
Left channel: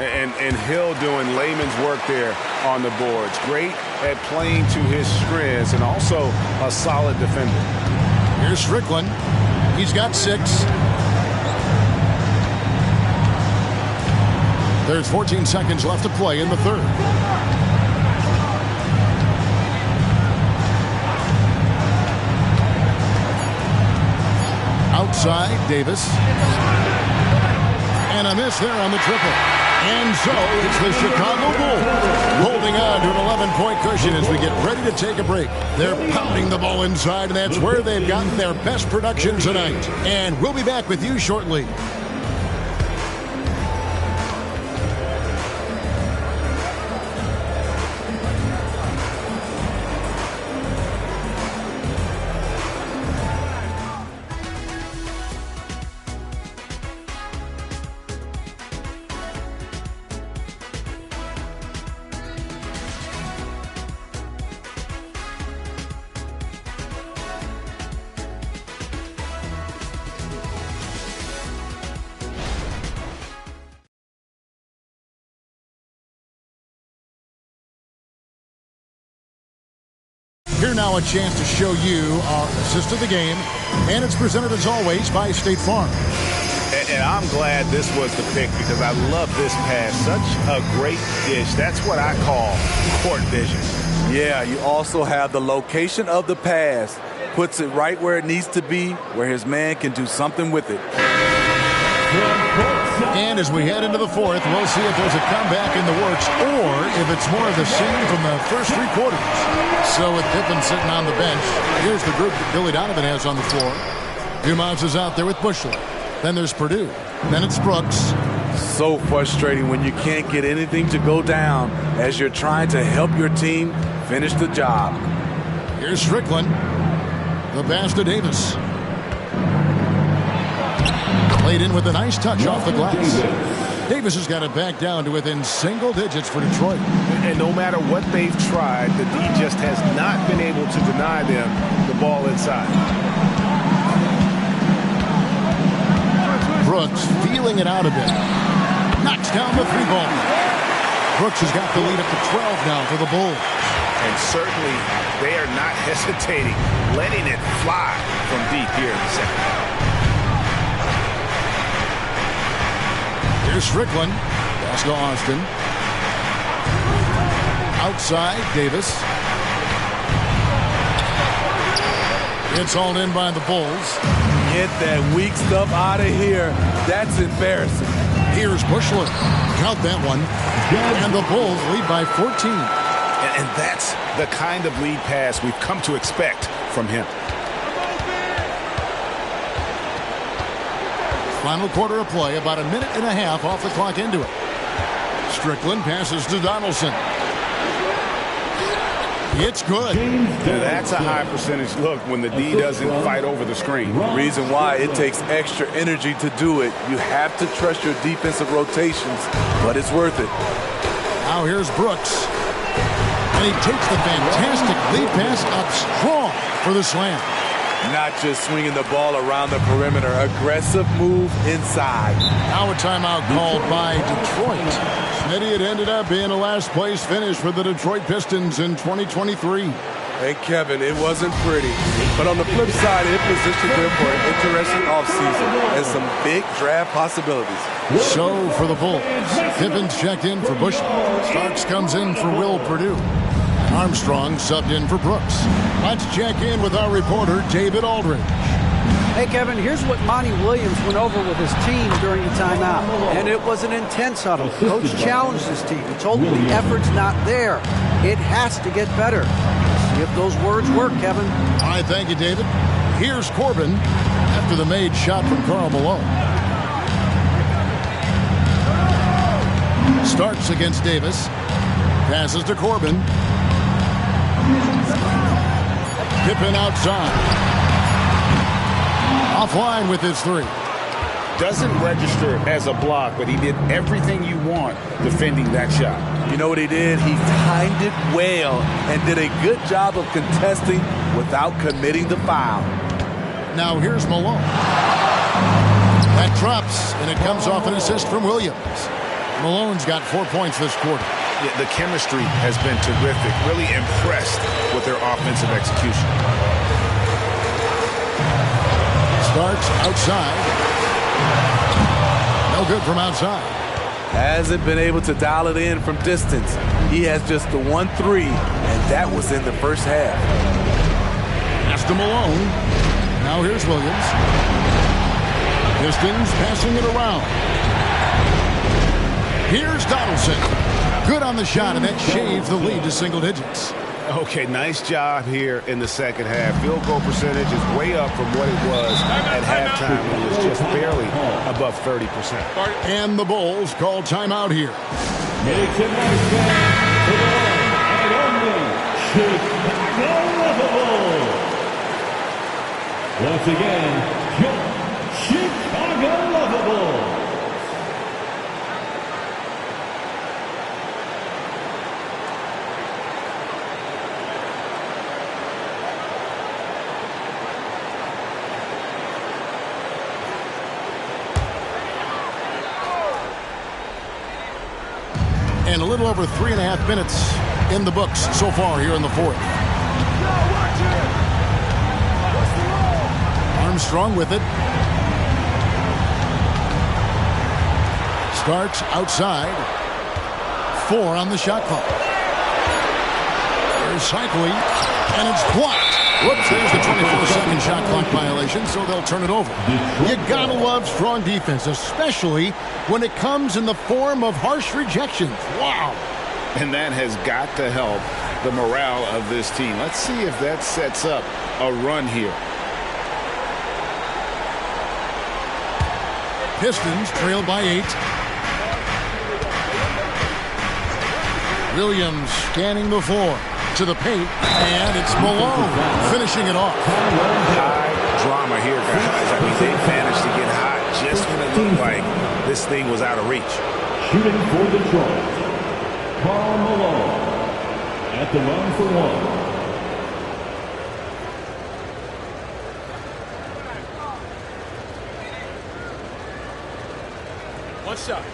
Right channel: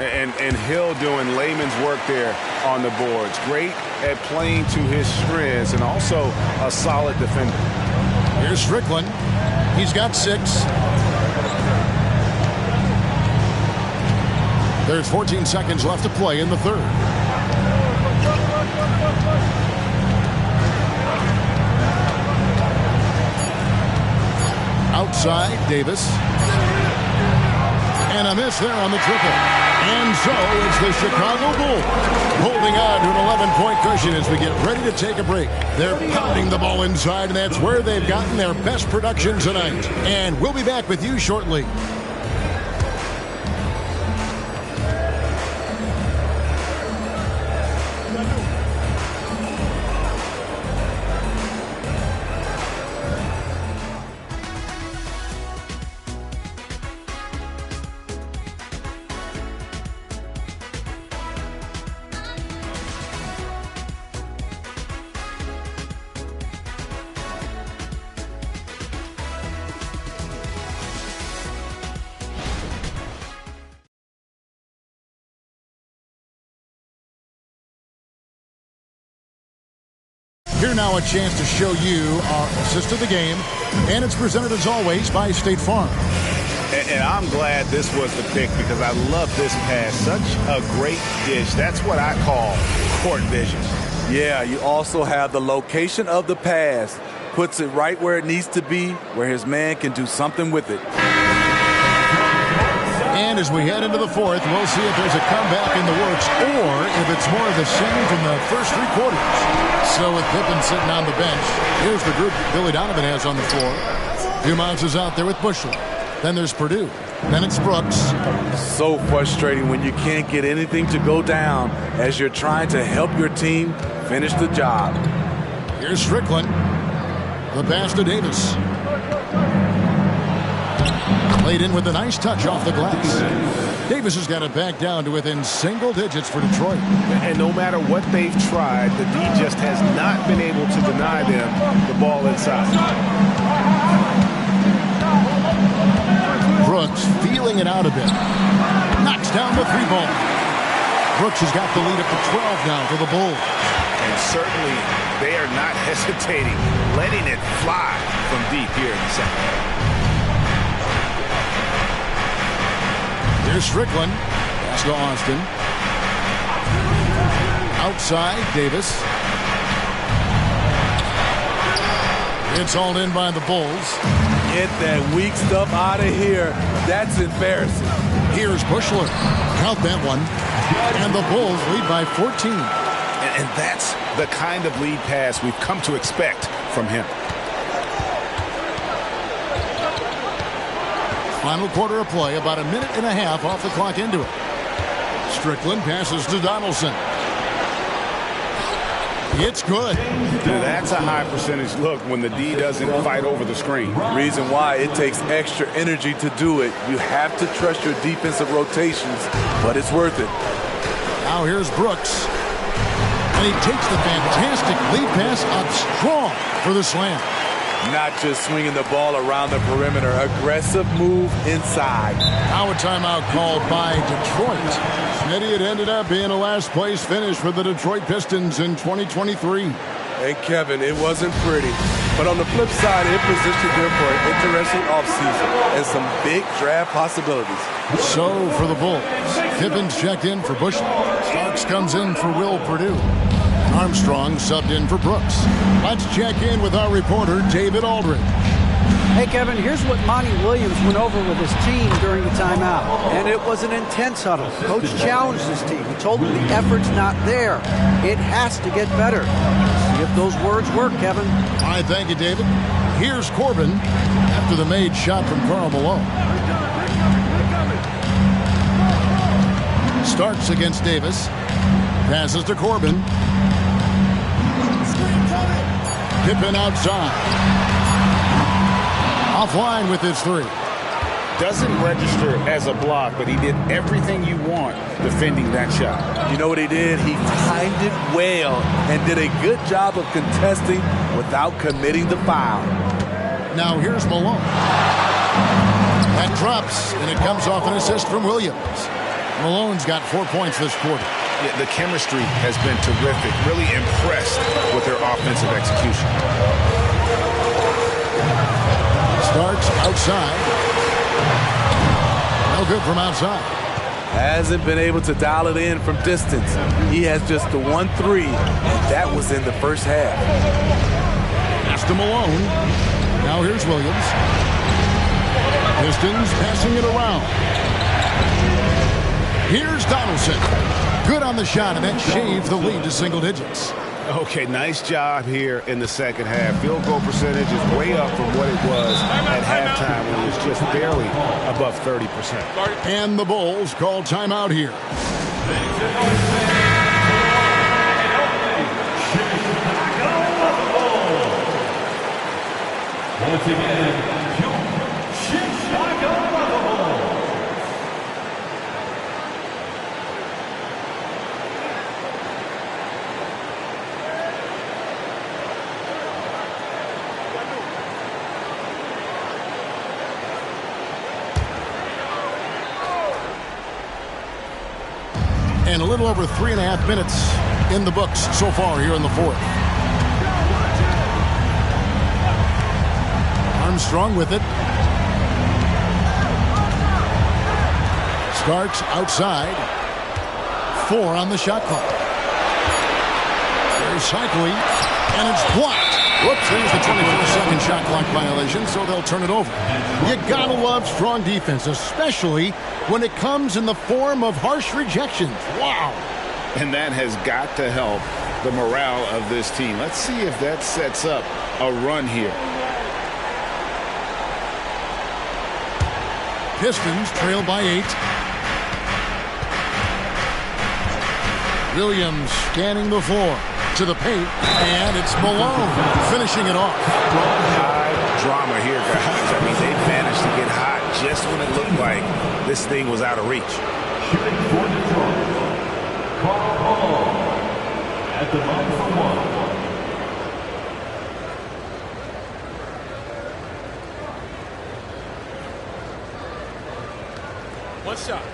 And Hill doing layman's work there on the boards. Great at playing to his strengths and also a solid defender. Here's Strickland. He's got 6. There's 14 seconds left to play in the third. Outside, Davis. And a miss there on the triple. And so it's the Chicago Bulls holding on to an 11-point cushion as we get ready to take a break. They're pounding the ball inside, and that's where they've gotten their best production tonight. And we'll be back with you shortly. Here now a chance to show you our assist of the game, and it's presented as always by State Farm. And I'm glad this was the pick because I love this pass. Such a great dish. That's what I call court vision. Yeah, you also have the location of the pass. Puts it right where it needs to be, where his man can do something with it. And as we head into the fourth, we'll see if there's a comeback in the works or if it's more of the same from the first 3 quarters. So with Pippen sitting on the bench, here's the group that Billy Donovan has on the floor. Dumont is out there with Bushler. Then there's Purdue. Then it's Brooks. So frustrating when you can't get anything to go down as you're trying to help your team finish the job. Here's Strickland. The pass to Davis. Played in with a nice touch off the glass. Davis has got it back down to within single digits for Detroit. And no matter what they've tried, the D just has not been able to deny them the ball inside. Brooks feeling it out a bit. Knocks down the 3-ball. Brooks has got the lead up to 12 now for the Bulls. And certainly they are not hesitating, letting it fly from deep here in the second half. Here's Strickland. Pass to Austin. Outside, Davis. It's hauled in by the Bulls. Get that weak stuff out of here. That's embarrassing. Here's Bushler. Count that one. And the Bulls lead by 14. And that's the kind of lead pass we've come to expect from him. Final quarter of play, about a minute and a half off the clock into it. Strickland passes to Donaldson. It's good. That's a high percentage look when the D doesn't fight over the screen. Reason why it takes extra energy to do it. You have to trust your defensive rotations, but it's worth it. Now here's Brooks. And he takes the fantastic lead pass up strong for the slam. Not just swinging the ball around the perimeter. Aggressive move inside. Now a timeout called by Detroit. Smitty, it ended up being a last-place finish for the Detroit Pistons in 2023. And Kevin, it wasn't pretty. But on the flip side, it positioned them for an interesting offseason and some big draft possibilities. So for the Bulls, Pippin's checked in for Bushler. Starks comes in for Will Purdue. And Armstrong subbed in for Brooks. Let's check in with our reporter, David Aldridge. Hey, Kevin, here's what Monty Williams went over with his team during the timeout. And it was an intense huddle. Coach challenged his team. He told them the effort's not there. It has to get better. See if those words work, Kevin. All right, thank you, David. Here's Corbin after the made shot from Karl Malone. Starks against Davis. Passes to Corbin. Pippen outside. Offline with his 3. Doesn't register as a block, but he did everything you want defending that shot. You know what he did? He timed it well and did a good job of contesting without committing the foul. Now here's Malone. That drops, and it comes off an assist from Williams. Malone's got 4 points this quarter. Yeah, the chemistry has been terrific. Really impressed with their offensive execution. Starts outside. No good from outside. Hasn't been able to dial it in from distance. He has just the 1-3, and that was in the first half. Pass to Malone. Now here's Williams. Pistons passing it around. Here's Donaldson. Good on the shot, and that shaves the lead to single digits. Okay, nice job here in the second half. Field goal percentage is way up from what it was at halftime when it was just barely above 30%. And the Bulls call timeout here. Once again, Chicago Bulls. And a little over 3.5 minutes in the books so far here in the fourth. Armstrong with it. Starts outside. 4 on the shot clock. There's Cycling, and it's blocked. Whoops, there's the 24-second shot clock violation, so they'll turn it over. You gotta love strong defense, especially when it comes in the form of harsh rejections. Wow. And that has got to help the morale of this team. Let's see if that sets up a run here. Pistons trail by 8. Williams scanning the floor to the paint, and it's Malone finishing it off. High drama here, guys. I mean, they managed to get hot just when it looked like this thing was out of reach. Shooting for Detroit, Karl Malone at the line for 1. One shot.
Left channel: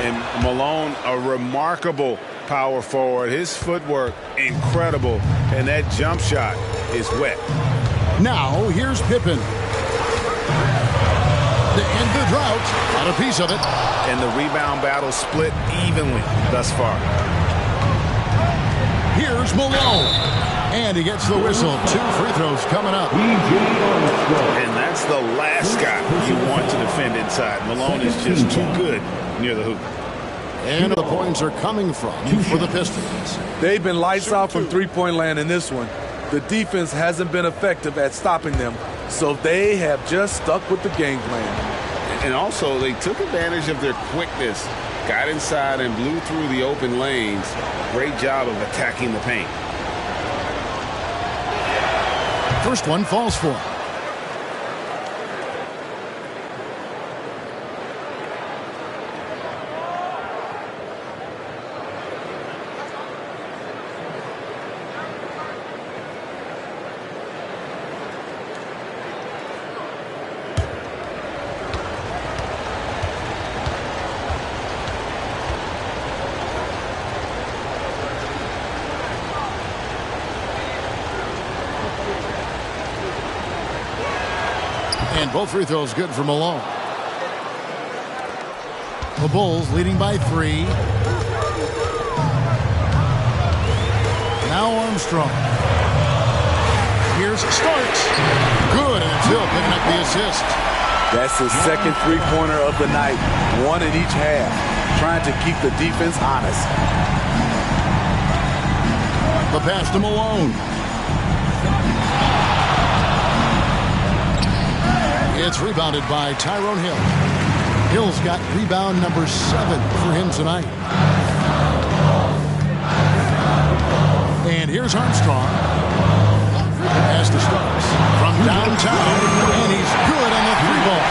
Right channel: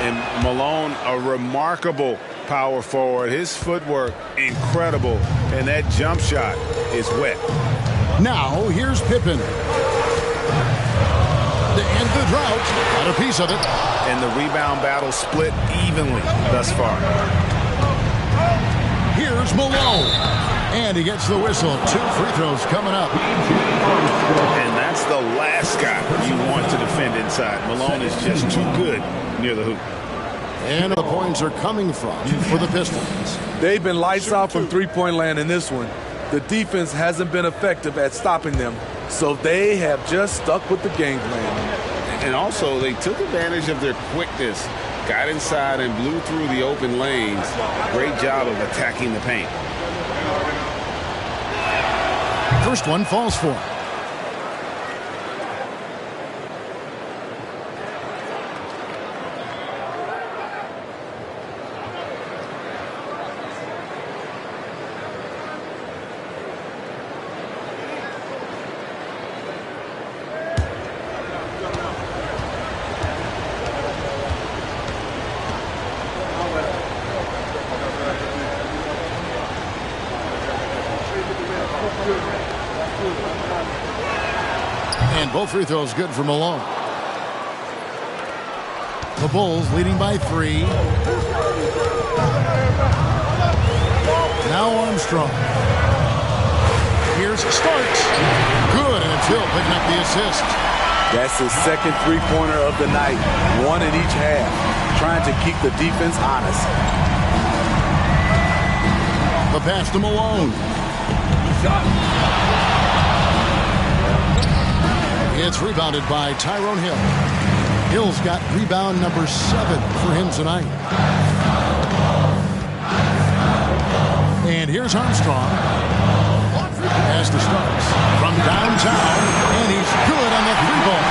And Malone, a remarkable power forward. His footwork, incredible. And that jump shot is wet. Now, here's Pippen. To end the drought. Got a piece of it. And the rebound battle split evenly thus far. Here's Malone. And he gets the whistle. 2 free throws coming up. And that's the last guy you want to defend inside. Malone is just too good near the hoop. And the points are coming from for the Pistons. They've been lights out from three-point land in this one. The defense hasn't been effective at stopping them, so they have just stuck with the game plan. And also, they took advantage of their quickness, got inside and blew through the open lanes. Great job of attacking the paint. First one falls for him. And both free throws good for Malone. The Bulls leading by 3. Now Armstrong. Here's Starks. Good, and it's Hill picking up the assist. That's his second three-pointer of the night. 1 in each half. Trying to keep the defense honest. The pass to Malone. It's rebounded by Tyrone Hill. Hill's got rebound number 7 for him tonight. And here's Armstrong. As to Starks from downtown, and he's good on the 3-ball.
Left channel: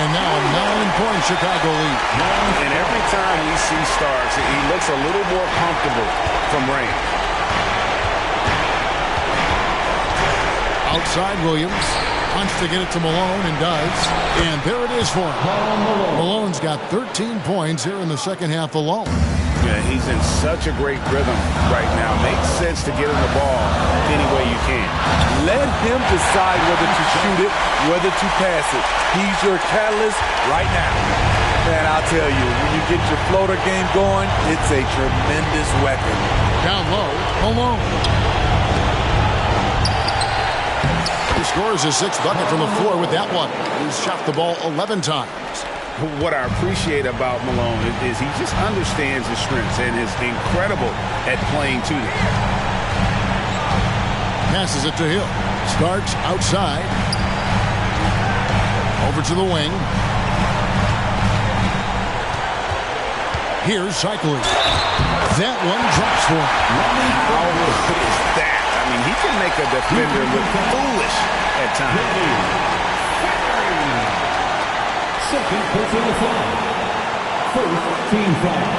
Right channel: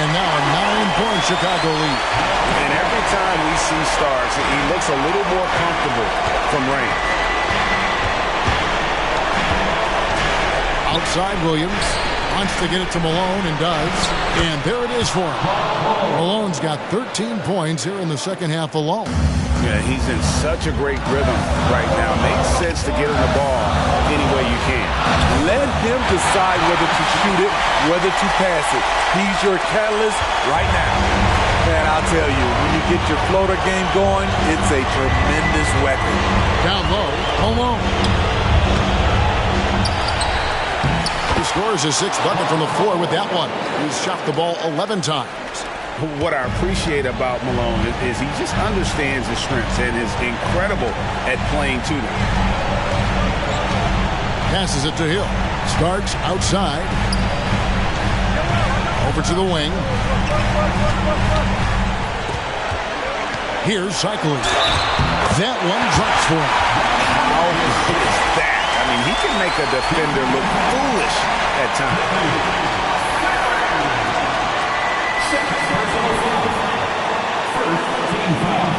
And now a 9-point Chicago lead. And every time we see Starks, he looks a little more comfortable from range. Outside Williams. Wants to get it to Malone and does. And there it is for him. Malone's got 13 points here in the second half alone. Yeah, he's in such a great rhythm right now. Makes sense to get him the ball any way you can. Let him decide whether to shoot it, whether to pass it. He's your catalyst right now. Man, I'll tell you, when you get your floater game going, it's a tremendous weapon. Down low, Malone. He scores his 6th bucket from the floor with that one. He's shot the ball 11 times. What I appreciate about Malone is he just understands his strengths and is incredible at playing to them. Passes it to Hill. Starks outside. Over to the wing. Here's Cycling. That one drops for him. How good is that? I mean, he can make a defender look foolish at times. Second personal foul. First team foul.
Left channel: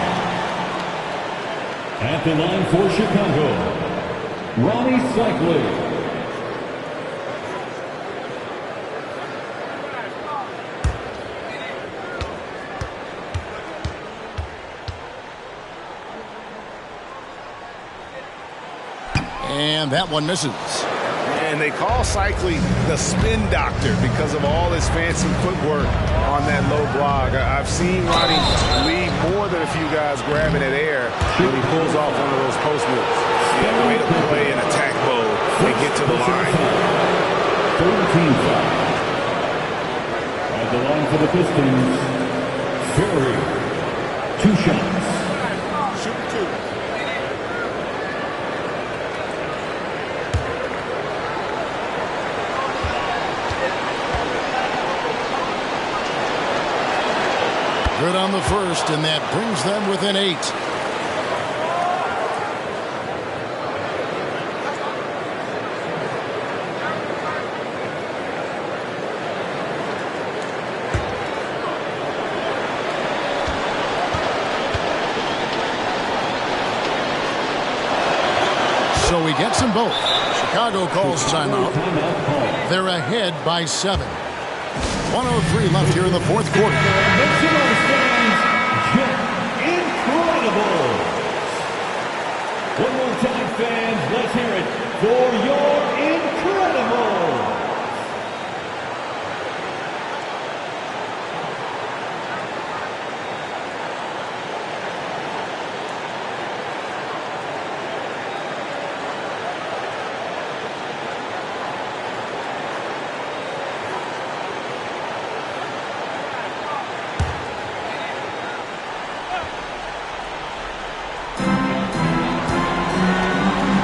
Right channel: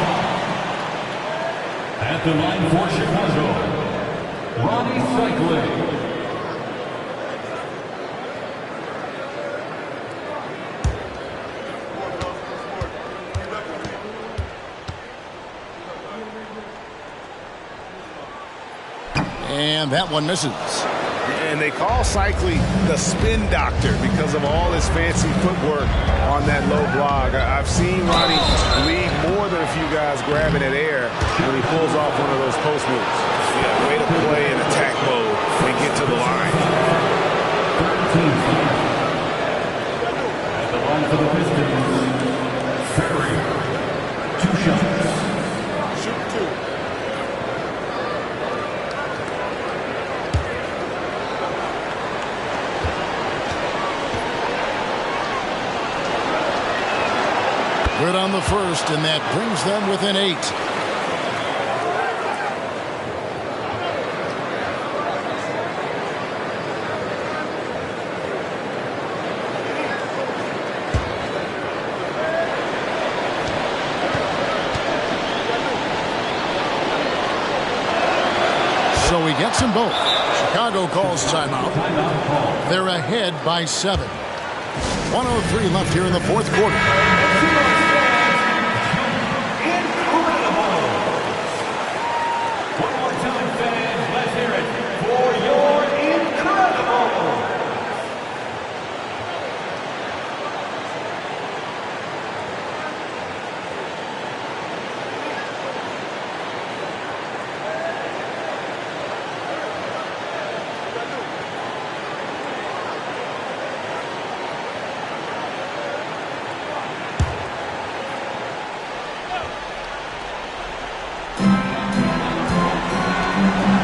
At the line for Chicago, Ronnie Cycling. And that one misses. And they call Cycling the spin doctor because of all his fancy footwork on that low block. I've seen Ronnie lead more than a few guys grabbing at air when he pulls off one of those post moves. Yeah, way to play in attack mode and get to the line. 13 foul. At the line for the Pistons, Ferry. 2 shots. Shoot 2. Good on the first, and that brings them within 8. So he gets them both. Chicago calls timeout. They're ahead by 7. 1:03 left here in the fourth quarter. Incredible. One more time, fans. Let's hear it for your Incredible.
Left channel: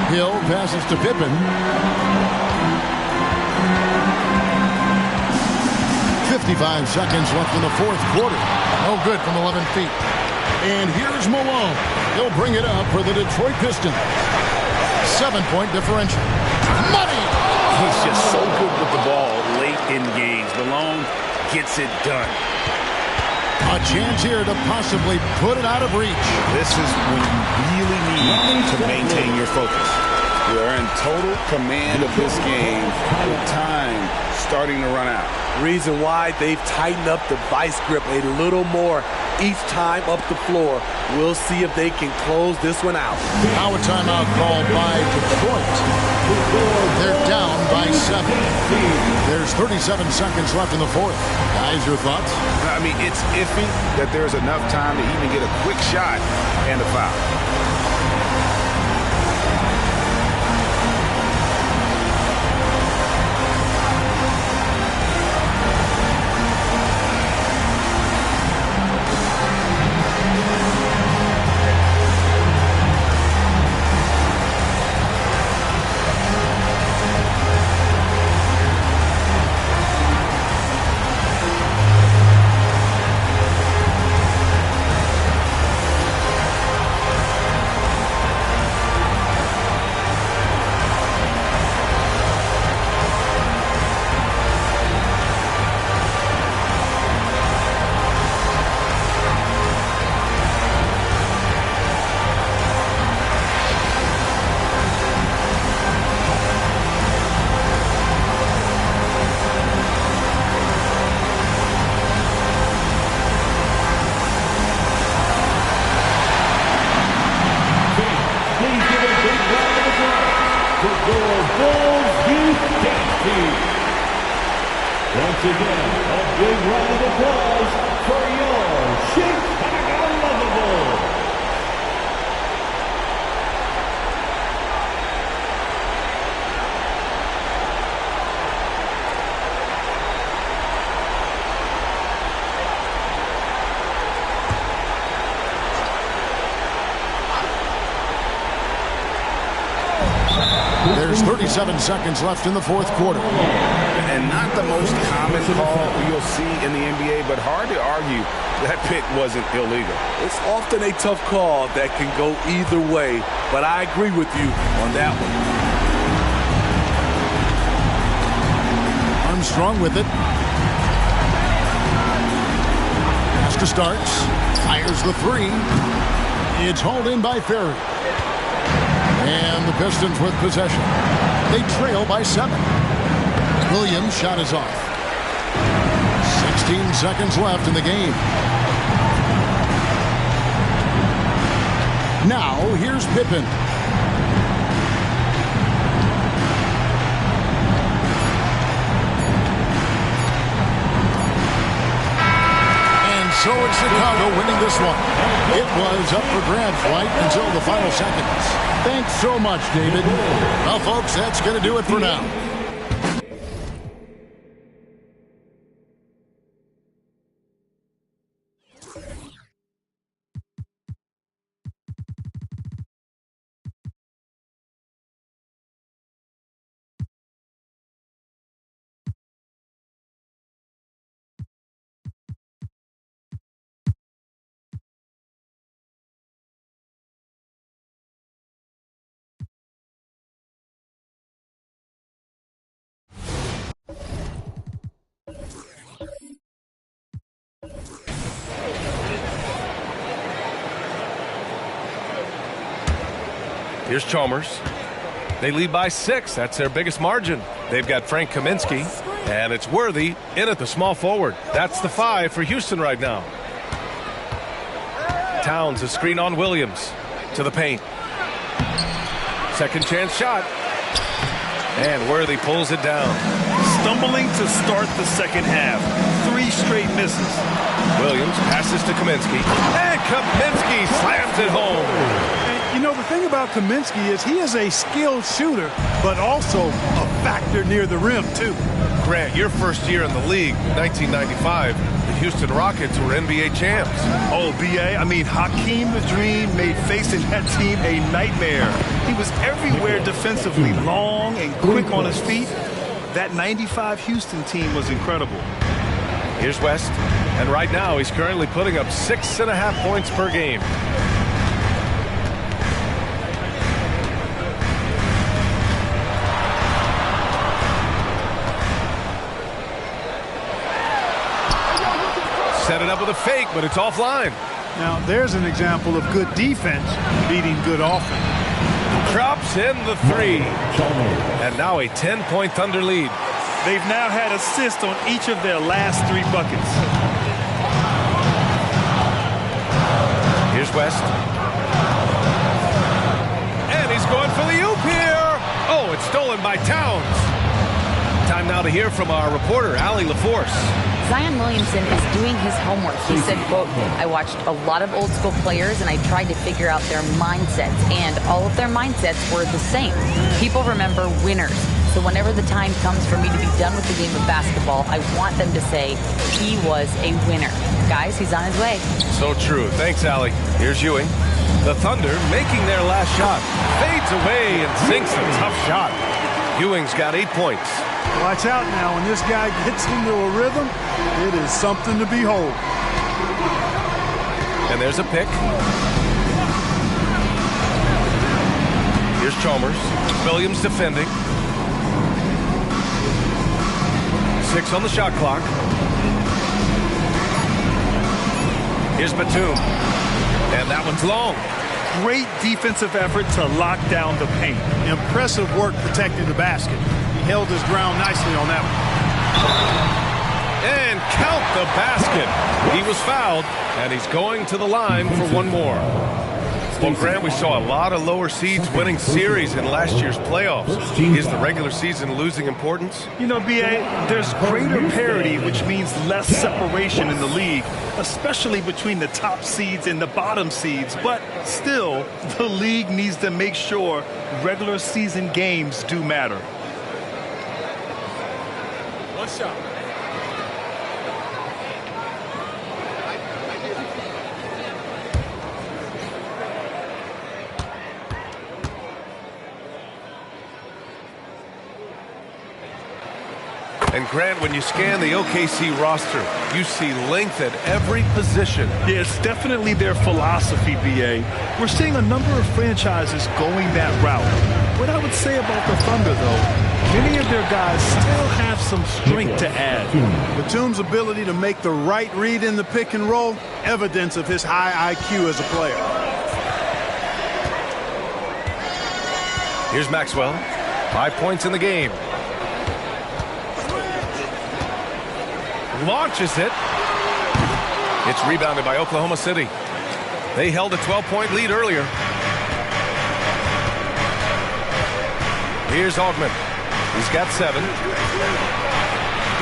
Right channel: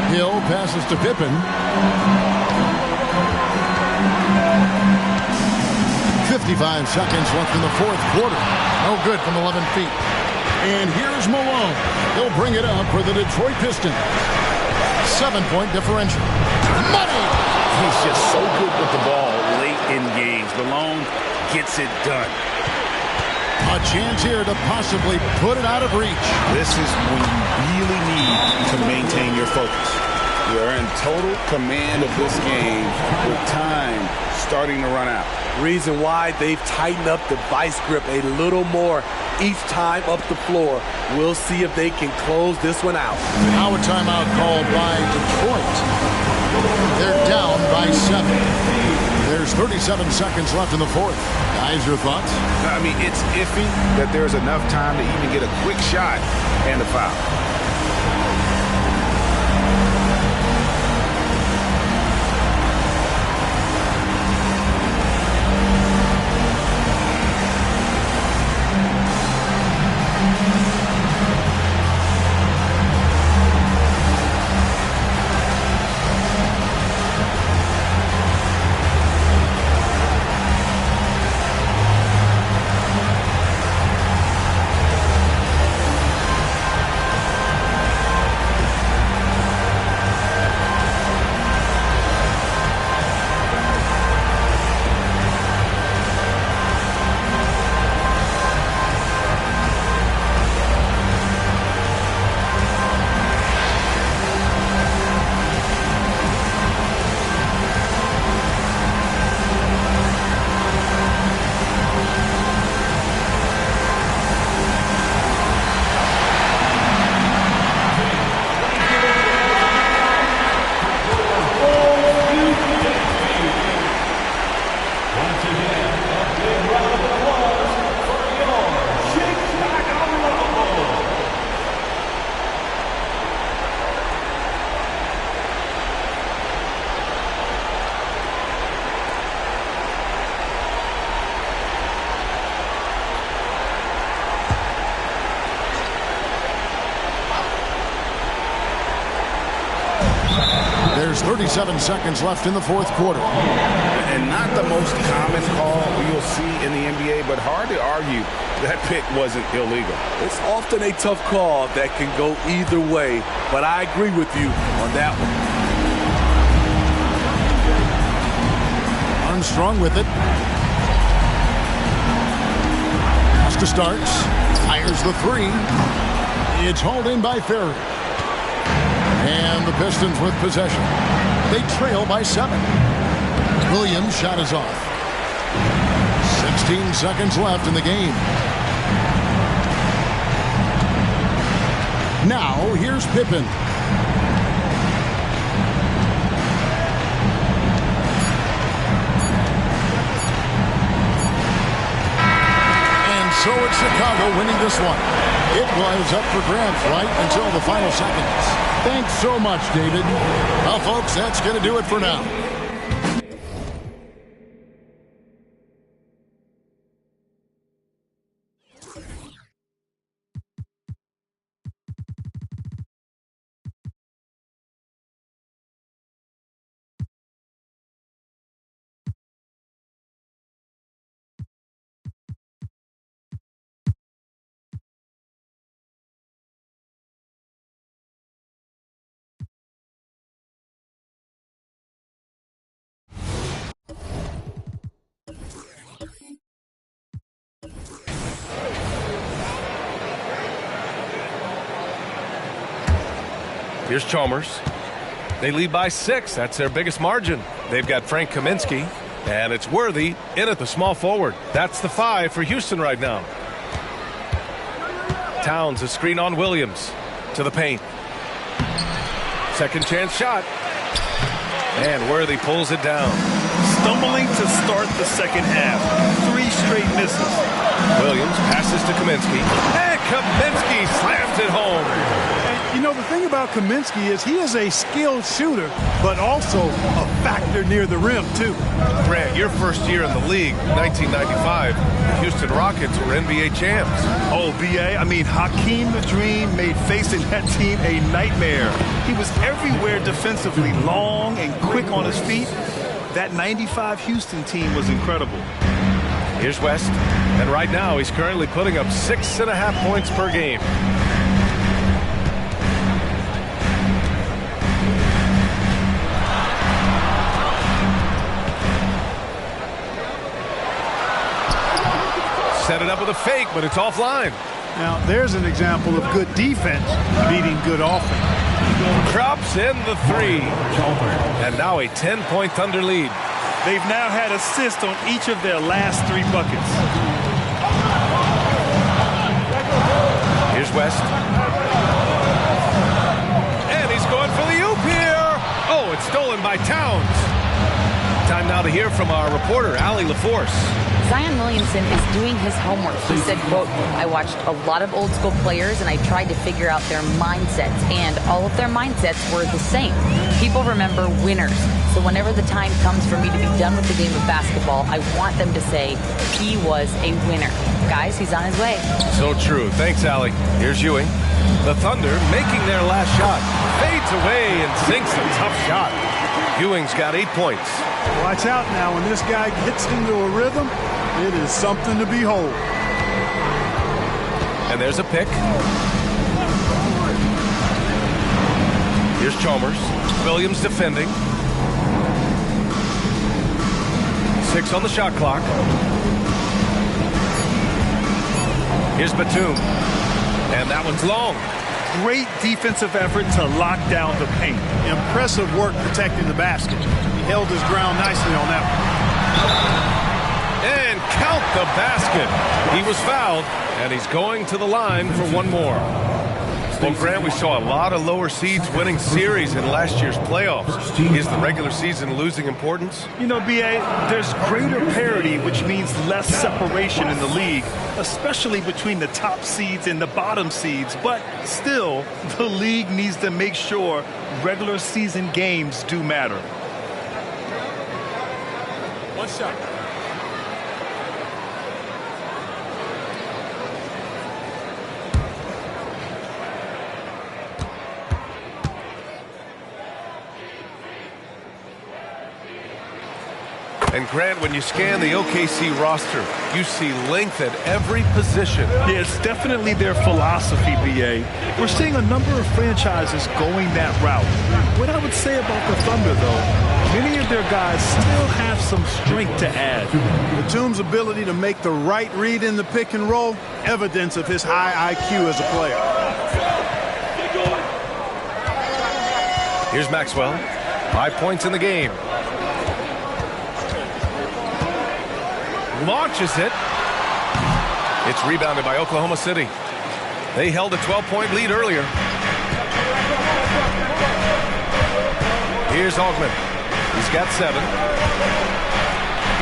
Hill passes to Pippen. 55 seconds left in the fourth quarter. No good from 11 feet. And here's Malone. He'll bring it up for the Detroit Pistons. 7-point differential. Money! He's just so good with the ball late in games. Malone gets it done. A chance here to possibly put it out of reach. This is when you really need to maintain your focus. You are in total command of this game with time starting to run out. Reason why they've tightened up the vice grip a little more each time up the floor. We'll see if they can close this one out. Now a timeout called by Detroit. They're down by 7. There's 37 seconds left in the fourth. Guys, your thoughts? I mean, it's iffy that there's enough time to even get a quick shot and a foul. 37 seconds left in the fourth quarter. And not the most common call you'll see in the NBA, but hard to argue that pick wasn't illegal. It's often a tough call that can go either way, but I agree with you on that one. Armstrong with it. Costa starts. Fires the three. It's hauled in by Ferry. And the Pistons with possession. They trail by 7. Williams' shot is off. 16 seconds left in the game. Now, here's Pippen. And so it's Chicago winning this one. It was up for grabs right until the final seconds. Thanks so much, David. Well, folks, that's going to do it for now. Here's Chalmers. They lead by 6. That's their biggest margin. They've got Frank Kaminsky, and it's Worthy in at the small forward. That's the 5 for Houston right now. Towns, a screen on Williams to the paint. Second chance shot. And Worthy pulls it down. Stumbling to start the second half. 3 straight misses. Williams passes to Kaminsky. And Kaminsky slams it home. And, you know, the thing about Kaminsky is he is a skilled shooter, but also a factor near the rim, too. Grant, your first year in the league, 1995, the Houston Rockets were NBA champs. Oh, B.A., I mean, Hakeem the Dream made facing that team a nightmare. He was everywhere defensively, long and quick on his feet. That 95 Houston team was incredible. Here's West, and right now he's currently putting up 6.5 points per game. Set it up with a fake, but it's offline. Now, there's an example of good defense beating good offense. Drops in the 3. And now a 10-point Thunder lead. They've now had assists on each of their last 3 buckets. Here's West. And he's going for the oop here. Oh, it's stolen by Towns. Time now to hear from our reporter, Allie LaForce. Zion Williamson is doing his homework. He said, quote, I watched a lot of old school players and I tried to figure out their mindsets, and all of their mindsets were the same. People remember winners. So whenever the time comes for me to be done with the game of basketball, I want them to say he was a winner. Guys, he's on his way. So true. Thanks, Allie. Here's Ewing. The Thunder making their last shot. Fades away and sinks a tough shot. Ewing's got 8 points. Watch out now. When this guy gets into a rhythm, it is something to behold. And there's a pick. Here's Chalmers. Williams defending. 6 on the shot clock. Here's Batum. And that one's long. Great defensive effort to lock down the paint. Impressive work protecting the basket. He held his ground nicely on that one. And count the basket. He was fouled, and he's going to the line for one more. Well, Grant, we saw a lot of lower seeds winning series in last year's playoffs. Is the regular season losing importance? You know, B.A., there's greater parity, which means less separation in the league, especially between the top seeds and the bottom seeds. But still, the league needs to make sure regular season games do matter. One shot. And Grant, when you scan the OKC roster, you see length at every position. Yeah, it's definitely their philosophy, B.A. We're seeing a number of franchises going that route. What I would say about the Thunder, though, many of their guys still have some strength to add. Batum's ability to make the right read in the pick and roll, evidence of his high IQ as a player. Here's Maxwell. 5 points in the game. Launches it. It's rebounded by Oklahoma City. They held a 12-point lead earlier. Here's Augment. He's got 7.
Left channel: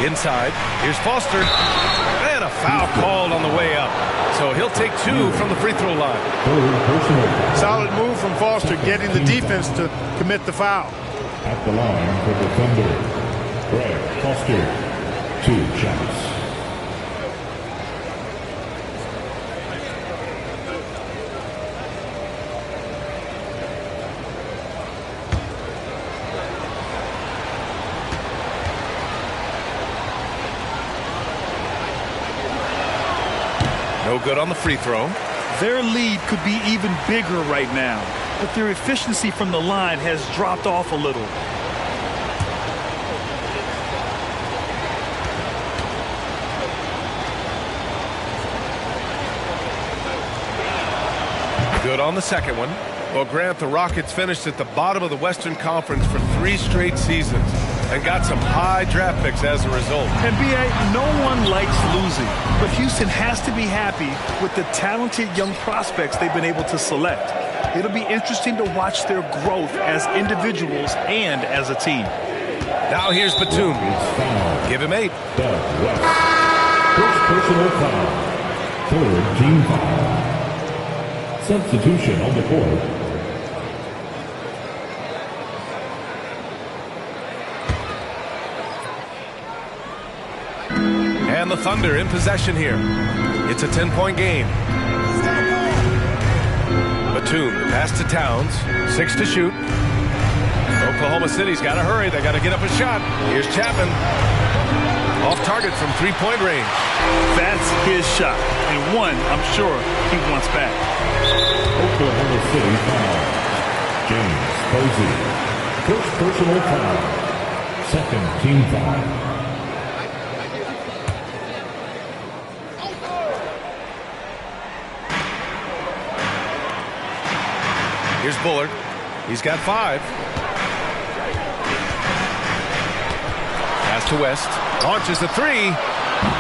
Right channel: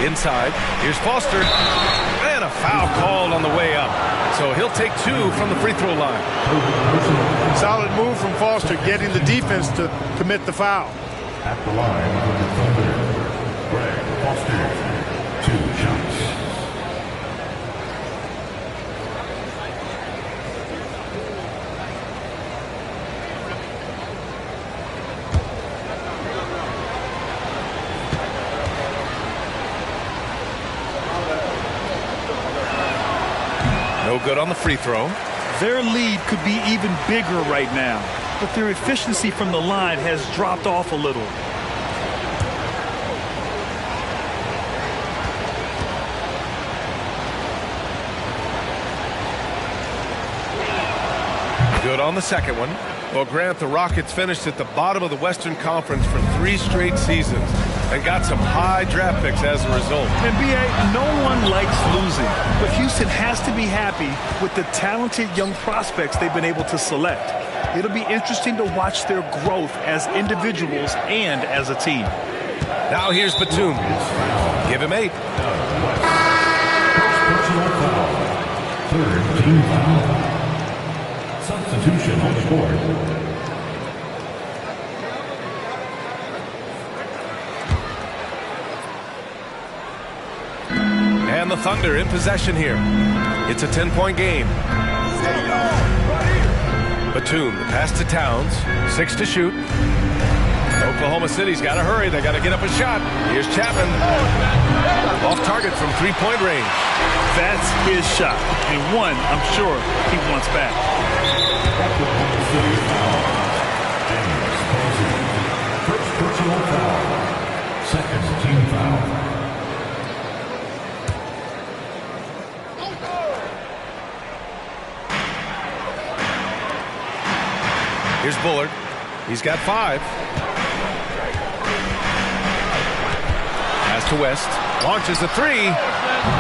Inside. Here's Foster. And a foul called on the way up. So he'll take 2 from the free throw line. Solid move from Foster, getting the defense to commit the foul. At the line for the Thunder, Greg Foster. 2 shots. No good on the free throw. Their lead could be even bigger right now, but their efficiency from the line has dropped off a little. Good on the second one. Well, Grant, the Rockets finished at the bottom of the Western Conference for 3 straight seasons and got some high draft picks as a result. And B.A., no one likes losing, but Houston has to be happy with the talented young prospects they've been able to select. It'll be interesting to watch their growth as individuals and as a team. Now here's Batum. Give him 8. First personal foul. 3rd team foul. Substitution on the court. And the Thunder in possession here. It's a 10-point game. Batum, the pass to Towns. 6 to shoot. Oklahoma City's got to hurry. They got to get up a shot. Here's Chapman. Off target from 3-point range. That's his shot. And one, I'm sure, he wants back. Oklahoma City foul. James Posey. First personal foul. 2nd team foul. Here's Bullard. He's got 5. Pass to West. Launches a 3.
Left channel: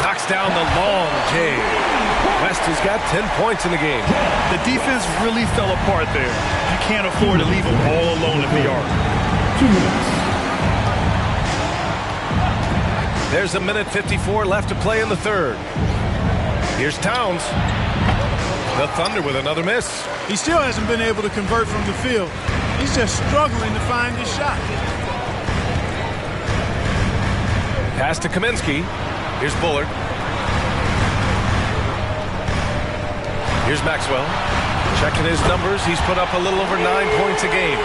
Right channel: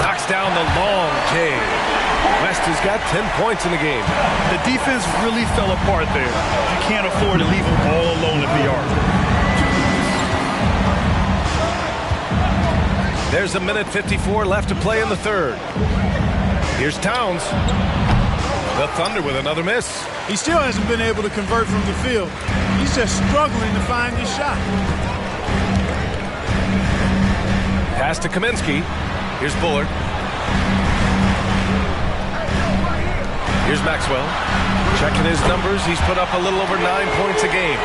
Knocks down the long J. West has got 10 points in the game. The defense really fell apart there. You can't afford to leave them all alone at the arc. 2 minutes. There's a minute 54 left to play in the 3rd. Here's Towns. The Thunder with another miss. He still hasn't been able to convert from the field. He's just struggling to find his shot. Pass to Kaminsky. Here's Bullard. Here's Maxwell. Checking his numbers. He's put up a little over 9 points a game.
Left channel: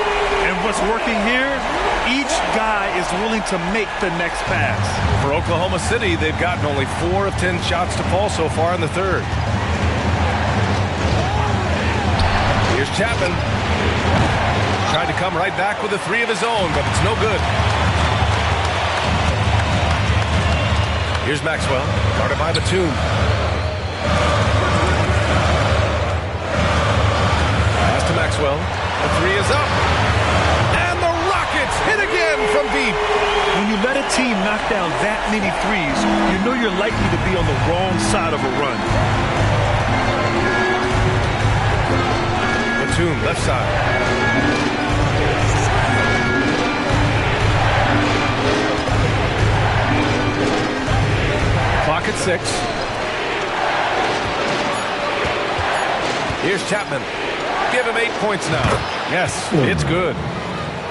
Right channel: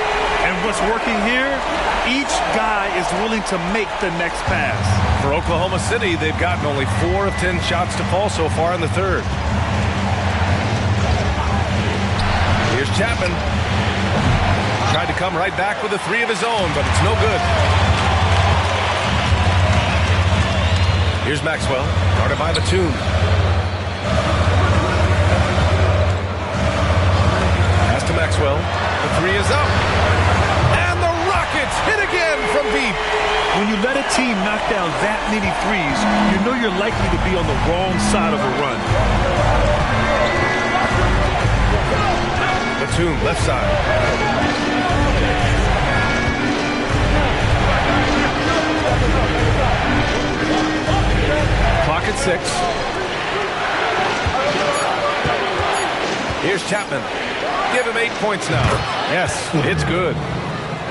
And what's working here? Each guy is willing to make the next pass. For Oklahoma City, they've gotten only 4 of 10 shots to fall so far in the 3rd. Here's Chapman. Tried to come right back with a 3 of his own, but it's no good. Here's Maxwell, guarded by Batum. Pass to Maxwell. The 3 is up. And the Rockets hit again from deep. When you let a team knock down that many threes, you know you're likely to be on the wrong side of a run. Batum, left side. Clock at 6. Here's Chapman. Give him 8 points now. Yes, it's good.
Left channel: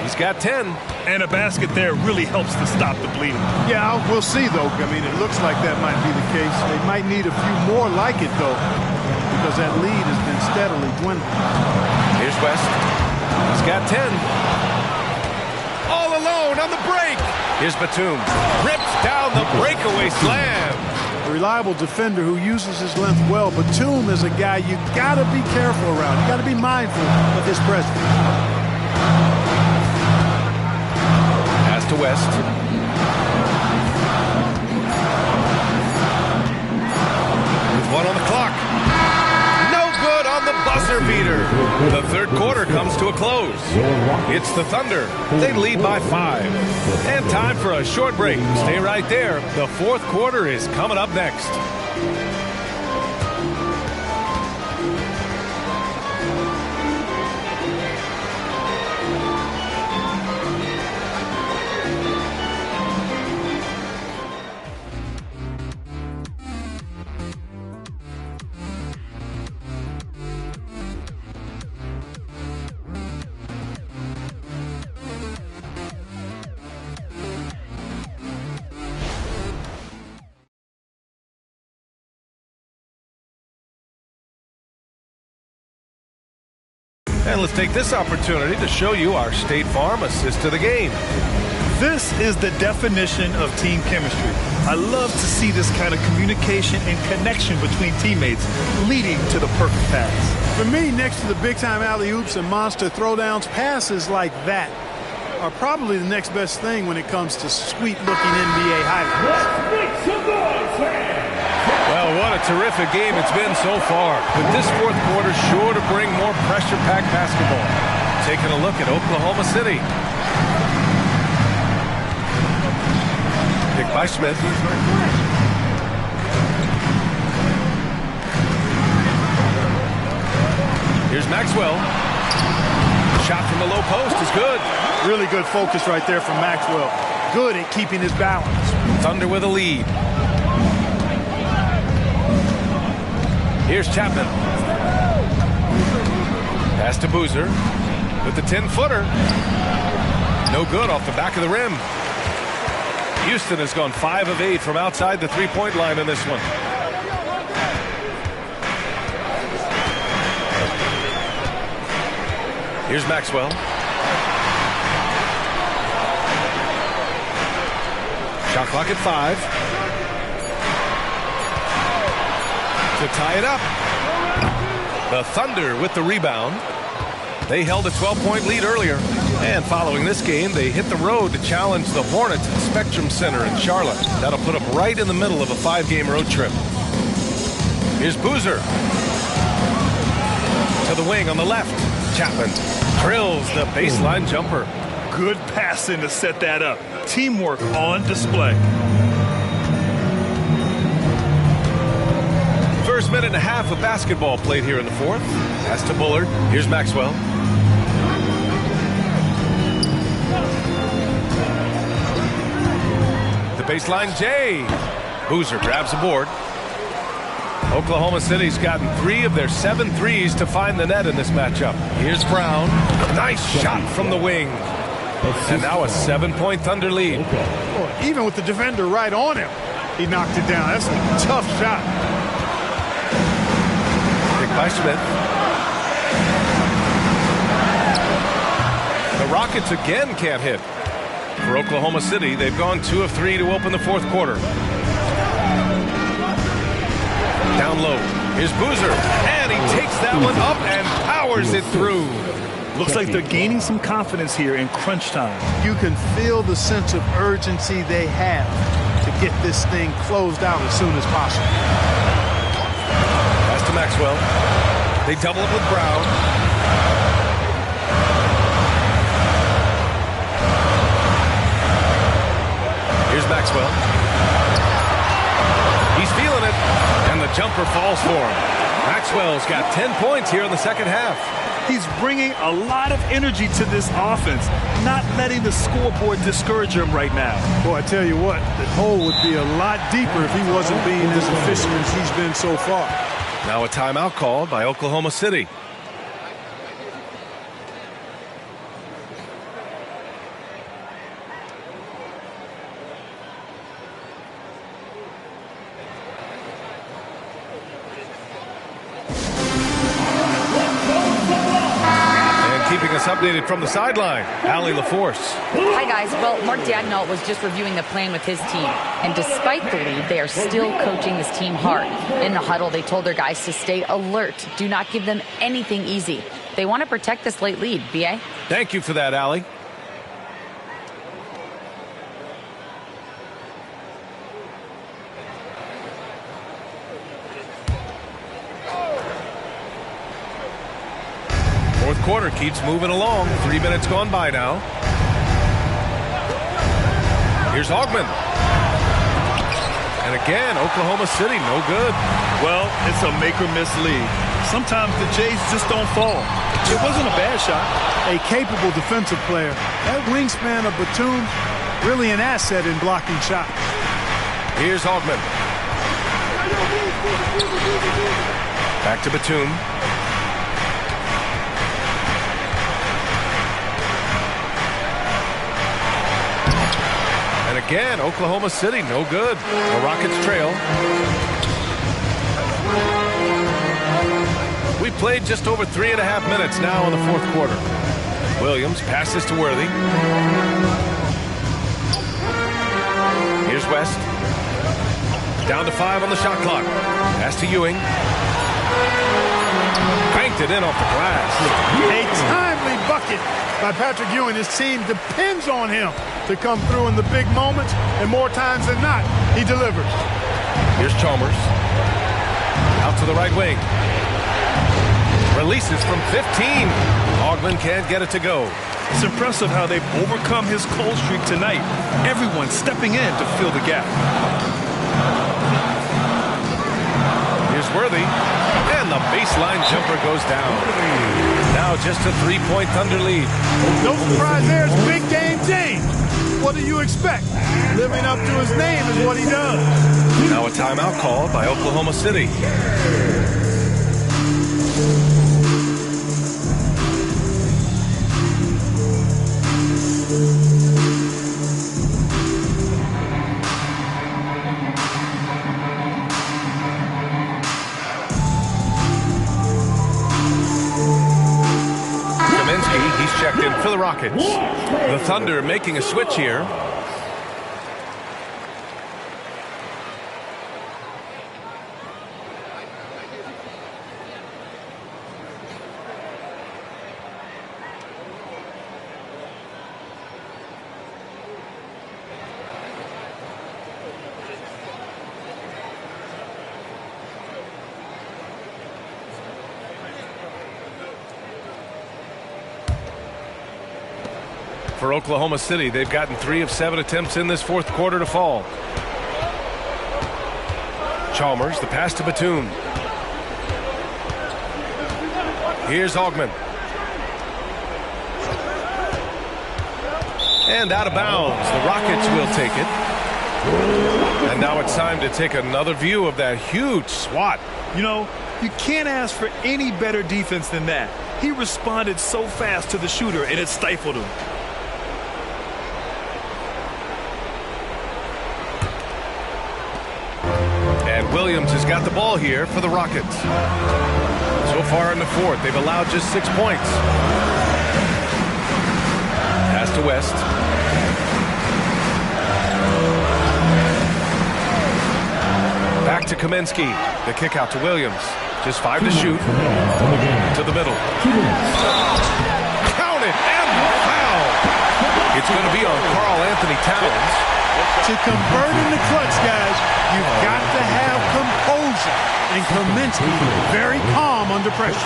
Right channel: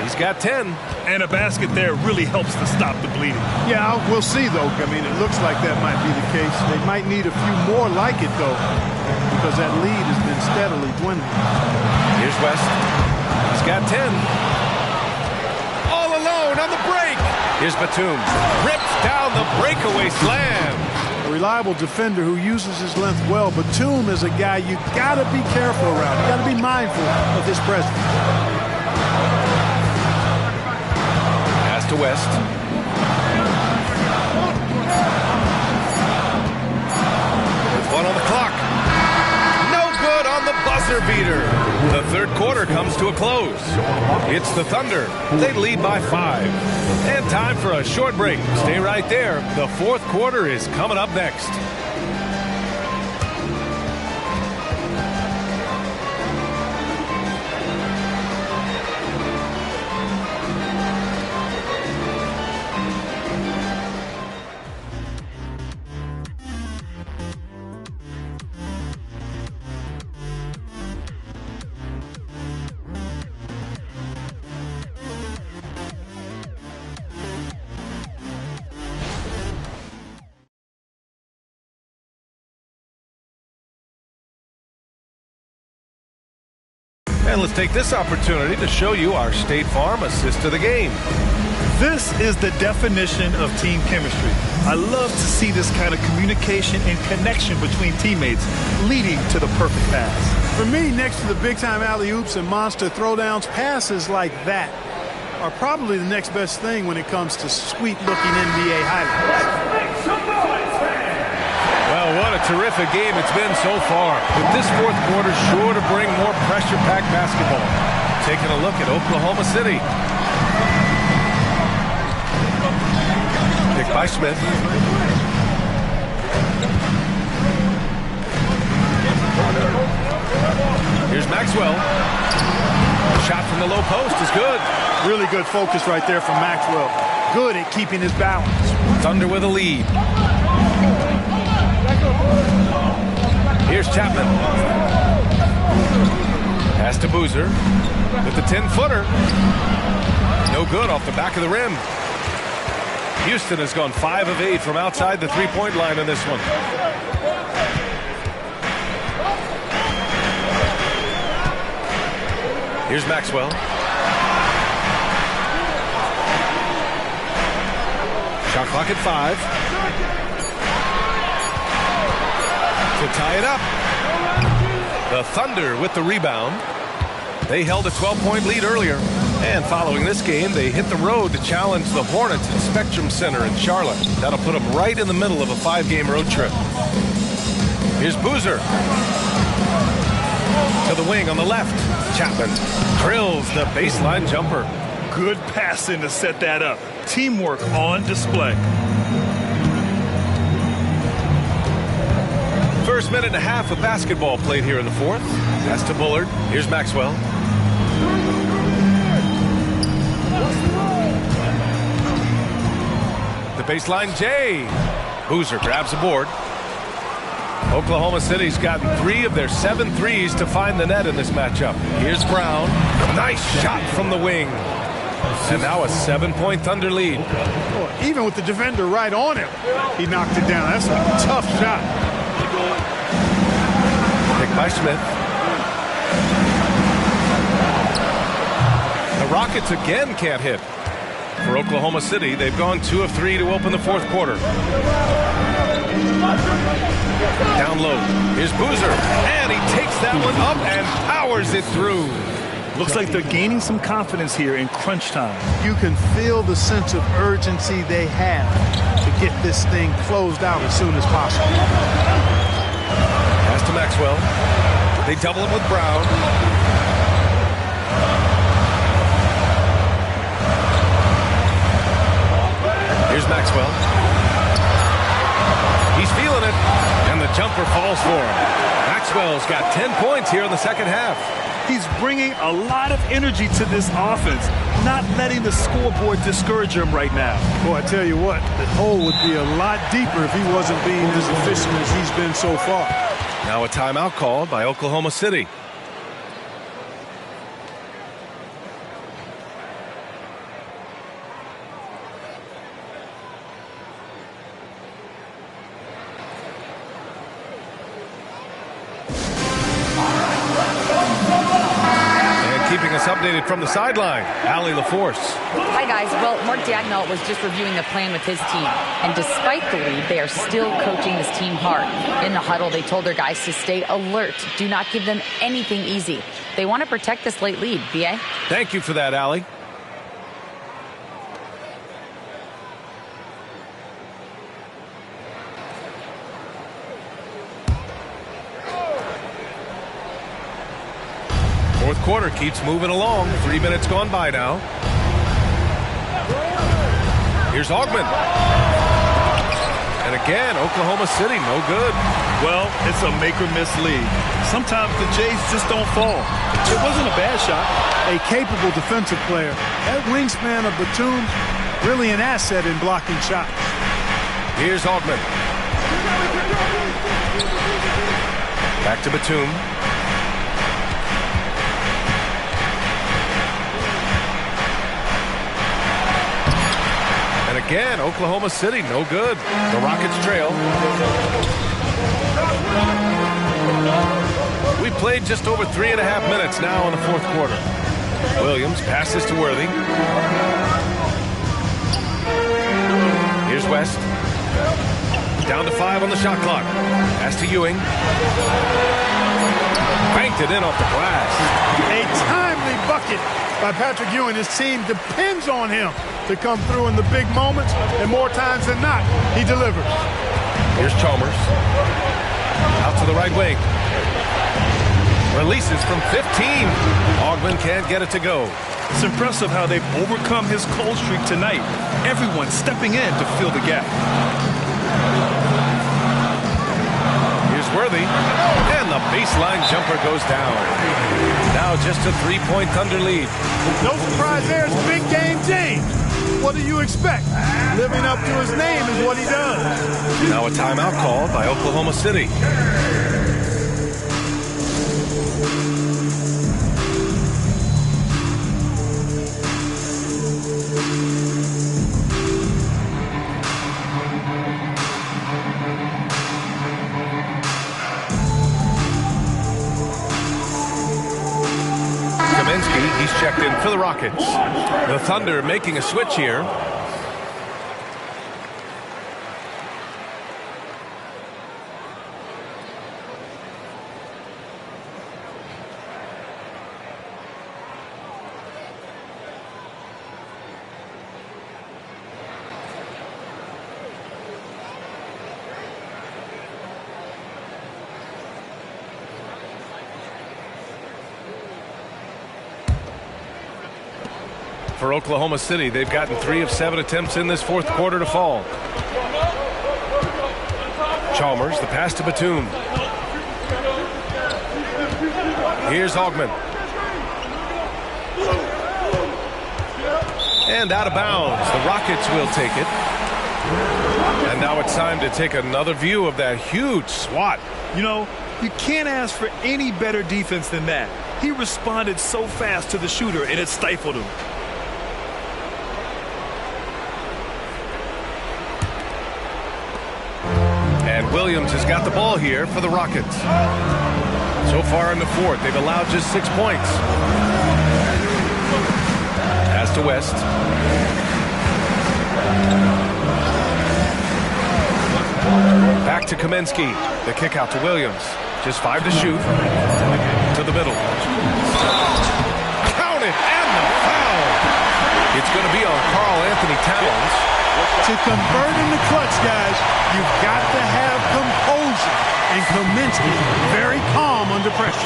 He's got 10. And a basket there really helps to stop the bleeding. Yeah, we'll see, though. I mean, it looks like that might be the case. They might need a few more like it, though, because that lead has been steadily dwindling. Here's West. He's got 10. All alone on the break. Here's Batum. Rips down the breakaway slam. A reliable defender who uses his length well. Batum is a guy you got to be careful around. You got to be mindful of his presence. Pass to West. With 1 on the clock. No good on the buzzer beater. The third quarter comes to a close. It's the Thunder. They lead by 5. And time for a short break. Stay right there. The fourth quarter is coming up next. And let's take this opportunity to show you our State Farm assist to the game. This is the definition of team chemistry. I love to see this kind of communication and connection between teammates leading to the perfect pass. For me, next to the big-time alley-oops and monster throwdowns, passes like that are probably the next best thing when it comes to sweet-looking NBA highlights. Well, what a terrific game it's been so far. But this fourth quarter sure to bring more pressure-packed basketball. Taking a look at Oklahoma City. Pick by Smith. Here's Maxwell. Shot from the low post is good. Really good focus right there from Maxwell. Good at keeping his balance. Thunder with a lead. Here's Chapman. Pass to Boozer with the 10-footer. No good off the back of the rim. Houston has gone 5 of 8 from outside the three-point line in this one. Here's Maxwell. Shot clock at 5. To tie it up. The Thunder with the rebound. They held a 12-point lead earlier. And following this game, they hit the road to challenge the Hornets at Spectrum Center in Charlotte. That'll put them right in the middle of a 5-game road trip. Here's Boozer. To the wing on the left. Chapman drills the baseline jumper. Good passing to set that up. Teamwork on display. First minute and a half of basketball played here in the fourth. Pass to Bullard. Here's Maxwell. The baseline, Jay. Boozer grabs the board. Oklahoma City's gotten 3 of their 7 threes to find the net in this matchup. Here's Brown. Nice shot from the wing. And now a 7-point Thunder lead. Boy, even with the defender right on him, he knocked it down. That's a tough shot. Pick by Smith. The Rockets again can't hit. For Oklahoma City, they've gone 2 of 3 to open the fourth quarter. Down low. Here's Boozer. And he takes that one up and powers it through. Looks like they're gaining some confidence here in crunch time. You can feel the sense of urgency they have to get this thing closed out as soon as possible. Pass to Maxwell. They double it with Brown. Here's Maxwell. He's feeling it, and the jumper falls for him. Maxwell's got 10 points here in the second half. He's bringing a lot of energy to this offense, not letting the scoreboard discourage him right now. Boy, I tell you what, the hole would be a lot deeper if he wasn't being as efficient as he's been so far. Now a timeout called by Oklahoma City. Keeping us updated from the sideline, Allie LaForce. Hi, guys. Well, Mark Daigneault was just reviewing the plan with his team. And despite the lead, they are still coaching this team hard. In the huddle, they told their guys to stay alert. Do not give them anything easy. They want to protect this late lead. B.A.? Thank you for that, Allie. Fourth quarter keeps moving along. 3 minutes gone by now. Here's Augman. And again, Oklahoma City, no good. Well, it's a make-or-miss league. Sometimes the Jays just don't fall. It wasn't a bad shot. A capable defensive player. That wingspan of Batum, really an asset in blocking shots. Here's Augman. Back to Batum. And again, Oklahoma City, no good. The Rockets trail. We played just over 3.5 minutes now in the fourth quarter. Williams passes to Worthy. Here's West. Down to 5 on the shot clock. Pass to Ewing. Banked it in off the glass. A timely bucket by Patrick Ewing. His team depends on him to come through in the big moments, and more times than not, he delivers. Here's Chalmers. Out to the right wing. Releases from 15. Augman can't get it to go. It's impressive how they've overcome his cold streak tonight. Everyone stepping in to fill the gap. Here's Worthy. And the baseline jumper goes down. Now just a 3-point Thunder lead. No surprise there. It's big game James. What do you expect? Living up to his name is what he does. Now a timeout called by Oklahoma City. He's checked in for the Rockets. The Thunder making a switch here. For Oklahoma City, they've gotten 3 of 7 attempts in this fourth quarter to fall. Chalmers, the pass to Batum. Here's Augman. And out of bounds. The Rockets will take it. And now it's time to take another view of that huge swat. You know, you can't ask for any better defense than that. He responded so fast to the shooter, and it stifled him. And Williams has got the ball here for the Rockets. So far in the fourth, they've allowed just 6 points. Pass to West. Back to Kaminsky. The kick out to Williams. Just 5 to shoot. To the middle. Count it, and the foul. It's going to be on Karl Anthony Towns. To convert in the clutch, guys, you've got to have composure. And Kaminsky very calm under pressure.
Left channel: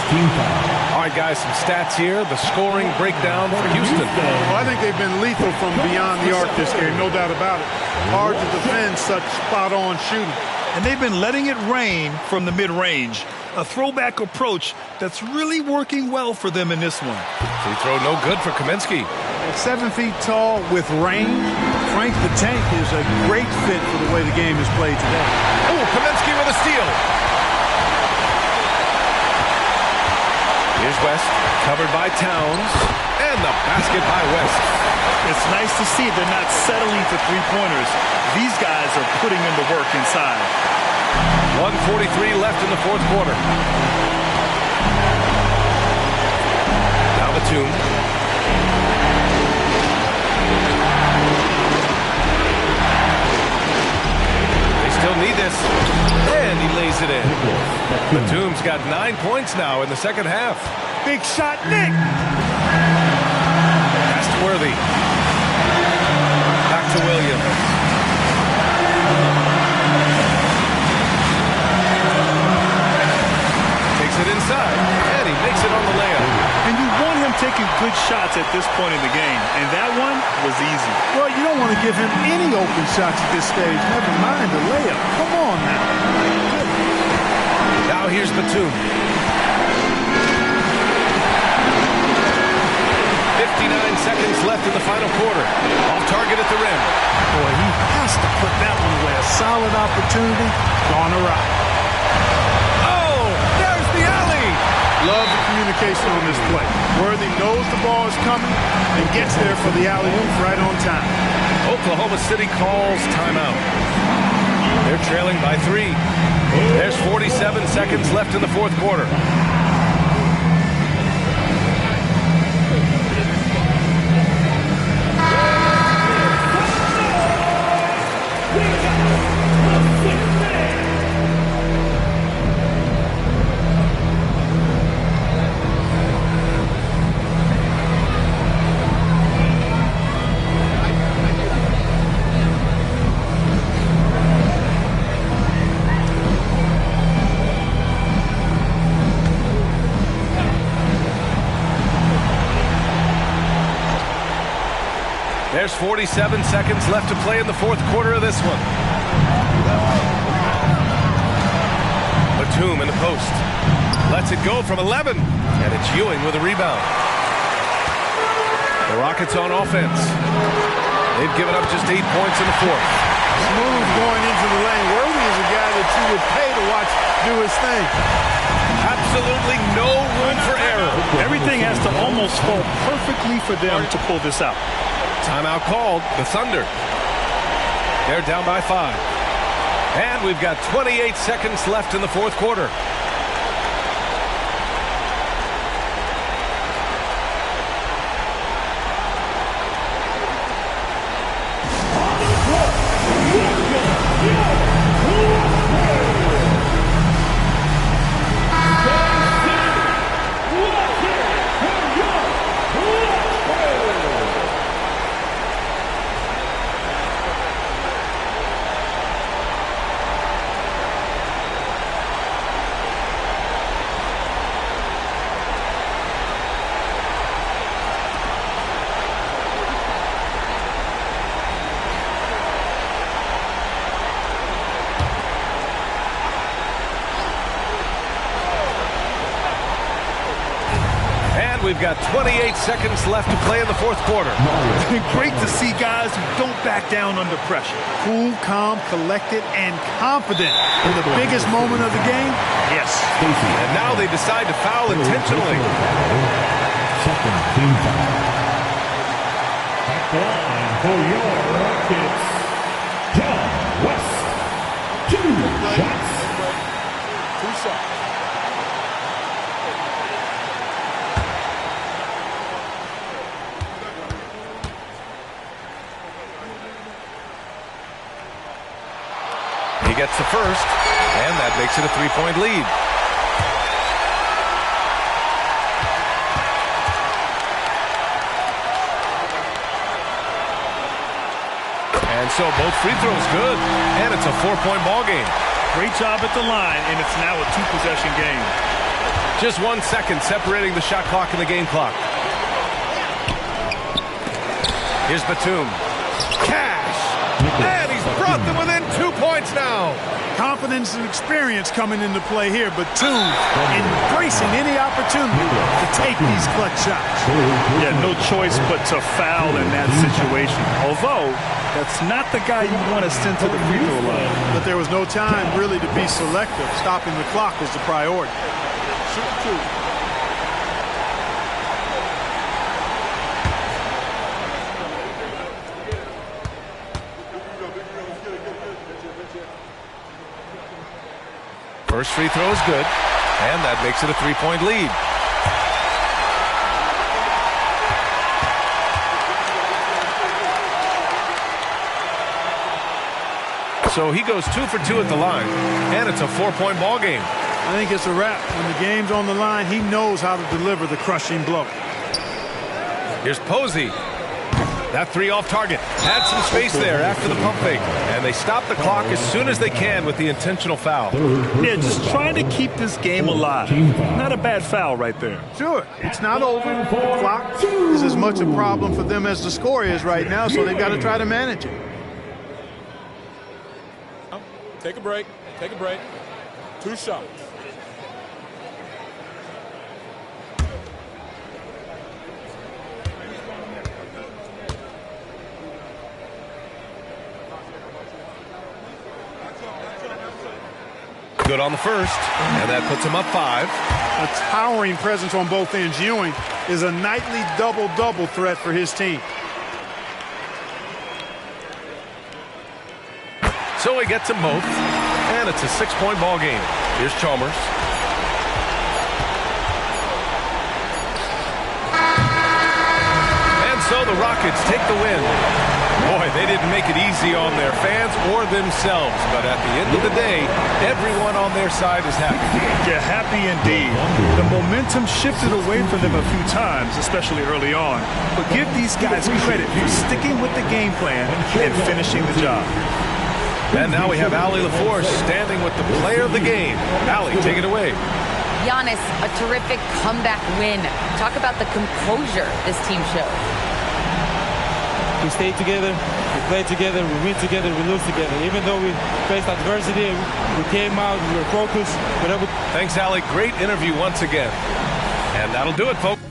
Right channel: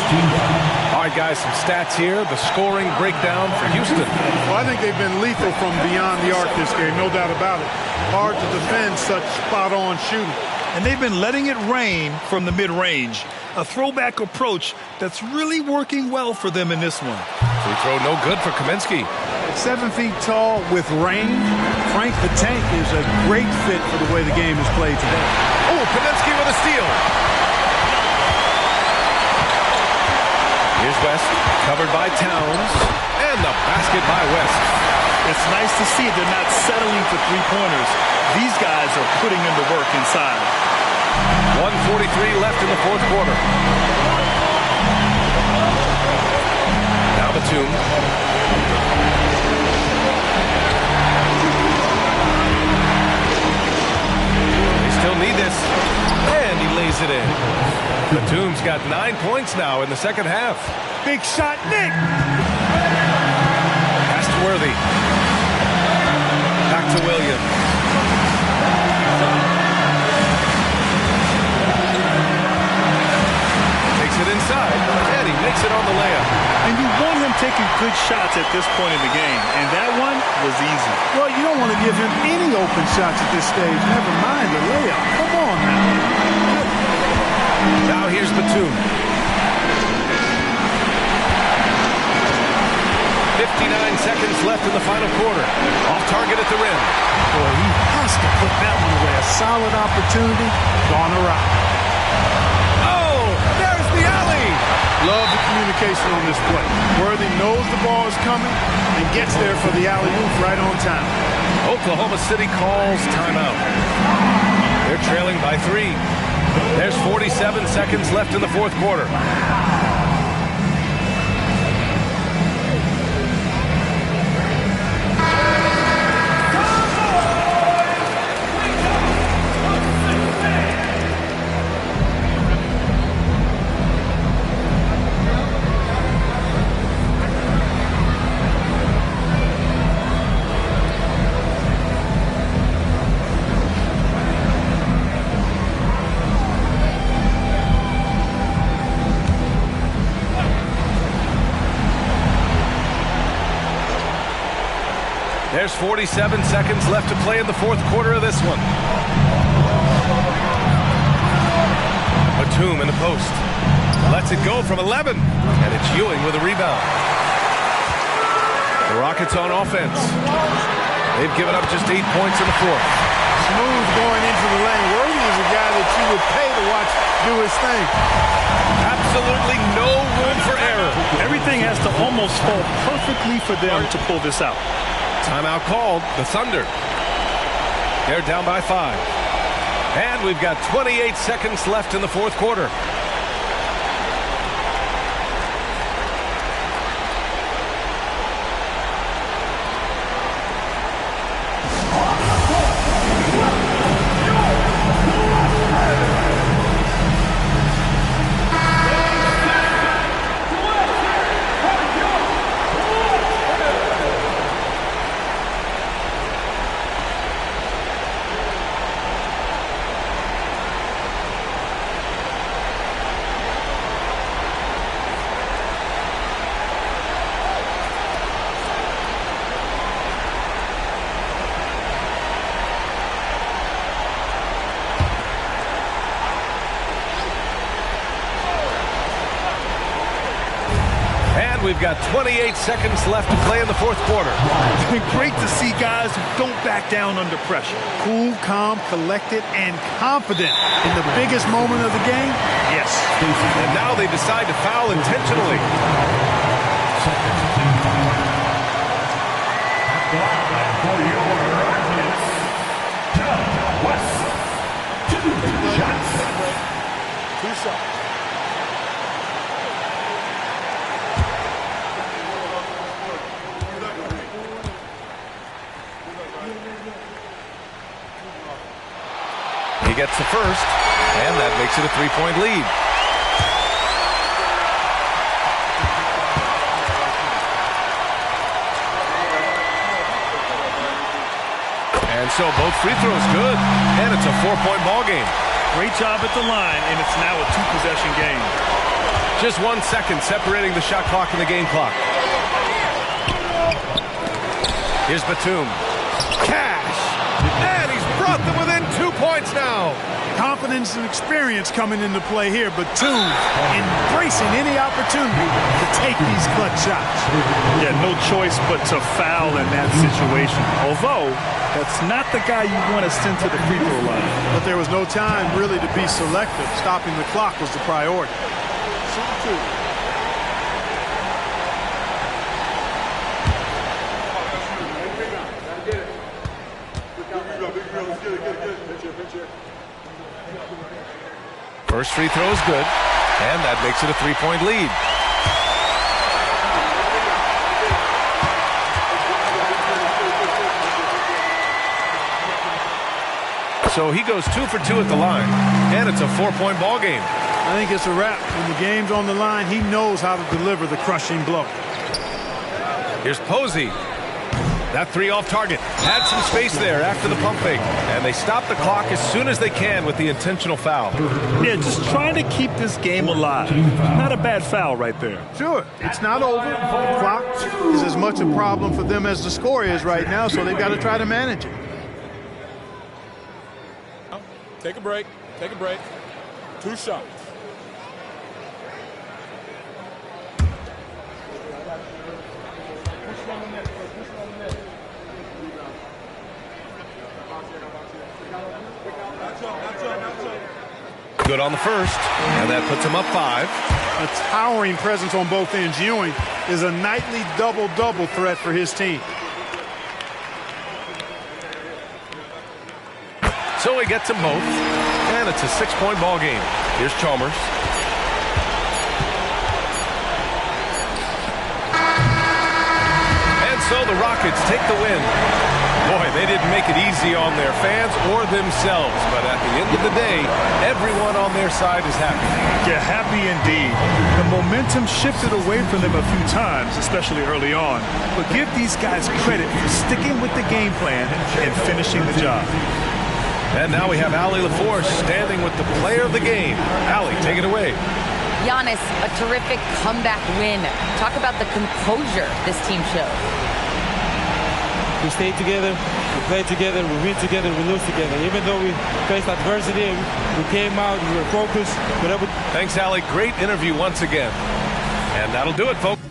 All right, guys, some stats here. The scoring breakdown for Houston. Well, I think they've been lethal from beyond the arc this game, no doubt about it. Hard to defend such spot-on shooting. And they've been letting it rain from the mid-range. A throwback approach that's really working well for them in this one. Free throw no good for Kaminsky. At 7 feet tall with range, Frank the Tank is a great fit for the way the game is played today. Oh, Kaminsky with a steal. Here's West, covered by Towns, and the basket by West. It's nice to see they're not settling for three-pointers. These guys are putting in the work inside. 1:43 left in the fourth quarter. Now Batum. still need this. And he lays it in. Batum's got 9 points now in the second half. Big shot, Nick. Pass to Worthy. Back to Williams. Takes it inside, and he makes it on the layup. And you want him taking good shots at this point in the game, and that one was easy. Well, you don't want to give him any open shots at this stage, never mind a layup. Come on now. My goodness. Now here's Batum. 59 seconds left in the final quarter. Off target at the rim. Boy, he has to put that one away. A solid opportunity, gone awry. Oh, there's the alley. Love the communication on this play. Worthy knows the ball is coming and gets there for the alley-oop right on time. Oklahoma City calls timeout. They're trailing by 3. There's 47 seconds left in the fourth quarter. There's 47 seconds left to play in the fourth quarter of this one. Batum in the post. Lets it go from 11. And it's Ewing with a rebound. The Rockets on offense. They've given up just 8 points in the fourth. Smooth going into the lane. Worthy is a guy that you would pay to watch do his thing. Absolutely no room for error. Everything has to almost fall perfectly for them to pull this out. Timeout called. The Thunder. They're down by 5. And we've got 28 seconds left in the fourth quarter. We've got 28 seconds left to play in the fourth quarter. Great to see guys who don't back down under pressure. Cool, calm, collected, and confident in the biggest moment of the game. Yes. And now they decide to foul intentionally. Second team foul. At the line for your Rockets, Doug West. 2 shots. 2 shots. He gets the first, and that makes it a 3-point lead. And so both free throws good, and it's a 4-point ball game. Great job at the line, and it's now a 2-possession game. Just 1 second separating the shot clock and the game clock. Here's Batum. Cash! And he's brought them within 2 points now. Confidence and experience coming into play here, but Batum embracing any opportunity to take these clutch shots. Yeah, no choice but to foul in that situation. Although, that's not the guy you want to send to the free throw line. But there was no time really to be selective. Stopping the clock was the priority. Shoot 2. First free throw is good, and that makes it a 3-point lead. So he goes 2 for 2 at the line, and it's a 4-point ball game. I think it's a wrap. When the game's on the line, he knows how to deliver the crushing blow. Here's Posey. That 3 off target. Had some space there after the pump fake. And they stop the clock as soon as they can with the intentional foul. Yeah, just trying to keep this game alive. Not a bad foul right there. Sure, it's not over. The clock is as much a problem for them as the score is right now, so they've got to try to manage it. Take a break. Take a break. 2 shots. Good on the first, and that puts him up 5. A towering presence on both ends. Ewing is a nightly double-double threat for his team. So he gets them both, and it's a 6-point ball game. Here's Chalmers. And so the Rockets take the win. Boy, they didn't make it easy on their fans or themselves, but at the end of the day, everyone on their side is happy. Yeah, happy indeed. The momentum shifted away from them a few times, especially early on. But give these guys credit for sticking with the game plan and finishing the job. And now we have Allie LaForce standing with the player of the game. Allie, take it away. Giannis, a terrific comeback win. Talk about the composure this team showed. We stayed together, we played together, we win together, we lose together. Even though we faced adversity, we came out, we were focused. Thanks, Allie. Great interview once again. And that'll do it, folks.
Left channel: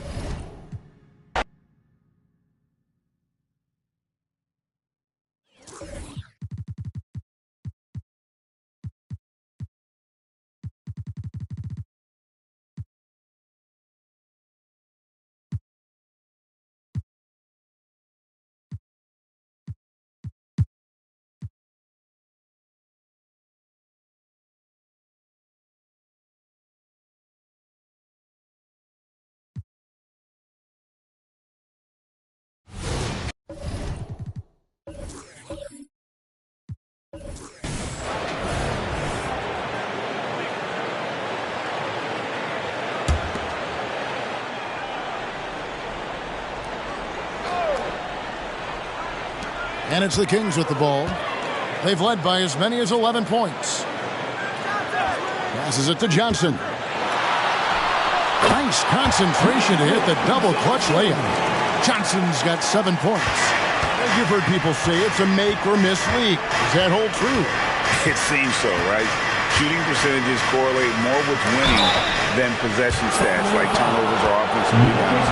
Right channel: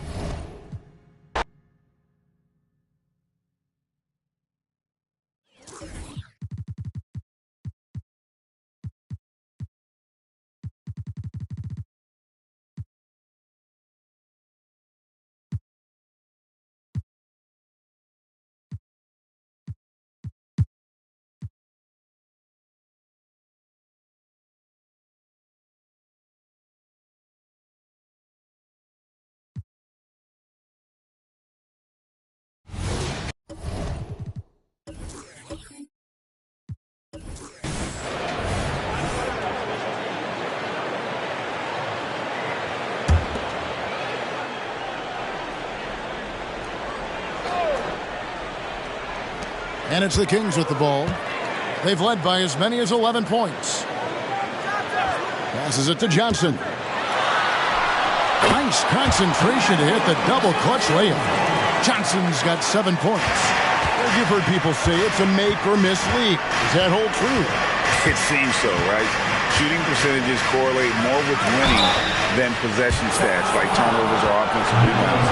And it's the Kings with the ball. They've led by as many as 11 points. Passes it to Johnson. Nice concentration to hit the double clutch layup. Johnson's got 7 points. You've heard people say it's a make or miss league. Does that hold true? It seems so, right? Shooting percentages correlate more with winning than possession stats like turnovers or offensive rebounds.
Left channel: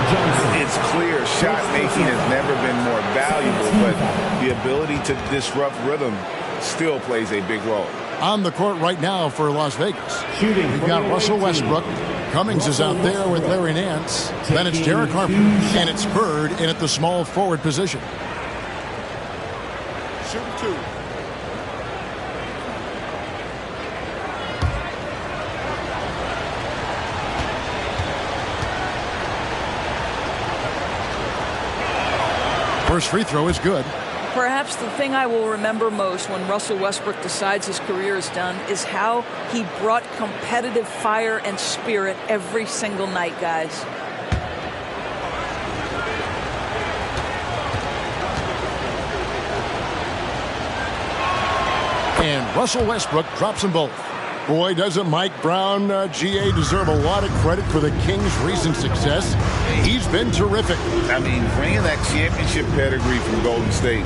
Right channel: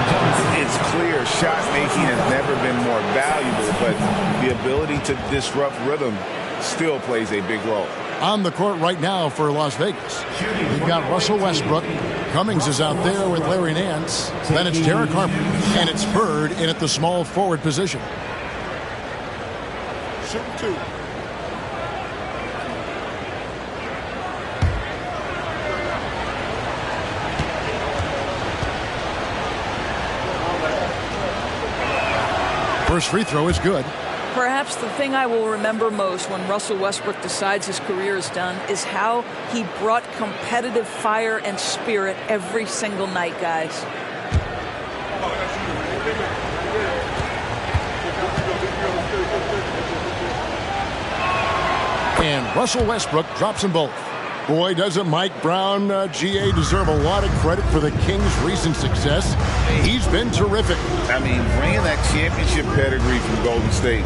It's clear shot making has never been more valuable, but the ability to disrupt rhythm still plays a big role. On the court right now for Las Vegas, we've got Russell Westbrook. Cummings is out there with Larry Nance. Then it's Derek Harper, and it's Bird in at the small forward position. Shoot 2. First free throw is good. Perhaps the thing I will remember most when Russell Westbrook decides his career is done is how he brought competitive fire and spirit every single night, guys. And Russell Westbrook drops them both. Boy, doesn't Mike Brown, GA, deserve a lot of credit for the Kings' recent success. He's been terrific. I mean, bringing that championship pedigree from Golden State.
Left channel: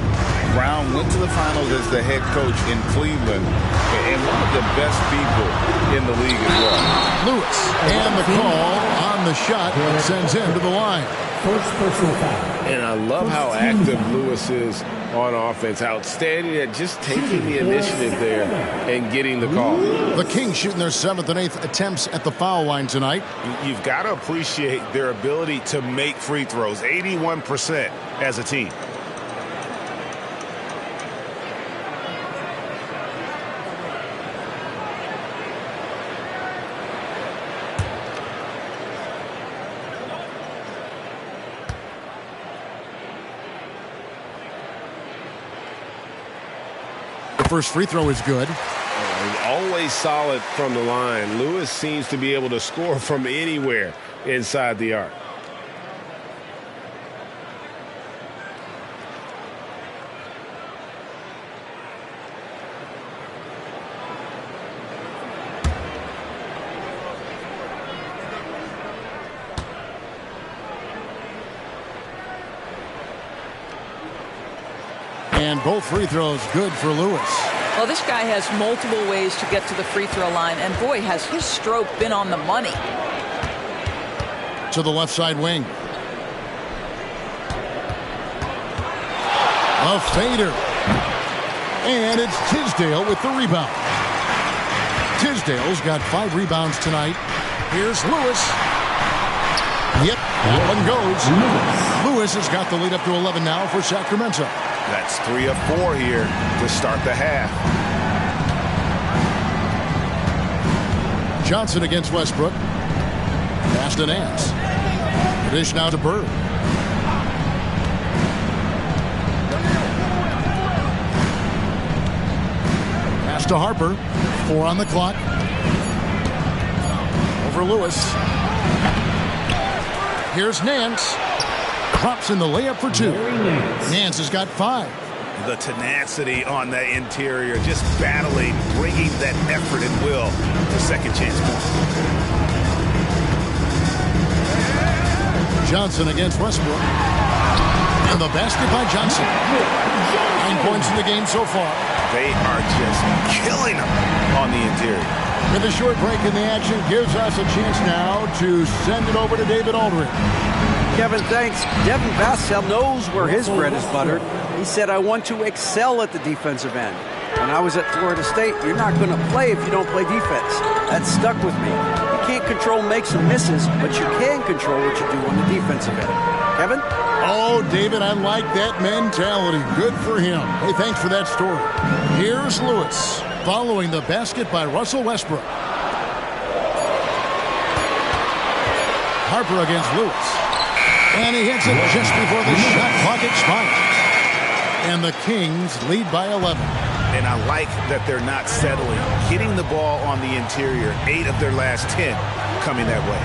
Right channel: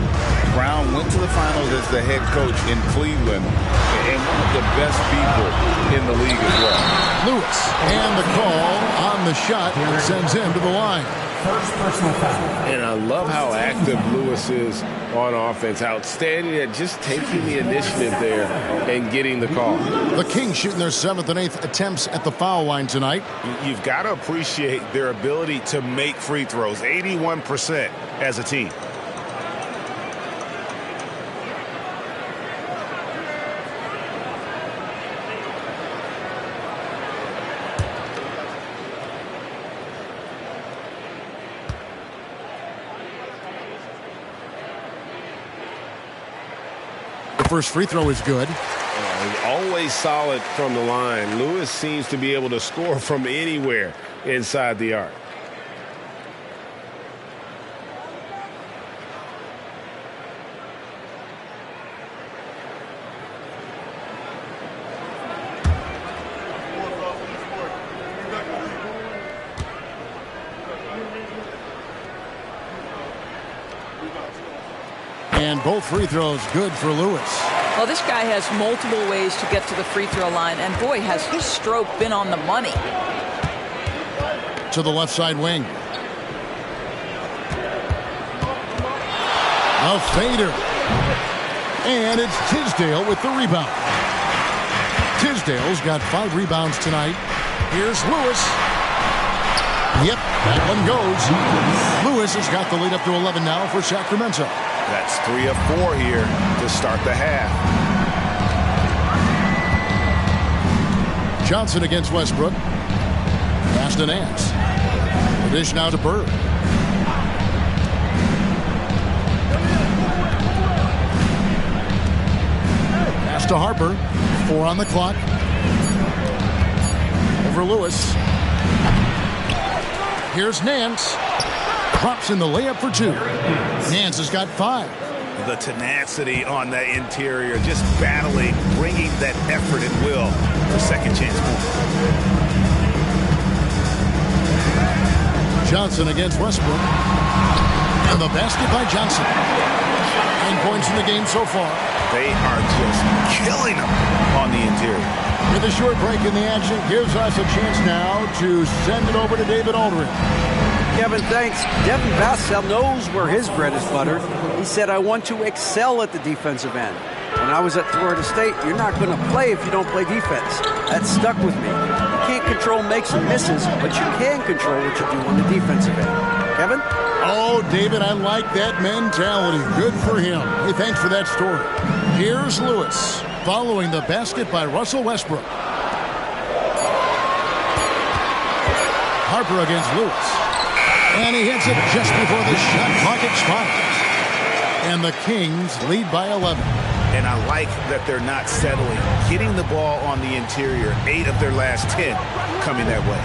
Brown went to the finals as the head coach in Cleveland and one of the best people in the league as well. Lewis, and the call on the shot that sends him to the line. First personal foul. And I love how active Lewis is on offense. Outstanding at just taking the initiative there and getting the call. The Kings shooting their 7th and 8th attempts at the foul line tonight. You've got to appreciate their ability to make free throws. 81% as a team. first free throw is good. Always solid from the line. Lewis seems to be able to score from anywhere inside the arc. And both free throws good for Lewis. Well, this guy has multiple ways to get to the free throw line, and boy, has his stroke been on the money. To the left side wing. A fader. And it's Tisdale with the rebound. Tisdale's got 5 rebounds tonight. Here's Lewis. Yep, that one goes. Lewis has got the lead up to 11 now for Sacramento. That's 3 of 4 here to start the half. Johnson against Westbrook. Pass to Nance. The dish now to Bird. Pass to Harper. 4 on the clock. Over Lewis. Here's Nance. Drops in the layup for 2. Nance has got 5. The tenacity on that interior, just battling, bringing that effort and will for second chance points. Johnson against Westbrook. And the basket by Johnson. 9 points in the game so far. They are just killing them on the interior. With a short break in the action, gives us a chance now to send it over to David Aldridge. Kevin, thanks. Devin Vassell knows where his bread is buttered. He said, I want to excel at the defensive end. When I was at Florida State, you're not going to play if you don't play defense. That stuck with me. You can't control makes and misses, but you can control what you do on the defensive end. Kevin? Oh, David, I like that mentality. Good for him. Hey, thanks for that story. Here's Lewis, following the basket by Russell Westbrook. Harper against Lewis. And he hits it just before the shot clock expires. And the Kings lead by 11. And I like that they're not settling. Getting the ball on the interior, 8 of their last 10 coming that way.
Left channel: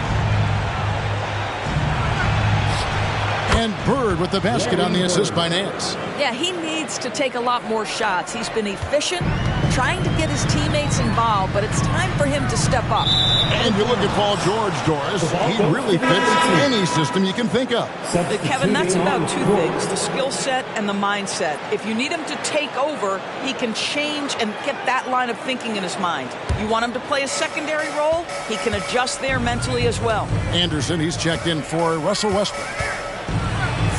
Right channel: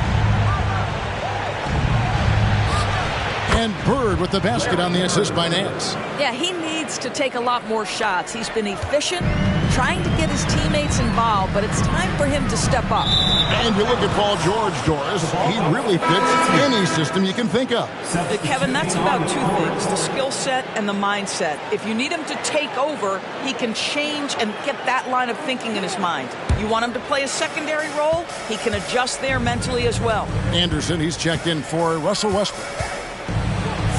And Bird with the basket on the assist by Nance. Yeah, he needs to take a lot more shots. He's been efficient, trying to get his teammates involved, but it's time for him to step up. And you look at Paul George, Doris. He really fits any system you can think of. Kevin, that's about 2 things, the skill set and the mindset. If you need him to take over, he can change and get that line of thinking in his mind. You want him to play a secondary role, he can adjust there mentally as well. Anderson, he's checked in for Russell Westbrook.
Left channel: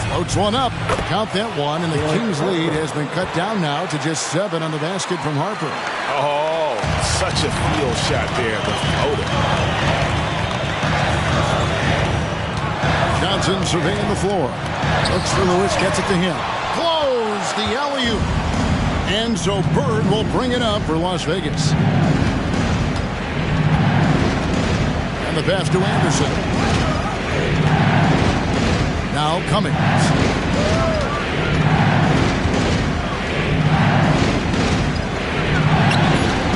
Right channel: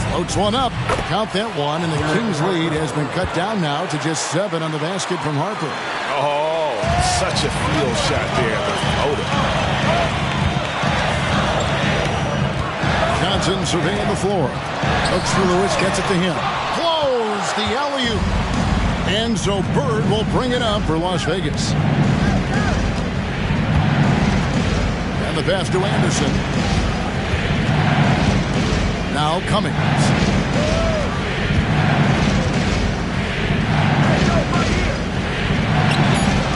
Floats one up. Count that one, and the Kings' lead has been cut down now to just 7 on the basket from Harper. Oh, such a field shot there, the floater. Johnson surveying the floor. Looks for Lewis, gets it to him. Close the alley-oop. And so Bird will bring it up for Las Vegas. And the pass to Anderson. Now Cummings.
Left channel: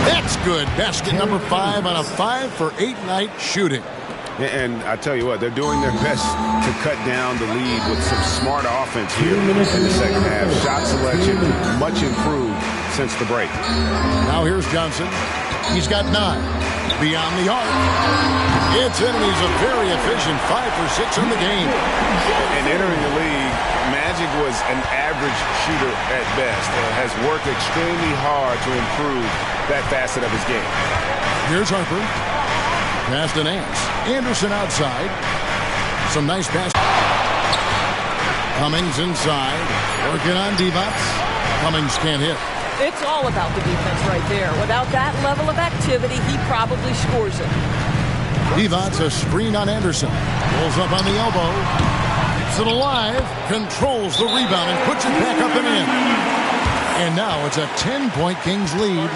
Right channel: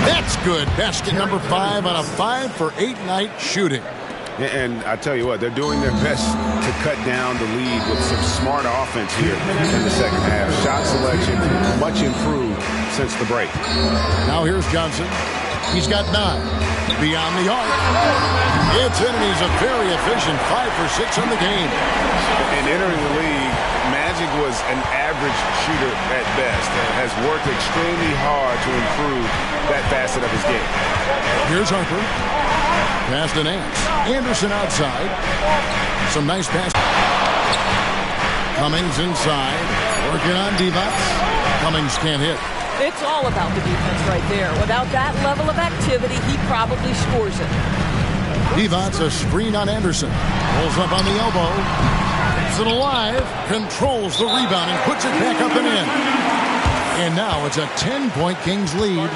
That's good. Basket number 5 on a 5-for-8 night shooting. And I tell you what, they're doing their best to cut down the lead with some smart offense here in the second half. Shot selection much improved since the break. Now here's Johnson. He's got 9. Beyond the arc. It's in, and he's a very efficient 5 for 6 on the game. And entering the league, Magic was an average shooter at best and has worked extremely hard to improve that facet of his game. Here's Harper. Pass to Nance. Anderson outside. Some nice pass. Cummings inside. Working on Divac. Cummings can't hit. It's all about the defense right there. Without that level of activity, he probably scores it. Divac, a screen on Anderson. Pulls up on the elbow. Gets it alive. Controls the rebound and puts it back up and in. And now it's a 10-point Kings lead.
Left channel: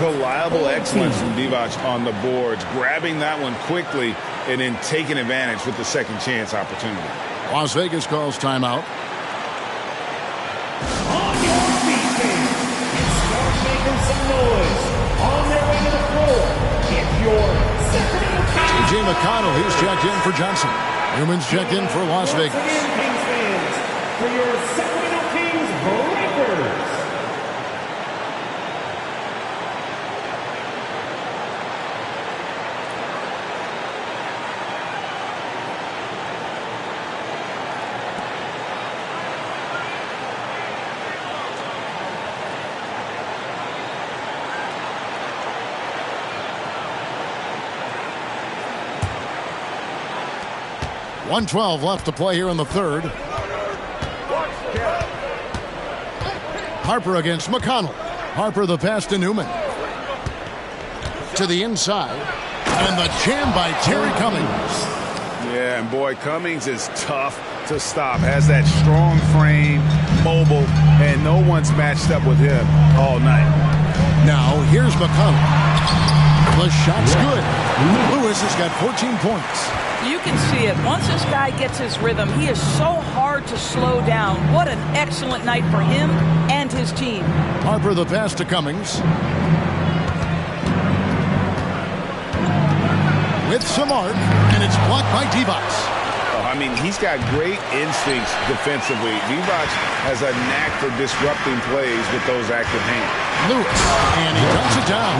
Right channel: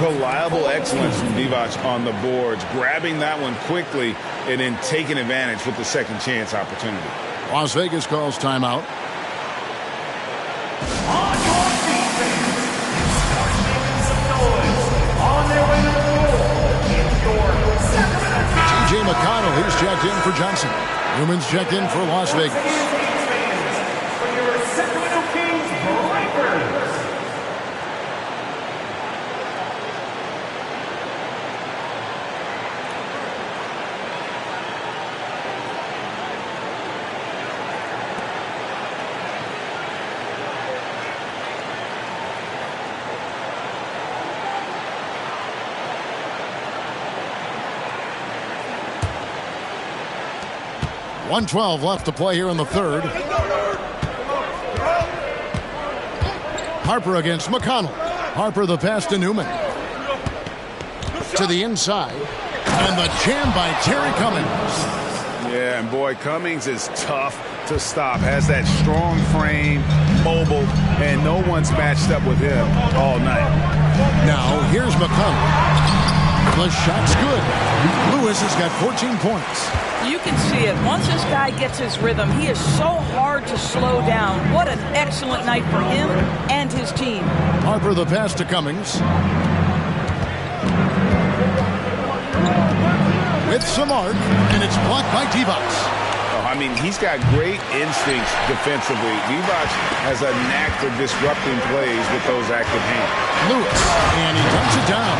Reliable excellence from Divac on the boards. Grabbing that one quickly and then taking advantage with the second chance opportunity. Las Vegas calls timeout. T.J. McConnell, he's checked in for Johnson. Newman's checked in for Las Vegas. .112 left to play here in the third. Harper against McConnell. Harper the pass to Newman. To the inside. And the jam by Terry Cummings. Yeah, and boy, Cummings is tough to stop. Has that strong frame, mobile, and no one's matched up with him all night. Now, here's McConnell. The shot's good. Lewis has got 14 points. You can see it. Once this guy gets his rhythm, he is so hard to slow down. What an excellent night for him and his team. Harper the pass to Cummings. With some arc, and it's blocked by Divac. Oh, I mean, he's got great instincts defensively. Divac has a knack for disrupting plays with those active hands. Lewis, and he dunks it down.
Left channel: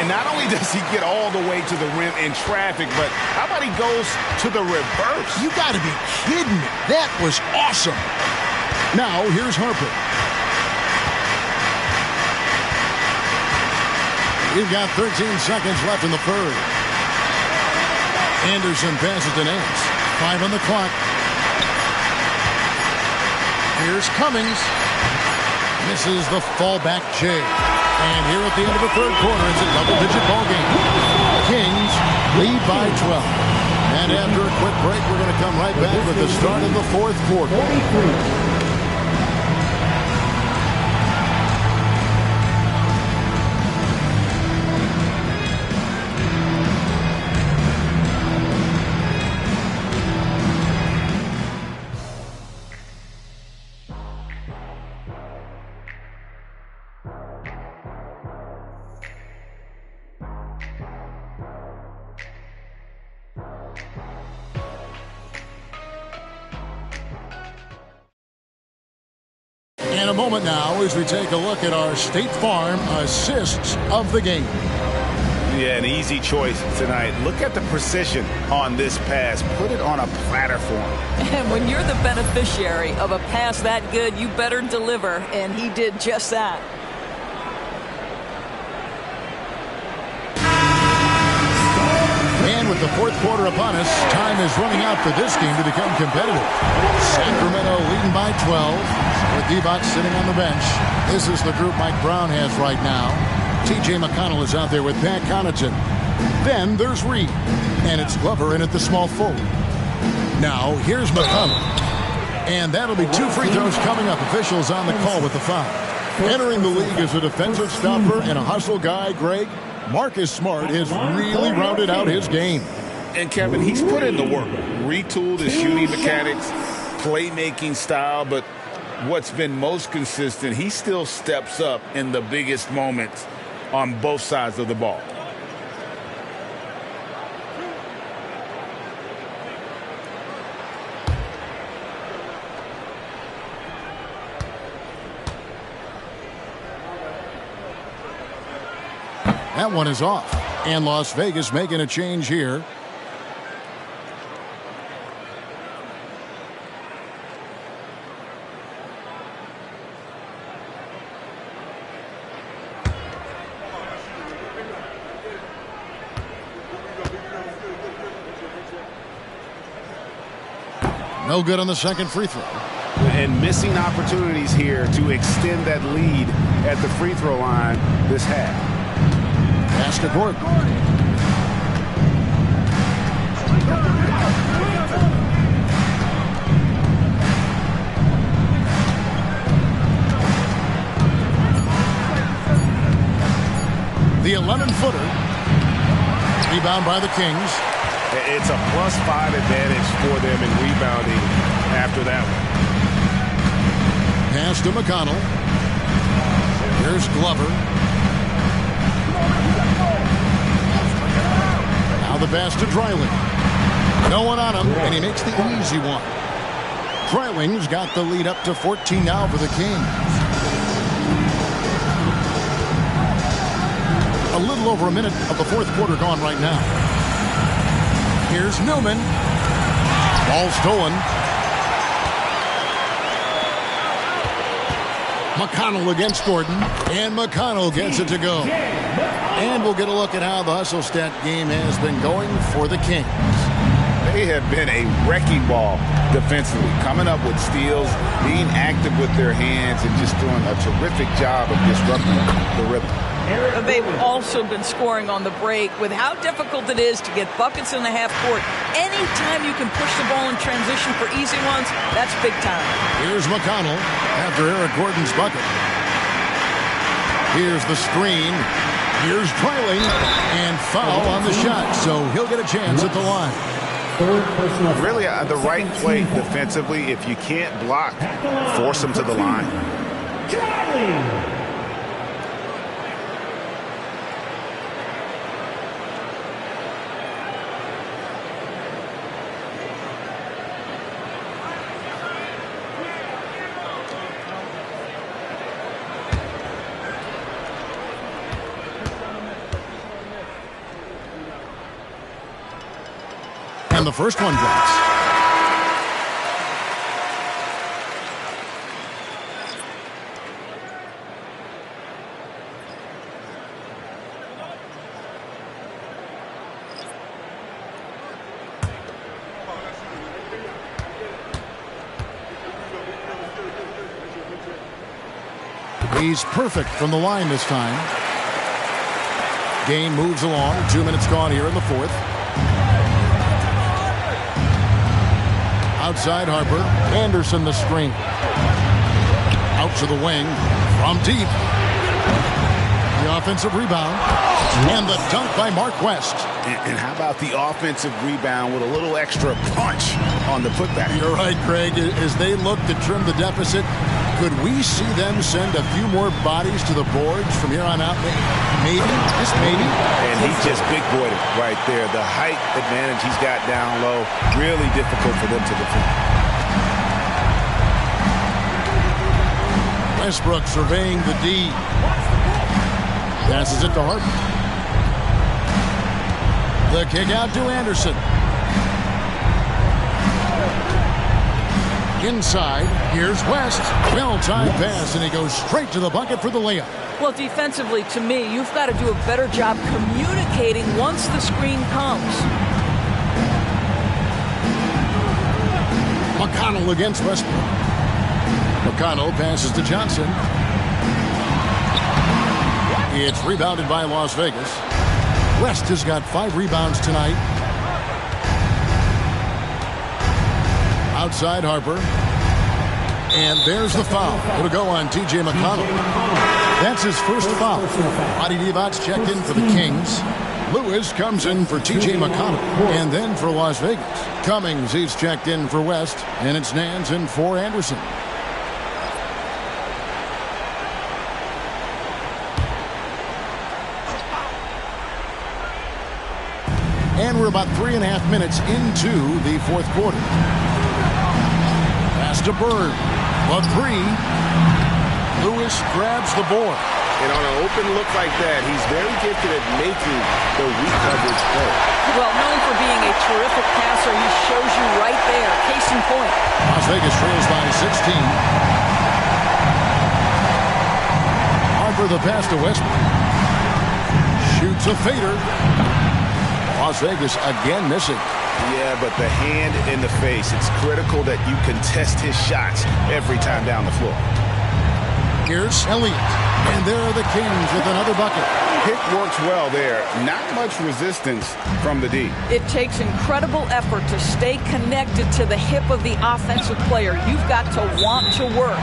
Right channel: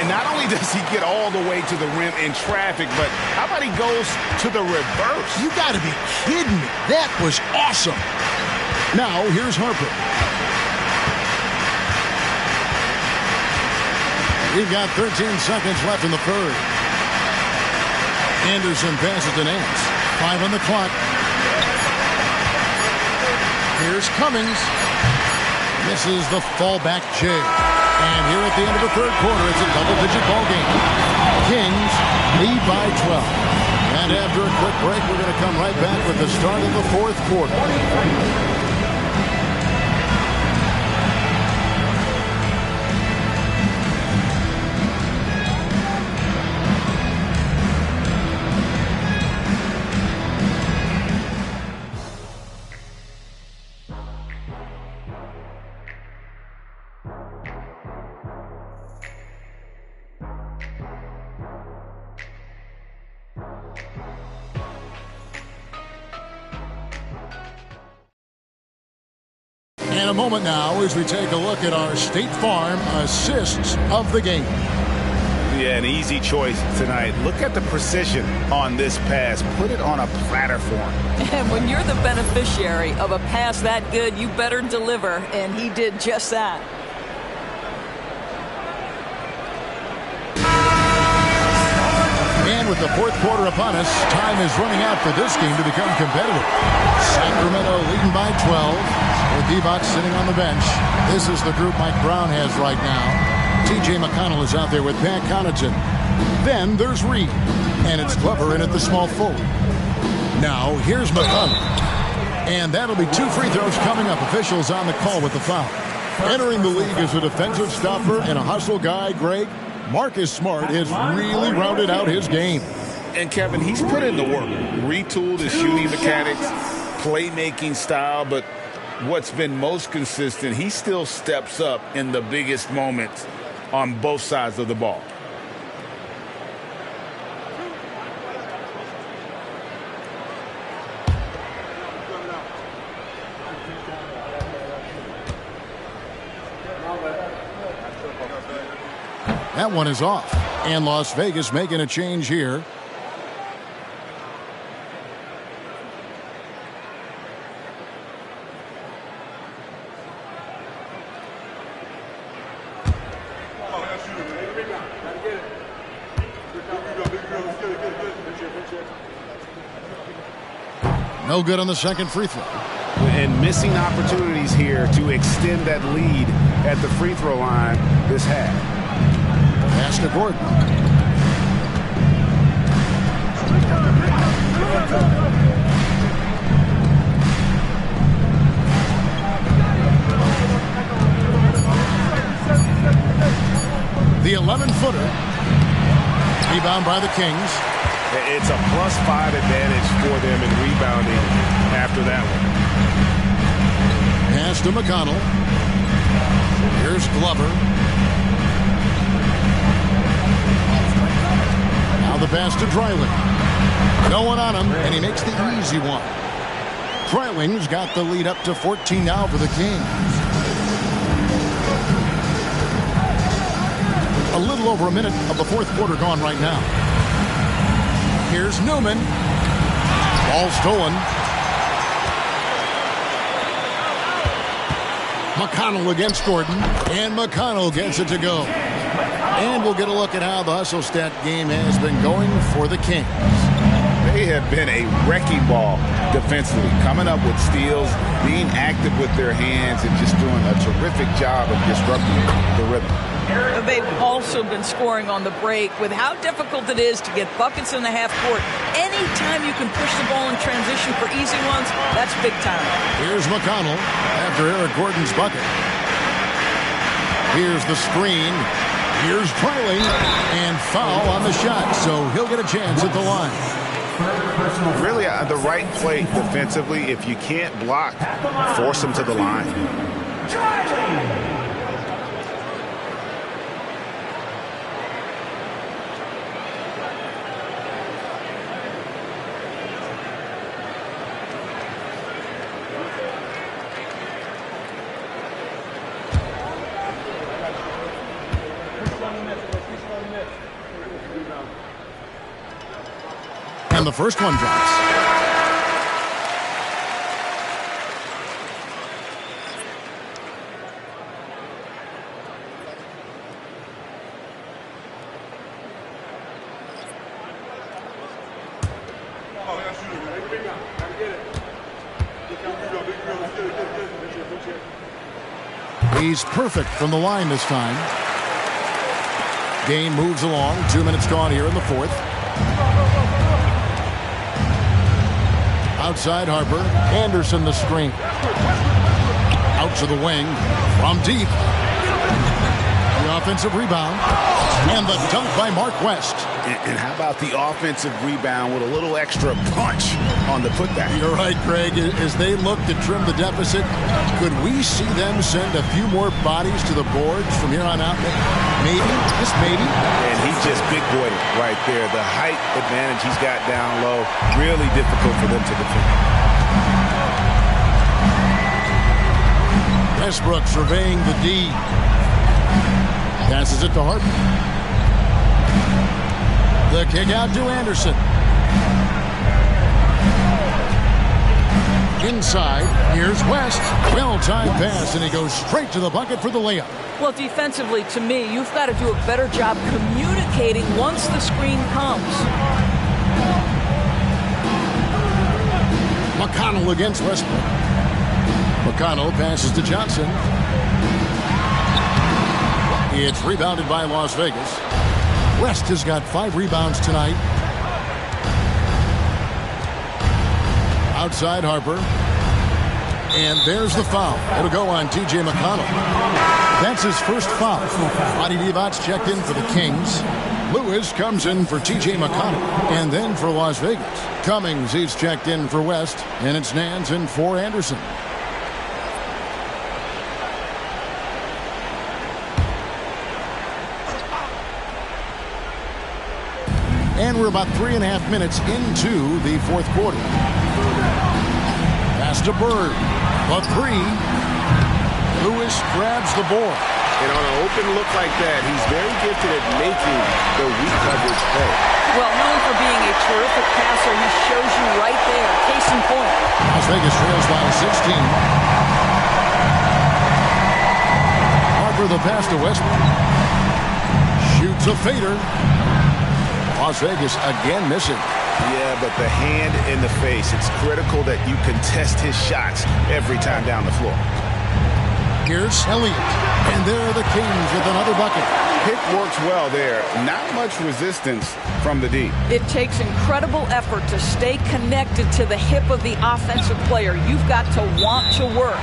And not only does he get all the way to the rim in traffic, but how about he goes to the reverse? You got to be kidding me. That was awesome. Now, here's Harper. We've got 13 seconds left in the third. Anderson passes to Nance. 5 on the clock. Here's Cummings. Misses the fallback J. And here at the end of the third quarter, it's a double-digit ball game. Kings lead by 12. And after a quick break, we're going to come right back with the start of the fourth quarter. In a moment now as we take a look at our State Farm assists of the game. Yeah, an easy choice tonight. Look at the precision on this pass. Put it on a platter for him. And when you're the beneficiary of a pass that good, you better deliver. And he did just that. And with the fourth quarter upon us, time is running out for this game to become competitive. Sacramento leading by 12 with Divac sitting on the bench. This is the group Mike Brown has right now. T.J. McConnell is out there with Pat Connaughton. Then there's Reed. And it's Glover in at the small forward. Now here's McConnell. And that'll be 2 free throws coming up. Officials on the call with the foul. Entering the league as a defensive stopper and a hustle guy, Greg, Marcus Smart has really rounded out his game. And Kevin, he's put in the work. Retooled his shooting mechanics, playmaking style, but what's been most consistent, he still steps up in the biggest moments on both sides of the ball. That one is off. And Las Vegas making a change here. No good on the second free throw. And missing opportunities here to extend that lead at the free throw line this half. Pass to Gordon. The 11-footer. Rebound by the Kings. It's a +5 advantage for them in rebounding after that one. Pass to McConnell. Here's Glover. the pass to Dreiling. No one on him, and he makes the easy one. Dreiling's got the lead up to 14 now for the Kings. A little over a minute of the fourth quarter gone right now. Here's Newman. Ball stolen. McConnell against Gordon, and McConnell gets it to go. And we'll get a look at how the hustle stat game has been going for the Kings. They have been a wrecking ball defensively, coming up with steals, being active with their hands, and just doing a terrific job of disrupting the rhythm. They've also been scoring on the break. With how difficult it is to get buckets in the half court, anytime you can push the ball in transition for easy ones, that's big time. Here's McConnell after Eric Gordon's bucket. Here's the screen. Here's Dreiling, and foul on the shot, so he'll get a chance at the line. Really the right play defensively. If you can't block, force them to the line. And the first one drops. He's perfect from the line this time. Game moves along. 2 minutes gone here in the fourth. Outside Harper. Anderson the screen. Out to the wing. From deep. The offensive rebound. And the dunk by Mark West. And how about the offensive rebound with a little extra punch on the putback? You're right, Craig. As they look to trim the deficit, could we see them send a few more bodies to the boards from here on out? Maybe. Just maybe. And he just big boyed it right there. The height advantage he's got down low. Really difficult for them to defend. Westbrook surveying the D. Passes it to Harper. The kick out to Anderson. Inside, here's West. Well-timed pass, and he goes straight to the bucket for the layup. Well, defensively, to me, you've got to do a better job communicating once the screen comes. McConnell against Westbrook. McConnell passes to Johnson. It's rebounded by Las Vegas. West has got 5 rebounds tonight. Outside Harper. And there's the foul. It'll go on T.J. McConnell. That's his first foul. Adi Divac checked in for the Kings. Lewis comes in for T.J. McConnell. And then for Las Vegas. Cummings, he's checked in for West. And it's Nance in for Anderson. And we're about 3.5 minutes into the fourth quarter. Pass to Bird. A 3. Lewis grabs the board. And on an open look like that, he's very gifted at making the weak coverage play. Well, known for being a terrific passer, he shows you right there. Case in point. Las Vegas trails by 16. Harper the pass to Westbrook. Shoots a fader. Las Vegas again missing. Yeah, but the hand in the face. It's critical that you contest his shots every time down the floor. Here's Elliott. And there are the Kings with another bucket. Pick works well there. Not much resistance from the D. It takes incredible effort to stay connected to the hip of the offensive player. You've got to want to work.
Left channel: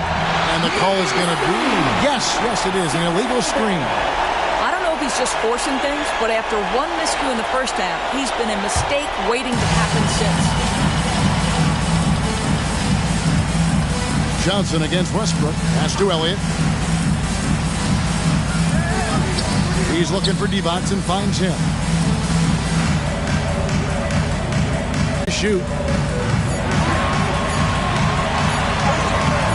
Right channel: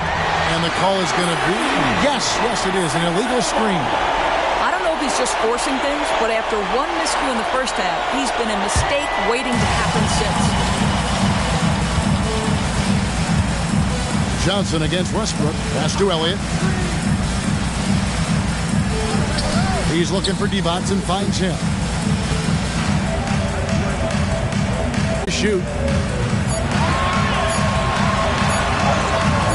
And the call is going to be, yes, it is, an illegal screen. I don't know if he's just forcing things, but after one miscue in the first half, he's been a mistake waiting to happen since. Johnson against Westbrook. Pass to Elliott. He's looking for Divac and finds him. shoot.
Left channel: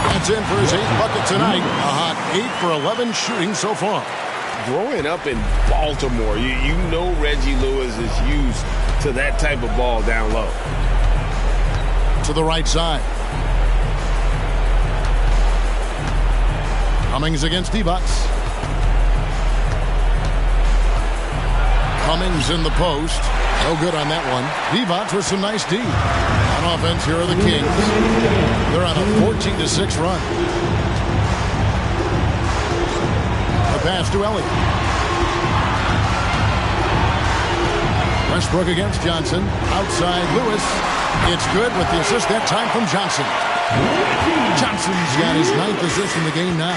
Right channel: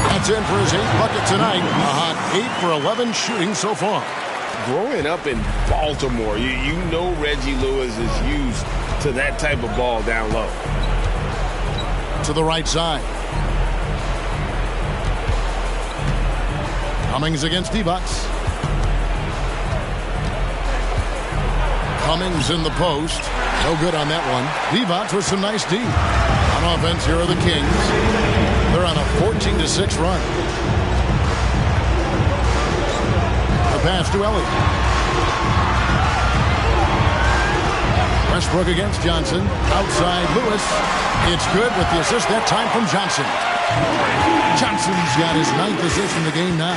That's in for his 8th bucket tonight. A hot 8 for 11 shooting so far. Growing up in Baltimore, you know Reggie Lewis is used to that type of ball down low. To the right side. Cummings against Divac. Cummings in the post. No good on that one. Divac with some nice D. On offense, here are the Kings. They're on a 14-6 run. The pass to Elliott. Westbrook against Johnson. Outside Lewis. It's good with the assist that time from Johnson. Johnson's got his 9th assist in the game now.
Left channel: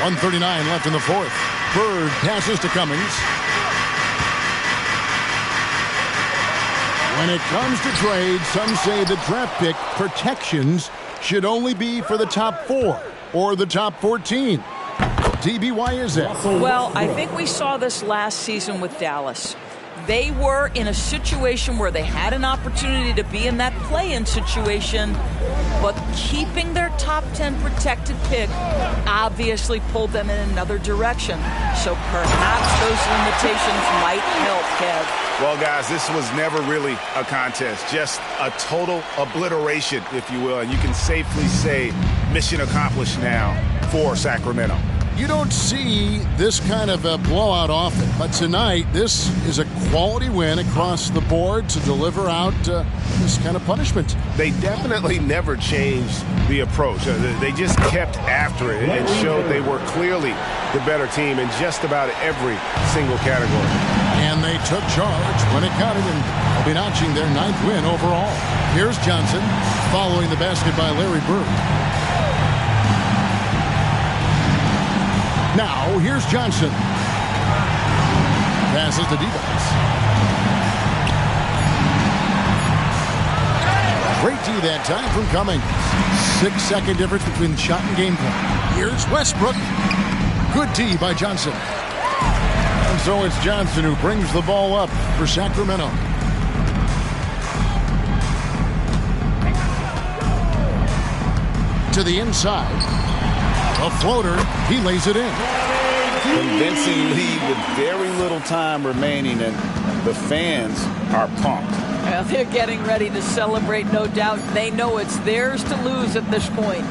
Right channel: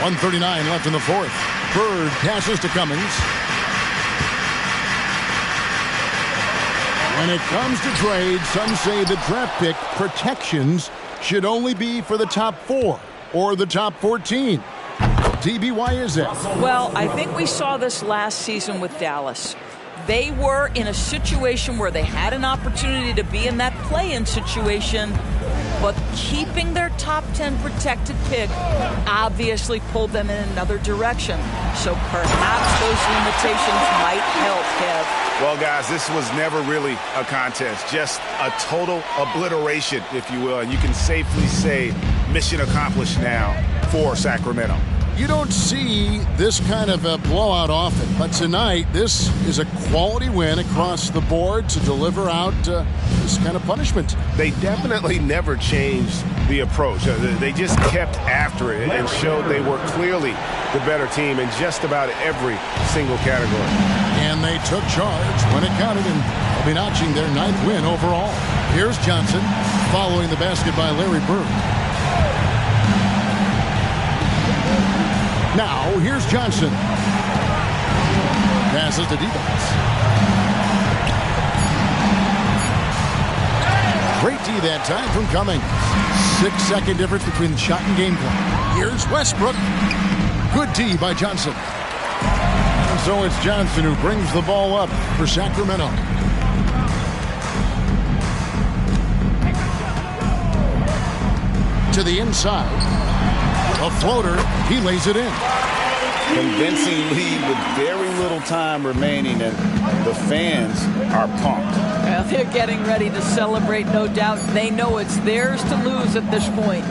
1:39 left in the 4th. Bird passes to Cummings. When it comes to trade, some say the draft pick protections should only be for the top 4 or the top 14. DB, why is that? Well, I think we saw this last season with Dallas. They were in a situation where they had an opportunity to be in that play-in situation, but keeping their top 10 protected pick obviously pulled them in another direction. So perhaps those limitations might help, Kev. Well, guys, this was never really a contest, just a total obliteration, if you will. And you can safely say mission accomplished now for Sacramento. You don't see this kind of a blowout often, but tonight this is a quality win across the board to deliver out this kind of punishment. They definitely never changed the approach. They just kept after it and showed they were clearly the better team in just about every single category. And they took charge when it counted, and they'll be notching their 9th win overall. Here's Johnson following the basket by Larry Bird. Now, here's Johnson. Passes to Divac. Great D that time from Cummings. 6-second difference between the shot and game clock. Here's Westbrook. Good D by Johnson. And so it's Johnson who brings the ball up for Sacramento. To the inside. A floater. He lays it in. Convincing lead with very little time remaining, and the fans are pumped. Well, they're getting ready to celebrate, no doubt. They know it's theirs to lose at this point.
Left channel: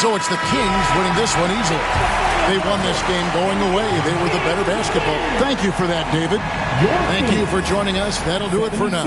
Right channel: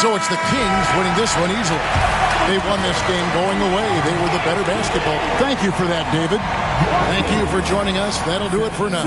So it's the Kings winning this one easily. They won this game going away. They were the better basketball. Thank you for that, David. Thank you for joining us. That'll do it for now.